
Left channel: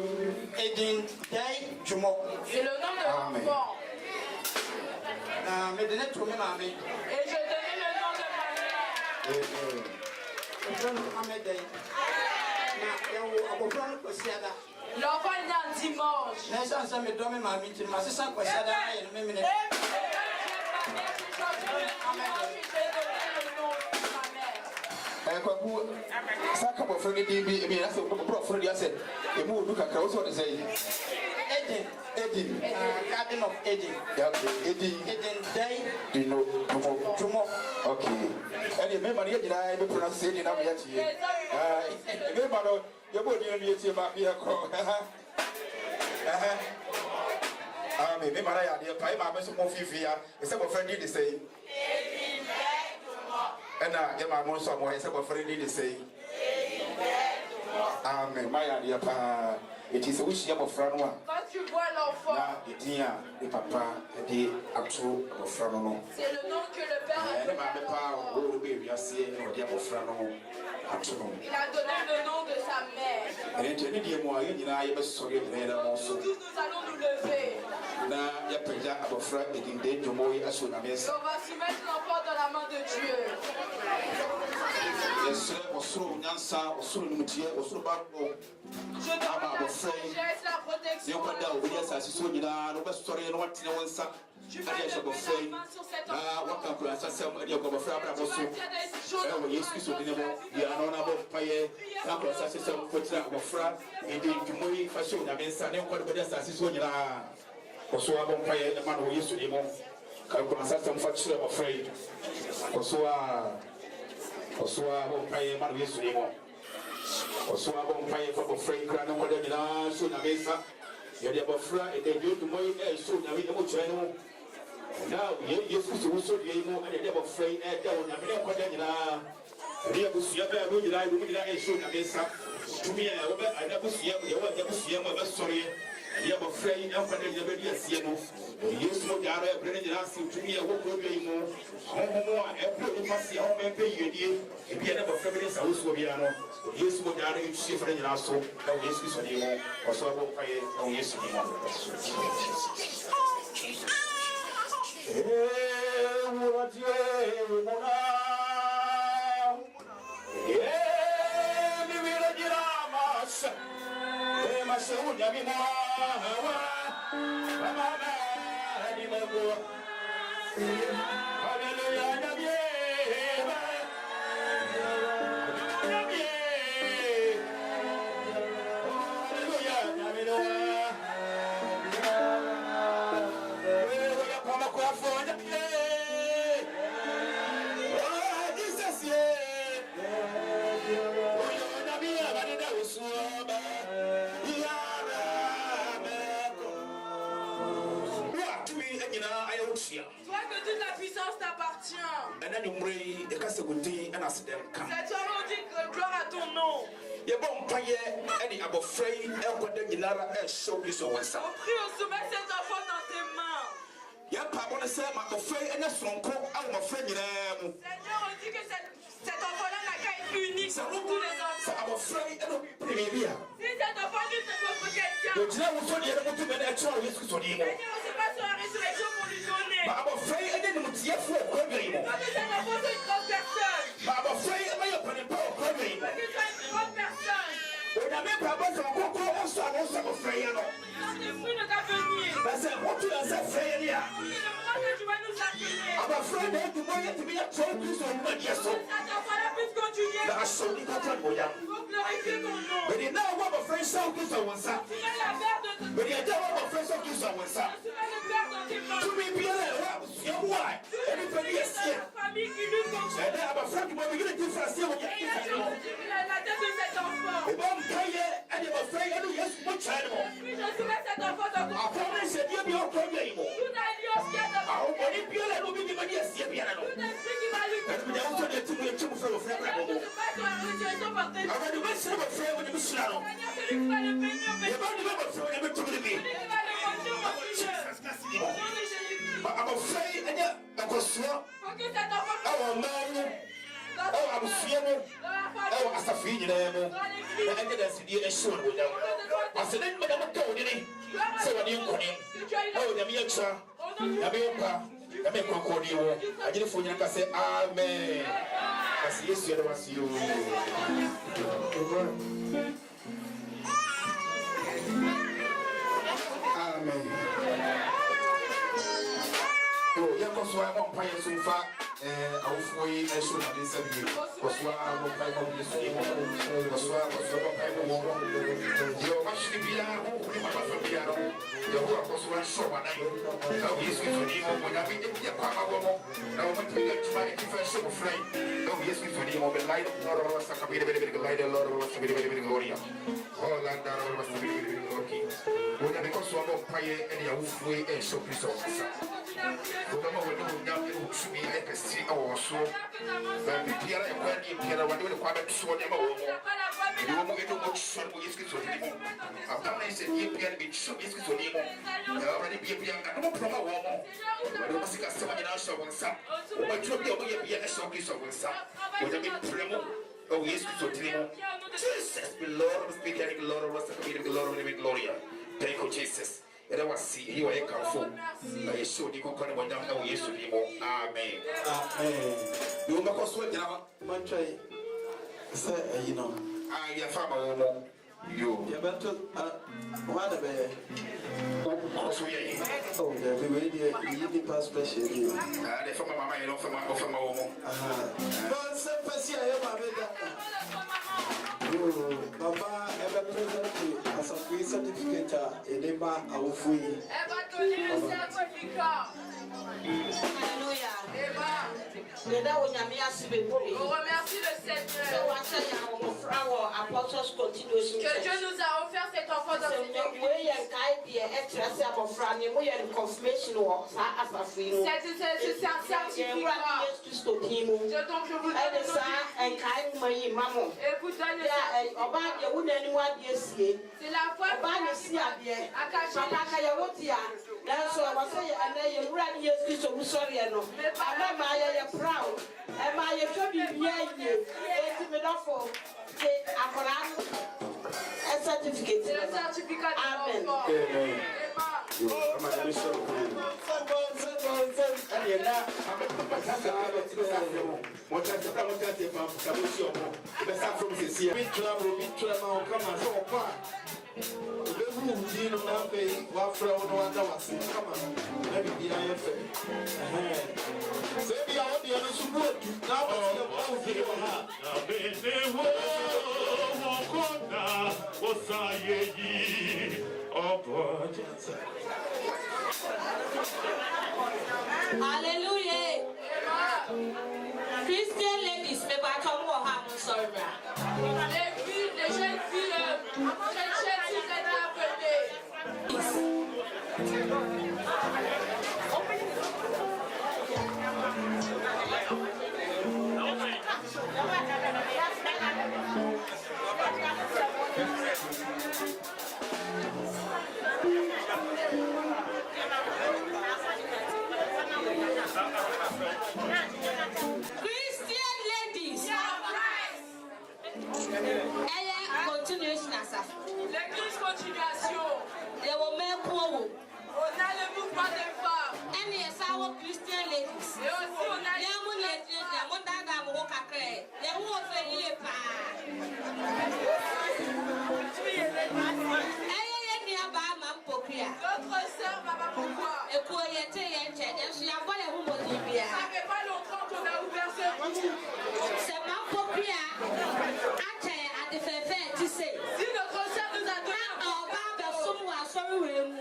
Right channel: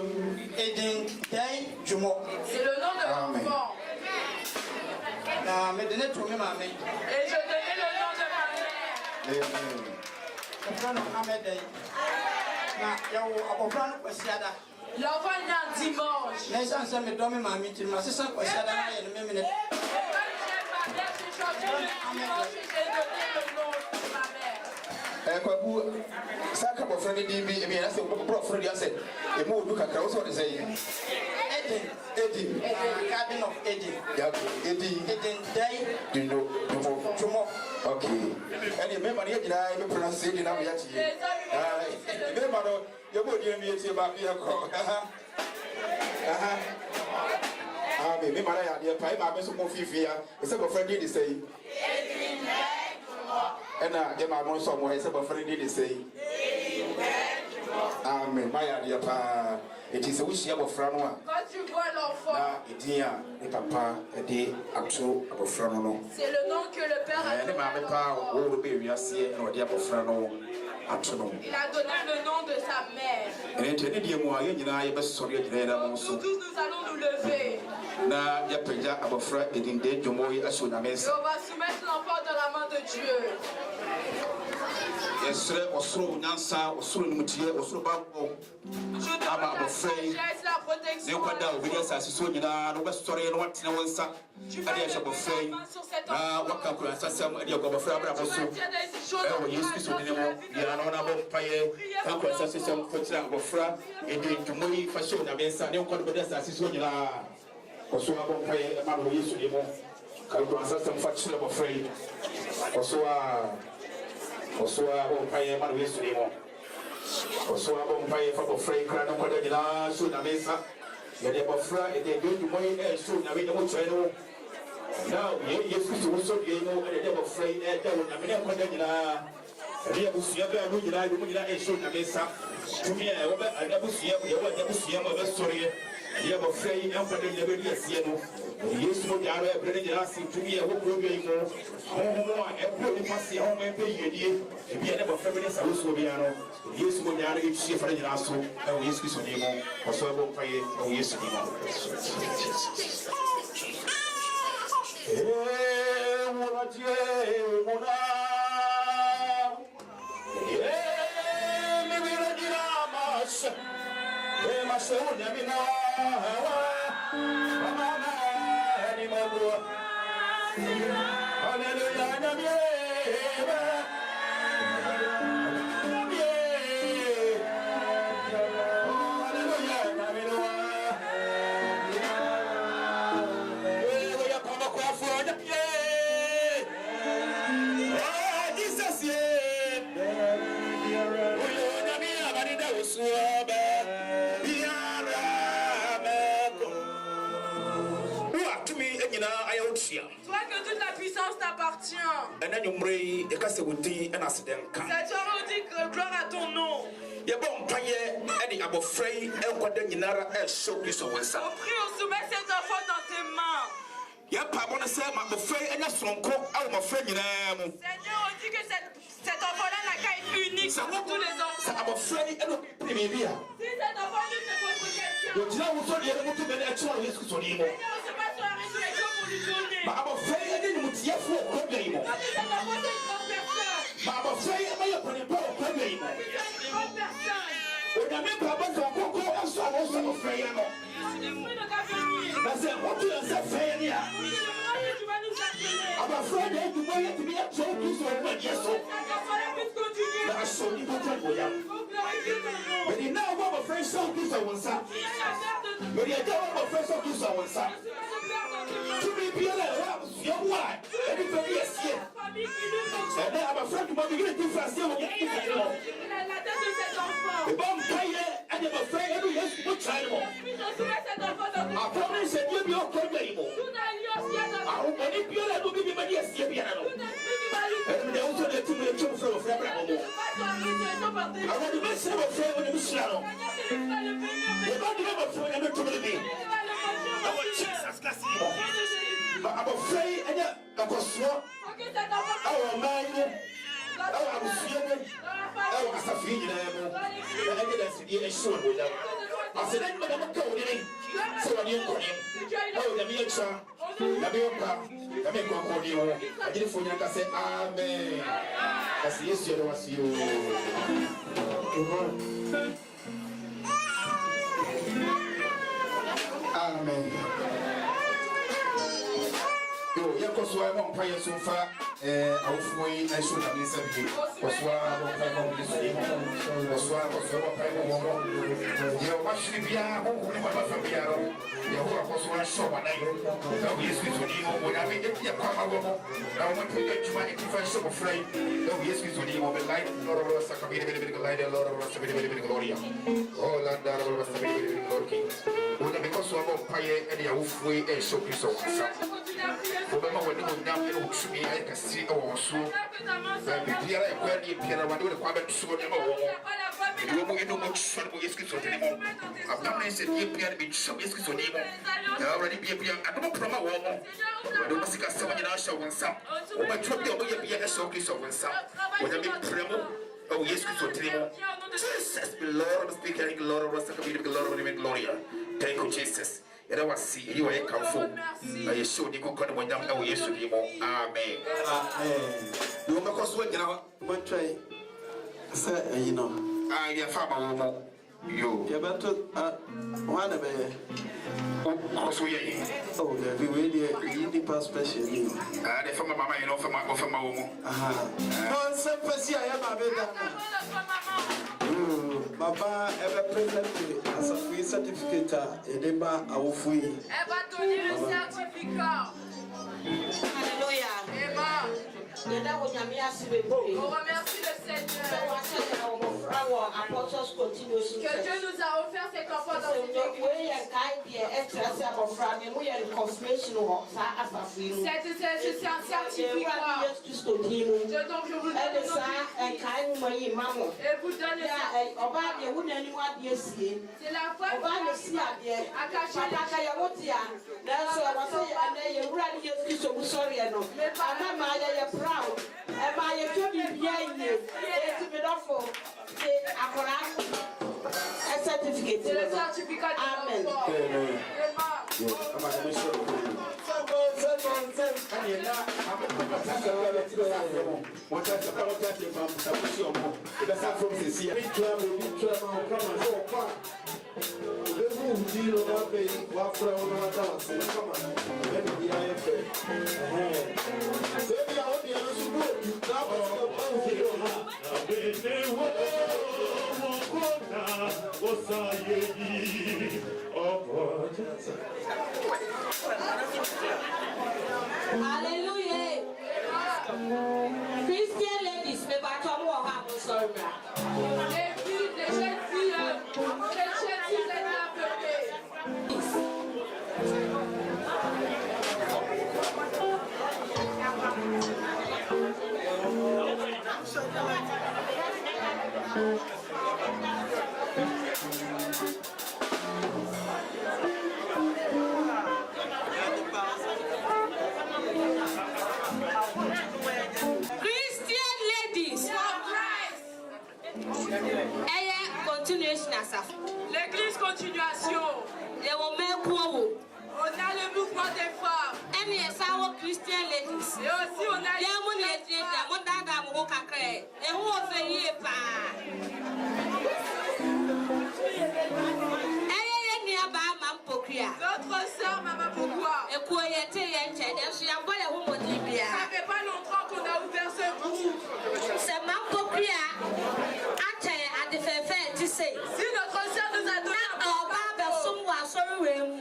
C'est le nom de l'enfant. Et je donnais le nom de ma mère. L'enfant est né un dimanche. kwa bu sa ka bo frani di bi na se ko bro frani ase e mo du ka krawo so de sei Edin Garden of Eden. ya Edin Day. di no tumo okay ani me mari gira e be pronounce di na me yati e be maro ye bo di ndi eti ba ya ko amen me mara ya de pa e ma be so mo fifi ya e se bo frani di sei Edin day tumo ena ye ma mo so mo e se bo frani di sei amen maya de pa it is a wish you have a Quand tu vois l'enfant, c'est le nom que le Père a donné à l'enfant. Il a donné le nom de sa mère. Nous tous, nous allons nous lever. Et on va soumettre l'enfant dans la main de Dieu. Esre osoro nyansa osoro nimutie osoro babo ama abofrei ne kwada obedi asasiso nyina no besore no watena wonsa ade ya abofrei waka ko asasam ade ko abofrei abra boso Yesu Kristo ne mo ya no na bo paye ko asasiso ko tira abofra ede ntumoyi fashion na bensa ne kwada obedi asasiso nyina oso abo paye ma no Yesu ne mo ka ko asasam fa tira abofrei Osoa bo paye ma Yesu ne mo Osoa bo paye fa bo frei kra no kwada nyina so na bensa ya de abofra ede ntumoyi so na we no chere no now Yesu Kristo so de no ede abofrei da na me kwada nyina Ria busia ba no nyina no nyina so na bensa tumi e wo ba adabusia ye wo adabusia mo ba sori Ria abofrei na kwada nyina be dia sie no Yesu mo garo e brene nyina si tumi e wo ko bi mo e ko ni pasi ho me pe yedie e bia na abofra be sa so bia no Yesu mo garo e chi fa nyina so na Yesu Kristo ni mo oso bo pai o Yesu ni mo Ça te redit gloire à ton nom. On prie au soumet cet enfant dans tes mains. Seigneur, on dit que cet enfant-là n'a qu'à être unique pour tous les enfants. Si cet enfant lui se pose pour quelqu'un, Seigneur, on se passe sur la résurrection pour lui donner. Parce que cet enfant, c'est une grande personne. Thank you, Jesus. And I was see you are comfort. I show you go come when down Yesu name. Amen. Amen. No because what you know, Say, you know. I am from you. You're about to one of it. Oh, every way you need pass special. I from my mamma, you know, from my home. No, some person I have a Mama, ever present as a free certificate in the bar, I will free. Elle va donner le certificat. Alléluia. Amen. On remercie le Seigneur. Que Dieu nous a offert cet enfant dans cette église. C'est un certificat. Donc je vous donne le nom. Et vous donne le certificat. C'est la foi qui a caché c'est le certificat de l'enfant. Hallelujah. Christian ladies, mais pas comme moi, I'm sorry. Les jeunes filles chrétiennes, si vous êtes appelées. L'église continuation. On a le mouvement des femmes. Et aussi on a les notre sœur Maman Pourquoi. Ça fait pas longtemps qu'on a ouvert ce groupe. Si notre sœur nous a donné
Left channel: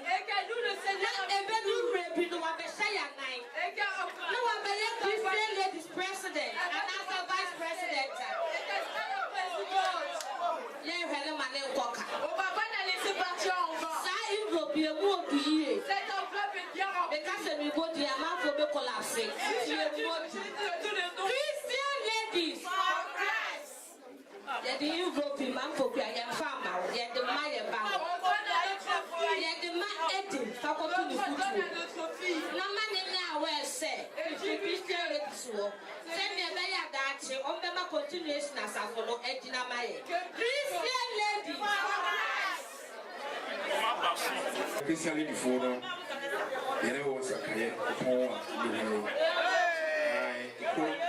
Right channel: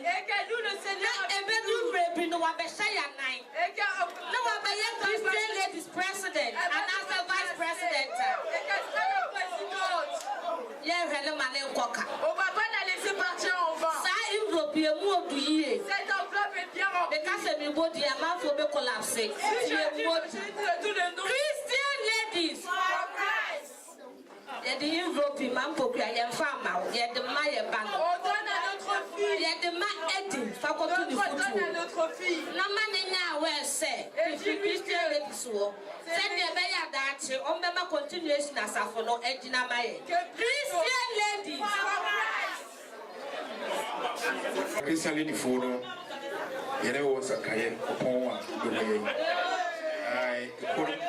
et que nous le Seigneur on va pas la laisser partir en vain. Cette enveloppe est bien remplie. Christian ladies. Et the Europe man for Brian Farmer, yet the Maya Bank. Yet the man Eddie, faculty notre fille. No man now where say, if you Christian ladies war, send the Baya that on the continuation as a follow Edina Maya. Christian ladies. Christian lady for you know what's a career upon one.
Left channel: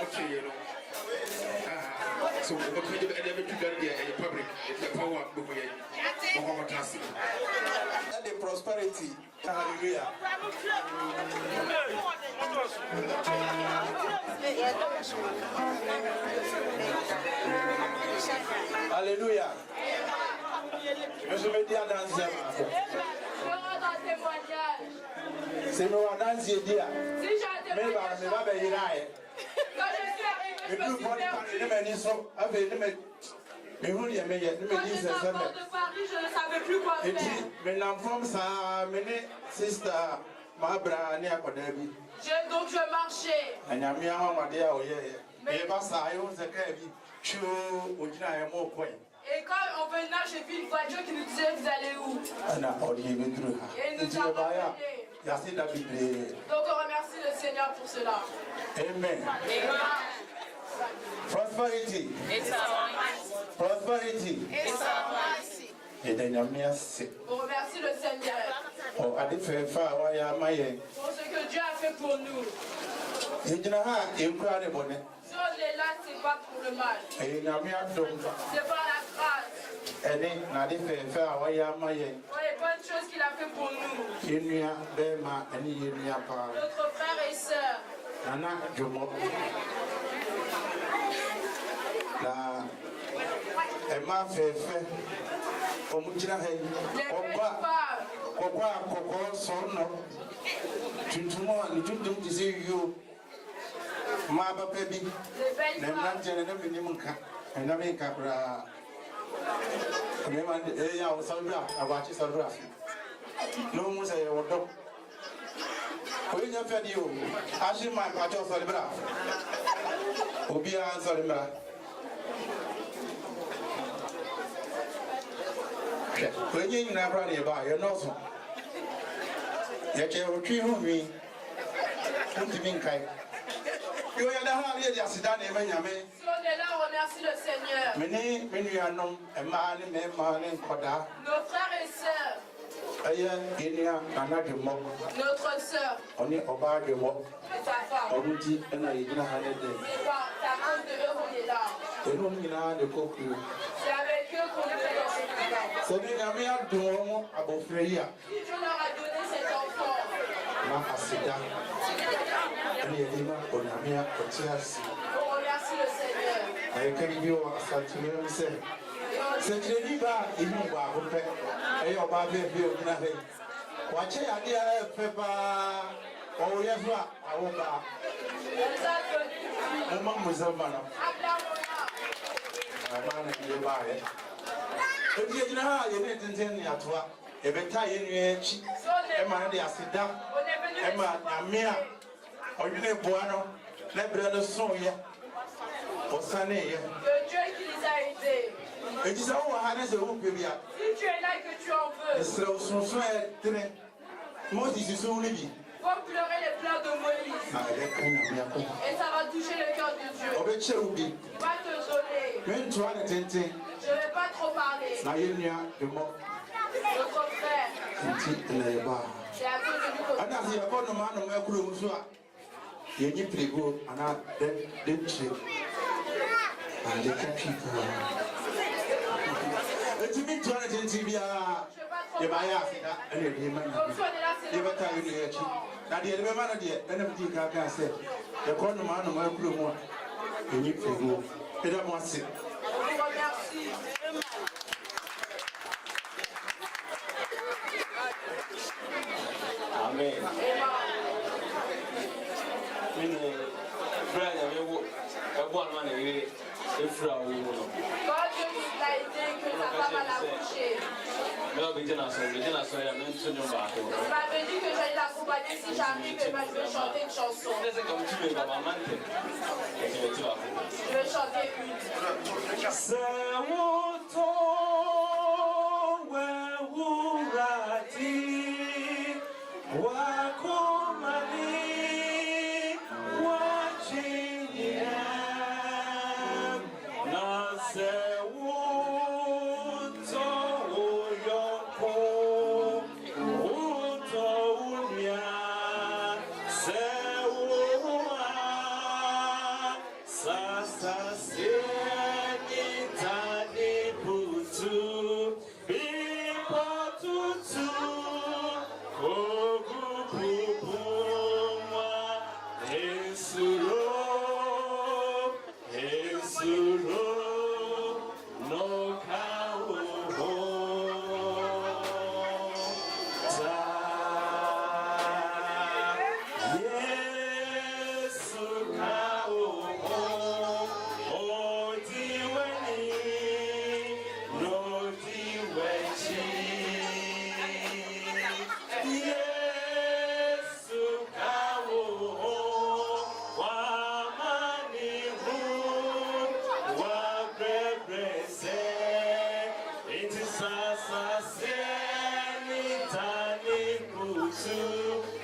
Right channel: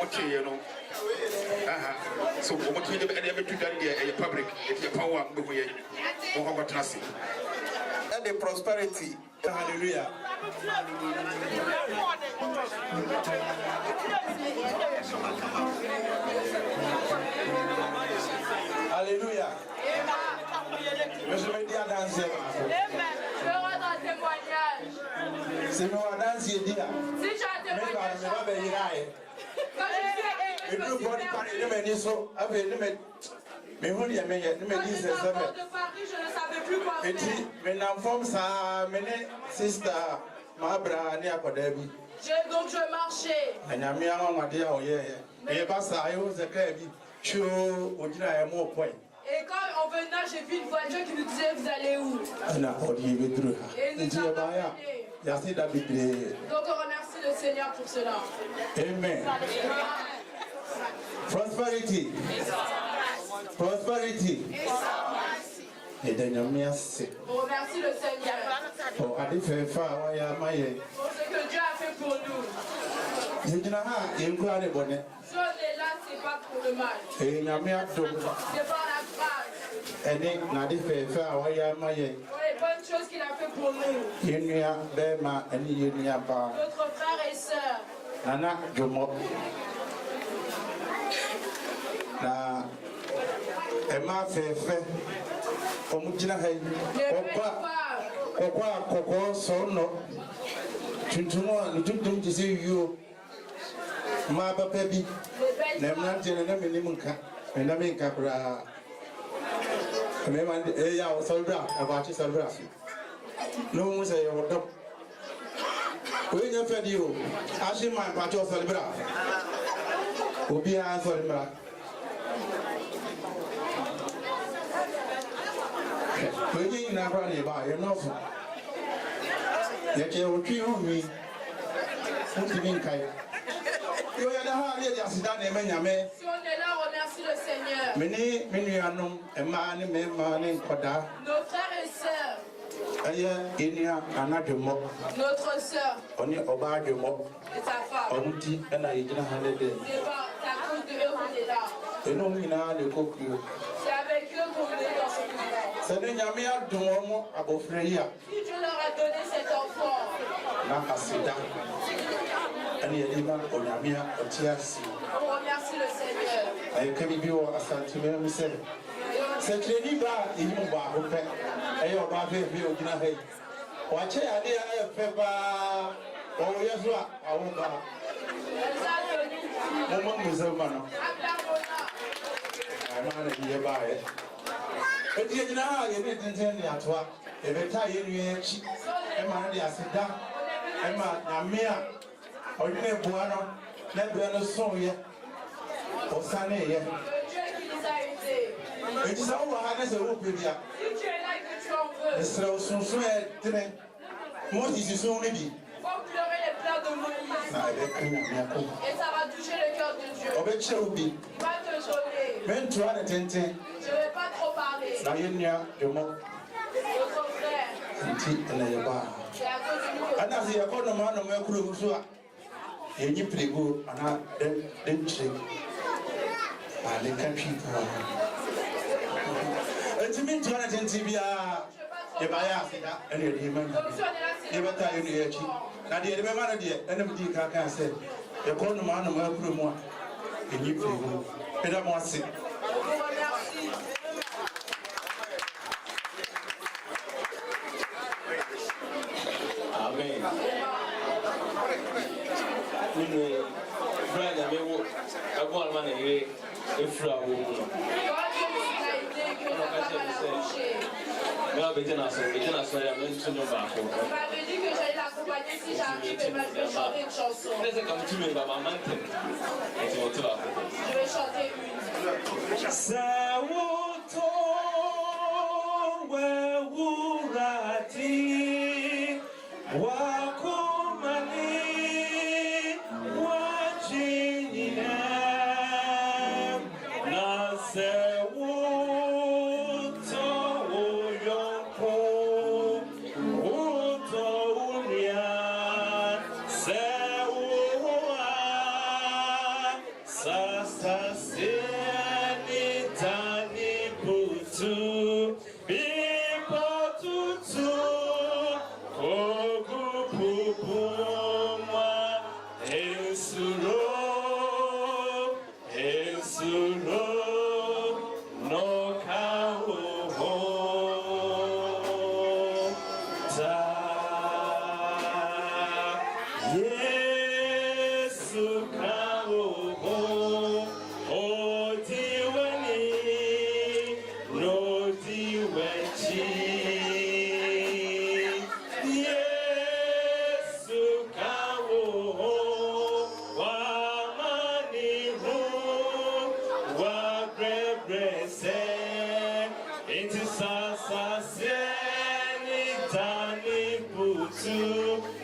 Okay, you know. So what we ever took a public if you power And the prosperity. Hallelujah. Hallelujah. Monsieur le dia danser Je rends un témoignage. C'est moi danser dia. Si j'ai un témoignage. Quand je suis arrivé, Mais quand j'étais enfant de Paris, je ne savais plus quoi faire. Donc je marchais. Et quand on venait, j'ai vu une voiture qui nous disait vous allez où? Et il nous a ramenés. Donc on remercie le Seigneur pour cela. Amen. Prosperity. Prosperity. On remercie le Seigneur pour ce que Dieu a fait pour nous. Si on est là, c'est pas pour le mal. C'est par la grâce. Pour les bonnes choses qu'il a fait pour nous. Notre frère et sœur. Ma baby, Naman Jennaminka, and Namika, Naman Aya Solbra, about his Solbra. No one say what up. When you fed you, Ashim my Pacho Solbra. Ubia Solbra. When you in a brother by your nose. Yet you will kill me. Put him in kind. Si on est là, remercie le Seigneur. Nos frères et sœurs. Notre sœur. Et sa femme. Ta coupe de héros est là. C'est avec eux qu'on est dans ce Si Dieu leur a donné cet enfant. On remercie le Seigneur. C'est libre, il nous va vous faire. Et on va faire bien. Watch it, I did on y voit à Wumba. Maman Musulman. Et il y a une à toi. Et le taille est Emma de Asida. Emma, Yamia. On est boano. Les brûleurs sont hier. Au Sané. Le Dieu qui les a aidés. Et tu sais où on a des euros pour bien. Si tu es là et que tu en veux. Son souhait très. Moi, je suis sur lui. Faut pleurer les pleurs de Moïse. Et ça va toucher le cœur de Dieu. Il va te donner. Même toi, je ne vais pas trop parler. Notre frère. C'est à cause Amen. Brian, I want man if I will be dinner, so I'm going to know back. Il m'avait dit que j'allais l'accompagner si j'arrive et moi je vais chanter une chanson. Je vais chanter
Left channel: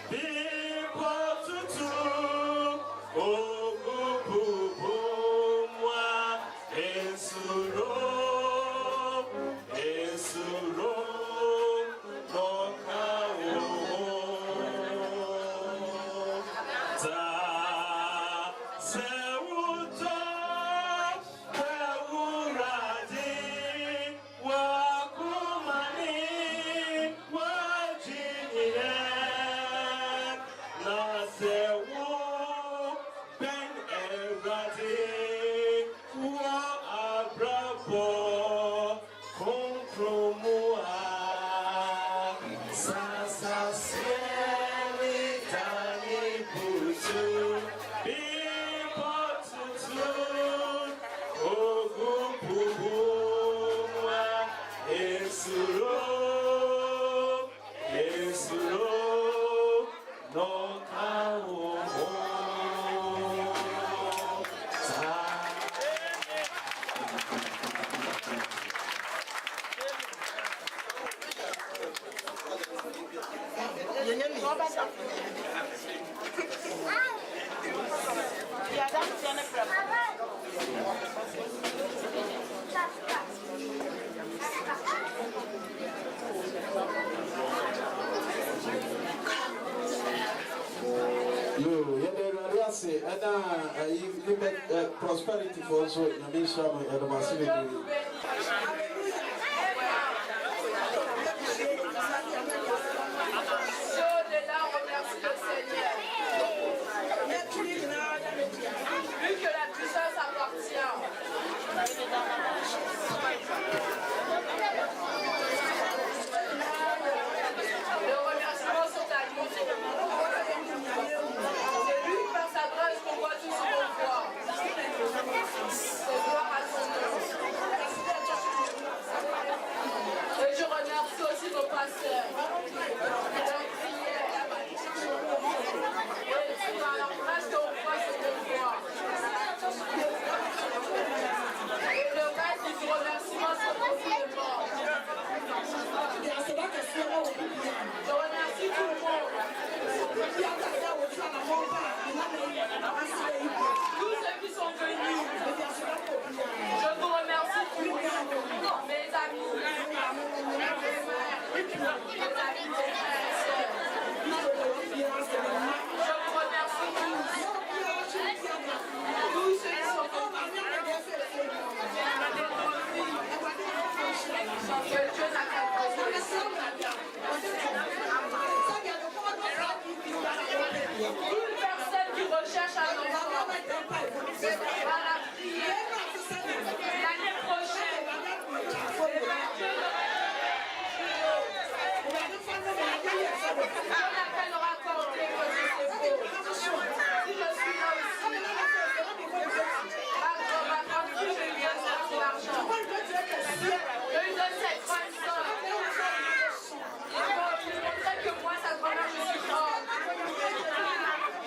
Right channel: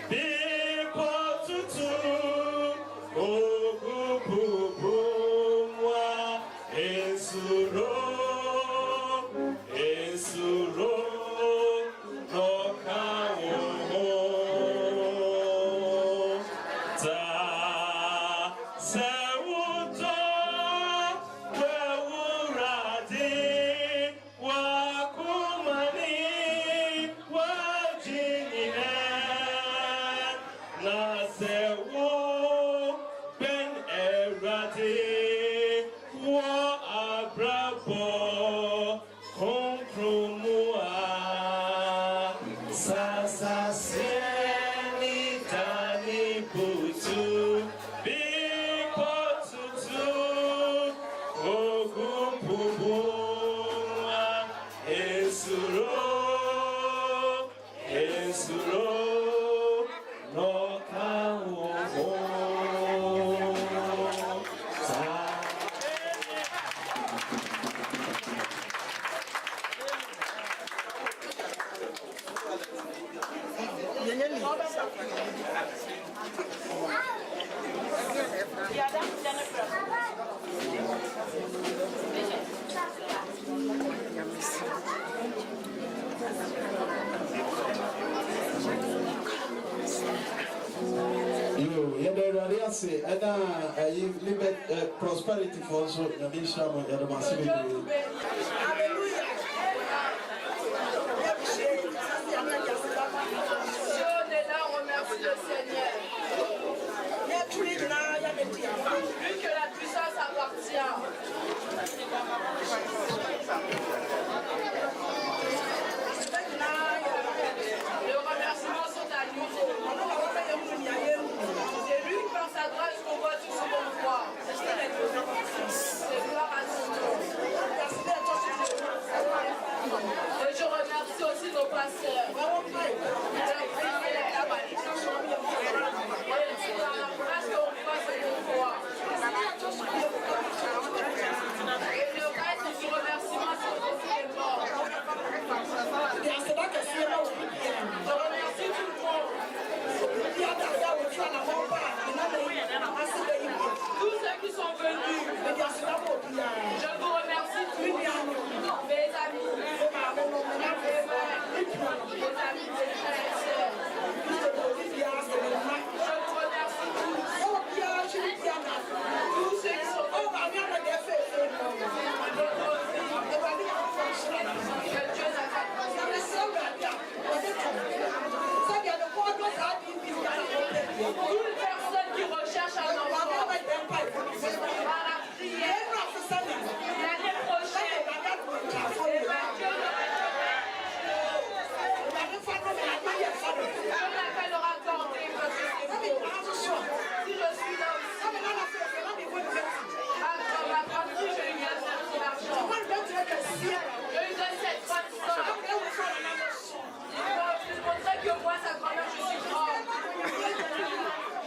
People to Prosperity for also in the nation and the massive. Et je remercie aussi nos pasteurs. Parce qu'on voit ce qu'on voit. Et le reste du remerciement, c'est aussi les morts. Je remercie tout le monde. Tous ceux qui sont venus. Je vous remercie tous. Mes amis, mes frères, mes amis, mes frères et sœurs. Je vous remercie tous. Tous ceux qui sont venus. Que Dieu n'a pas toute personne qui recherche un enfant, à la prière, l'année prochaine, je l'appellerai encore. Si je suis là aussi, à ma grande fille, je lui donnerai son argent. Je lui donne cette bonne soeur. Pour lui montrer que moi, sa grand-mère, je suis grande.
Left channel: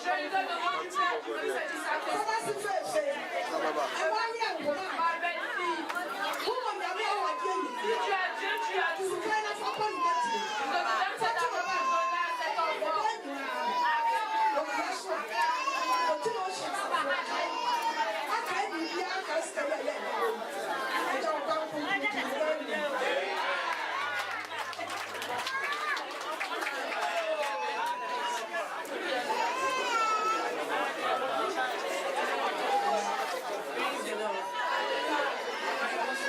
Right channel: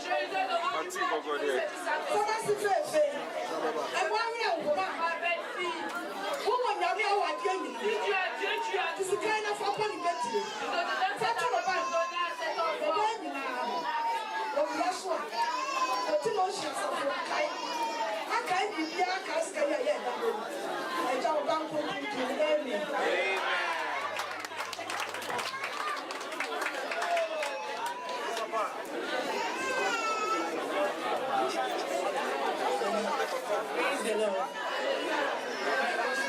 Je lui donne le rôle du père pour le faire du sacrifice. Ma belle-fille, si tu as Dieu, tu as tout. Je te donne cette argent pour donner à cet enfant. Si je vois ce que Dieu a fait, je remercie le Seigneur.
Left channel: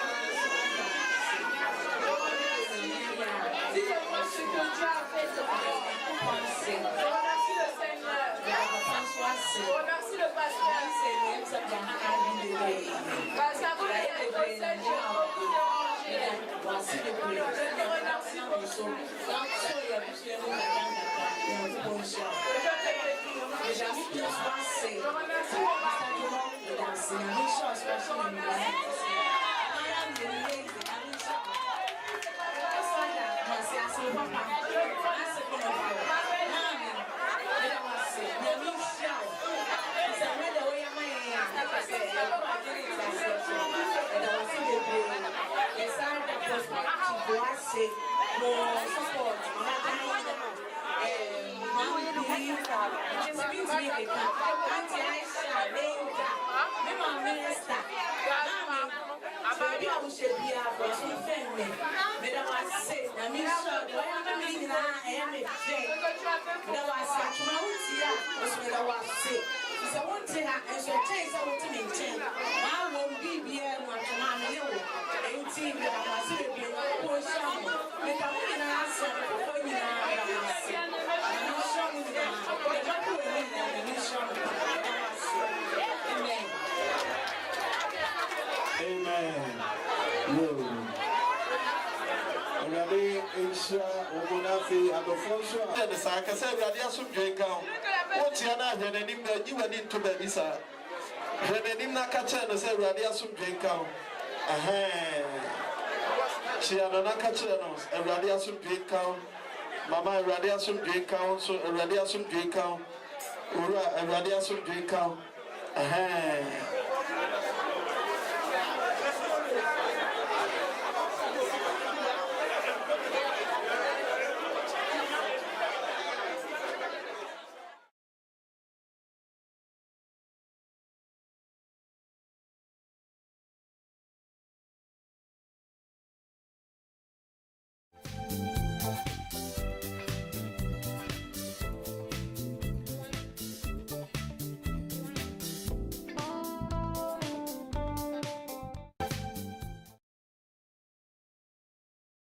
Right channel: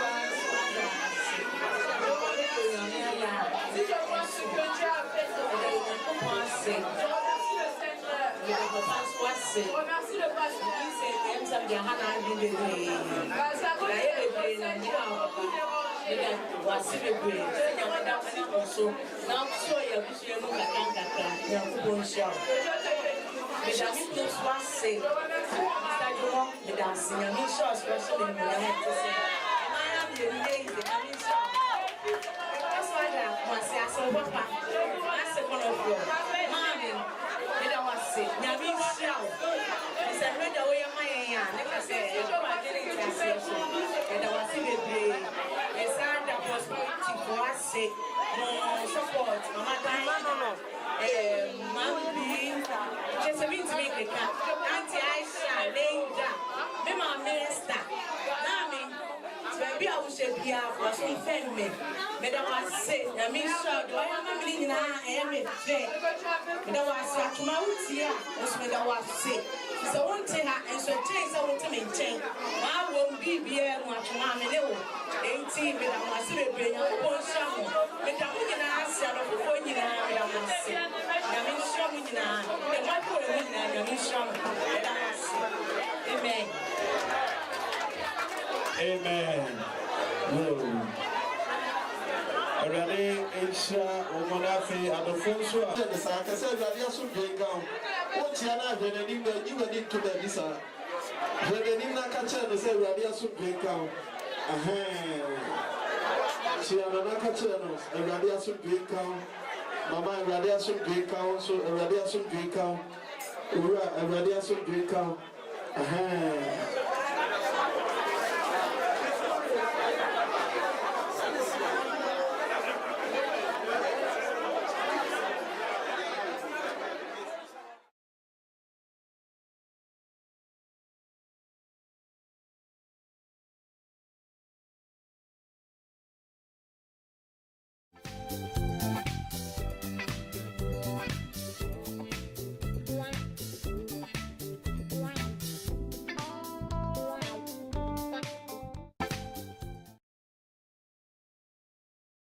Je remercie le pasteur. Baby, I will say, "Pia, was so friendly." But I was say, "I mean, so do I am living now? I am a friend." But I was at my house here. Was when I was sick. So one thing, and so things I want to maintain. I won't be here one to one little. 18, but I was living on the summer. But I wouldn't answer the phone. I am sick. I mean, so now. Amen. Already, it's Omonafi and the Fonso. And the Saka said, Radiasu Breakout. What's your name? You were into the visa. Redinina Kachana said, Radiasu Breakout. She had an Akachanos, a Radiasu Breakout. Mama, Radiasu Breakout, so a Radiasu Breakout. Ura, a Radiasu Breakout.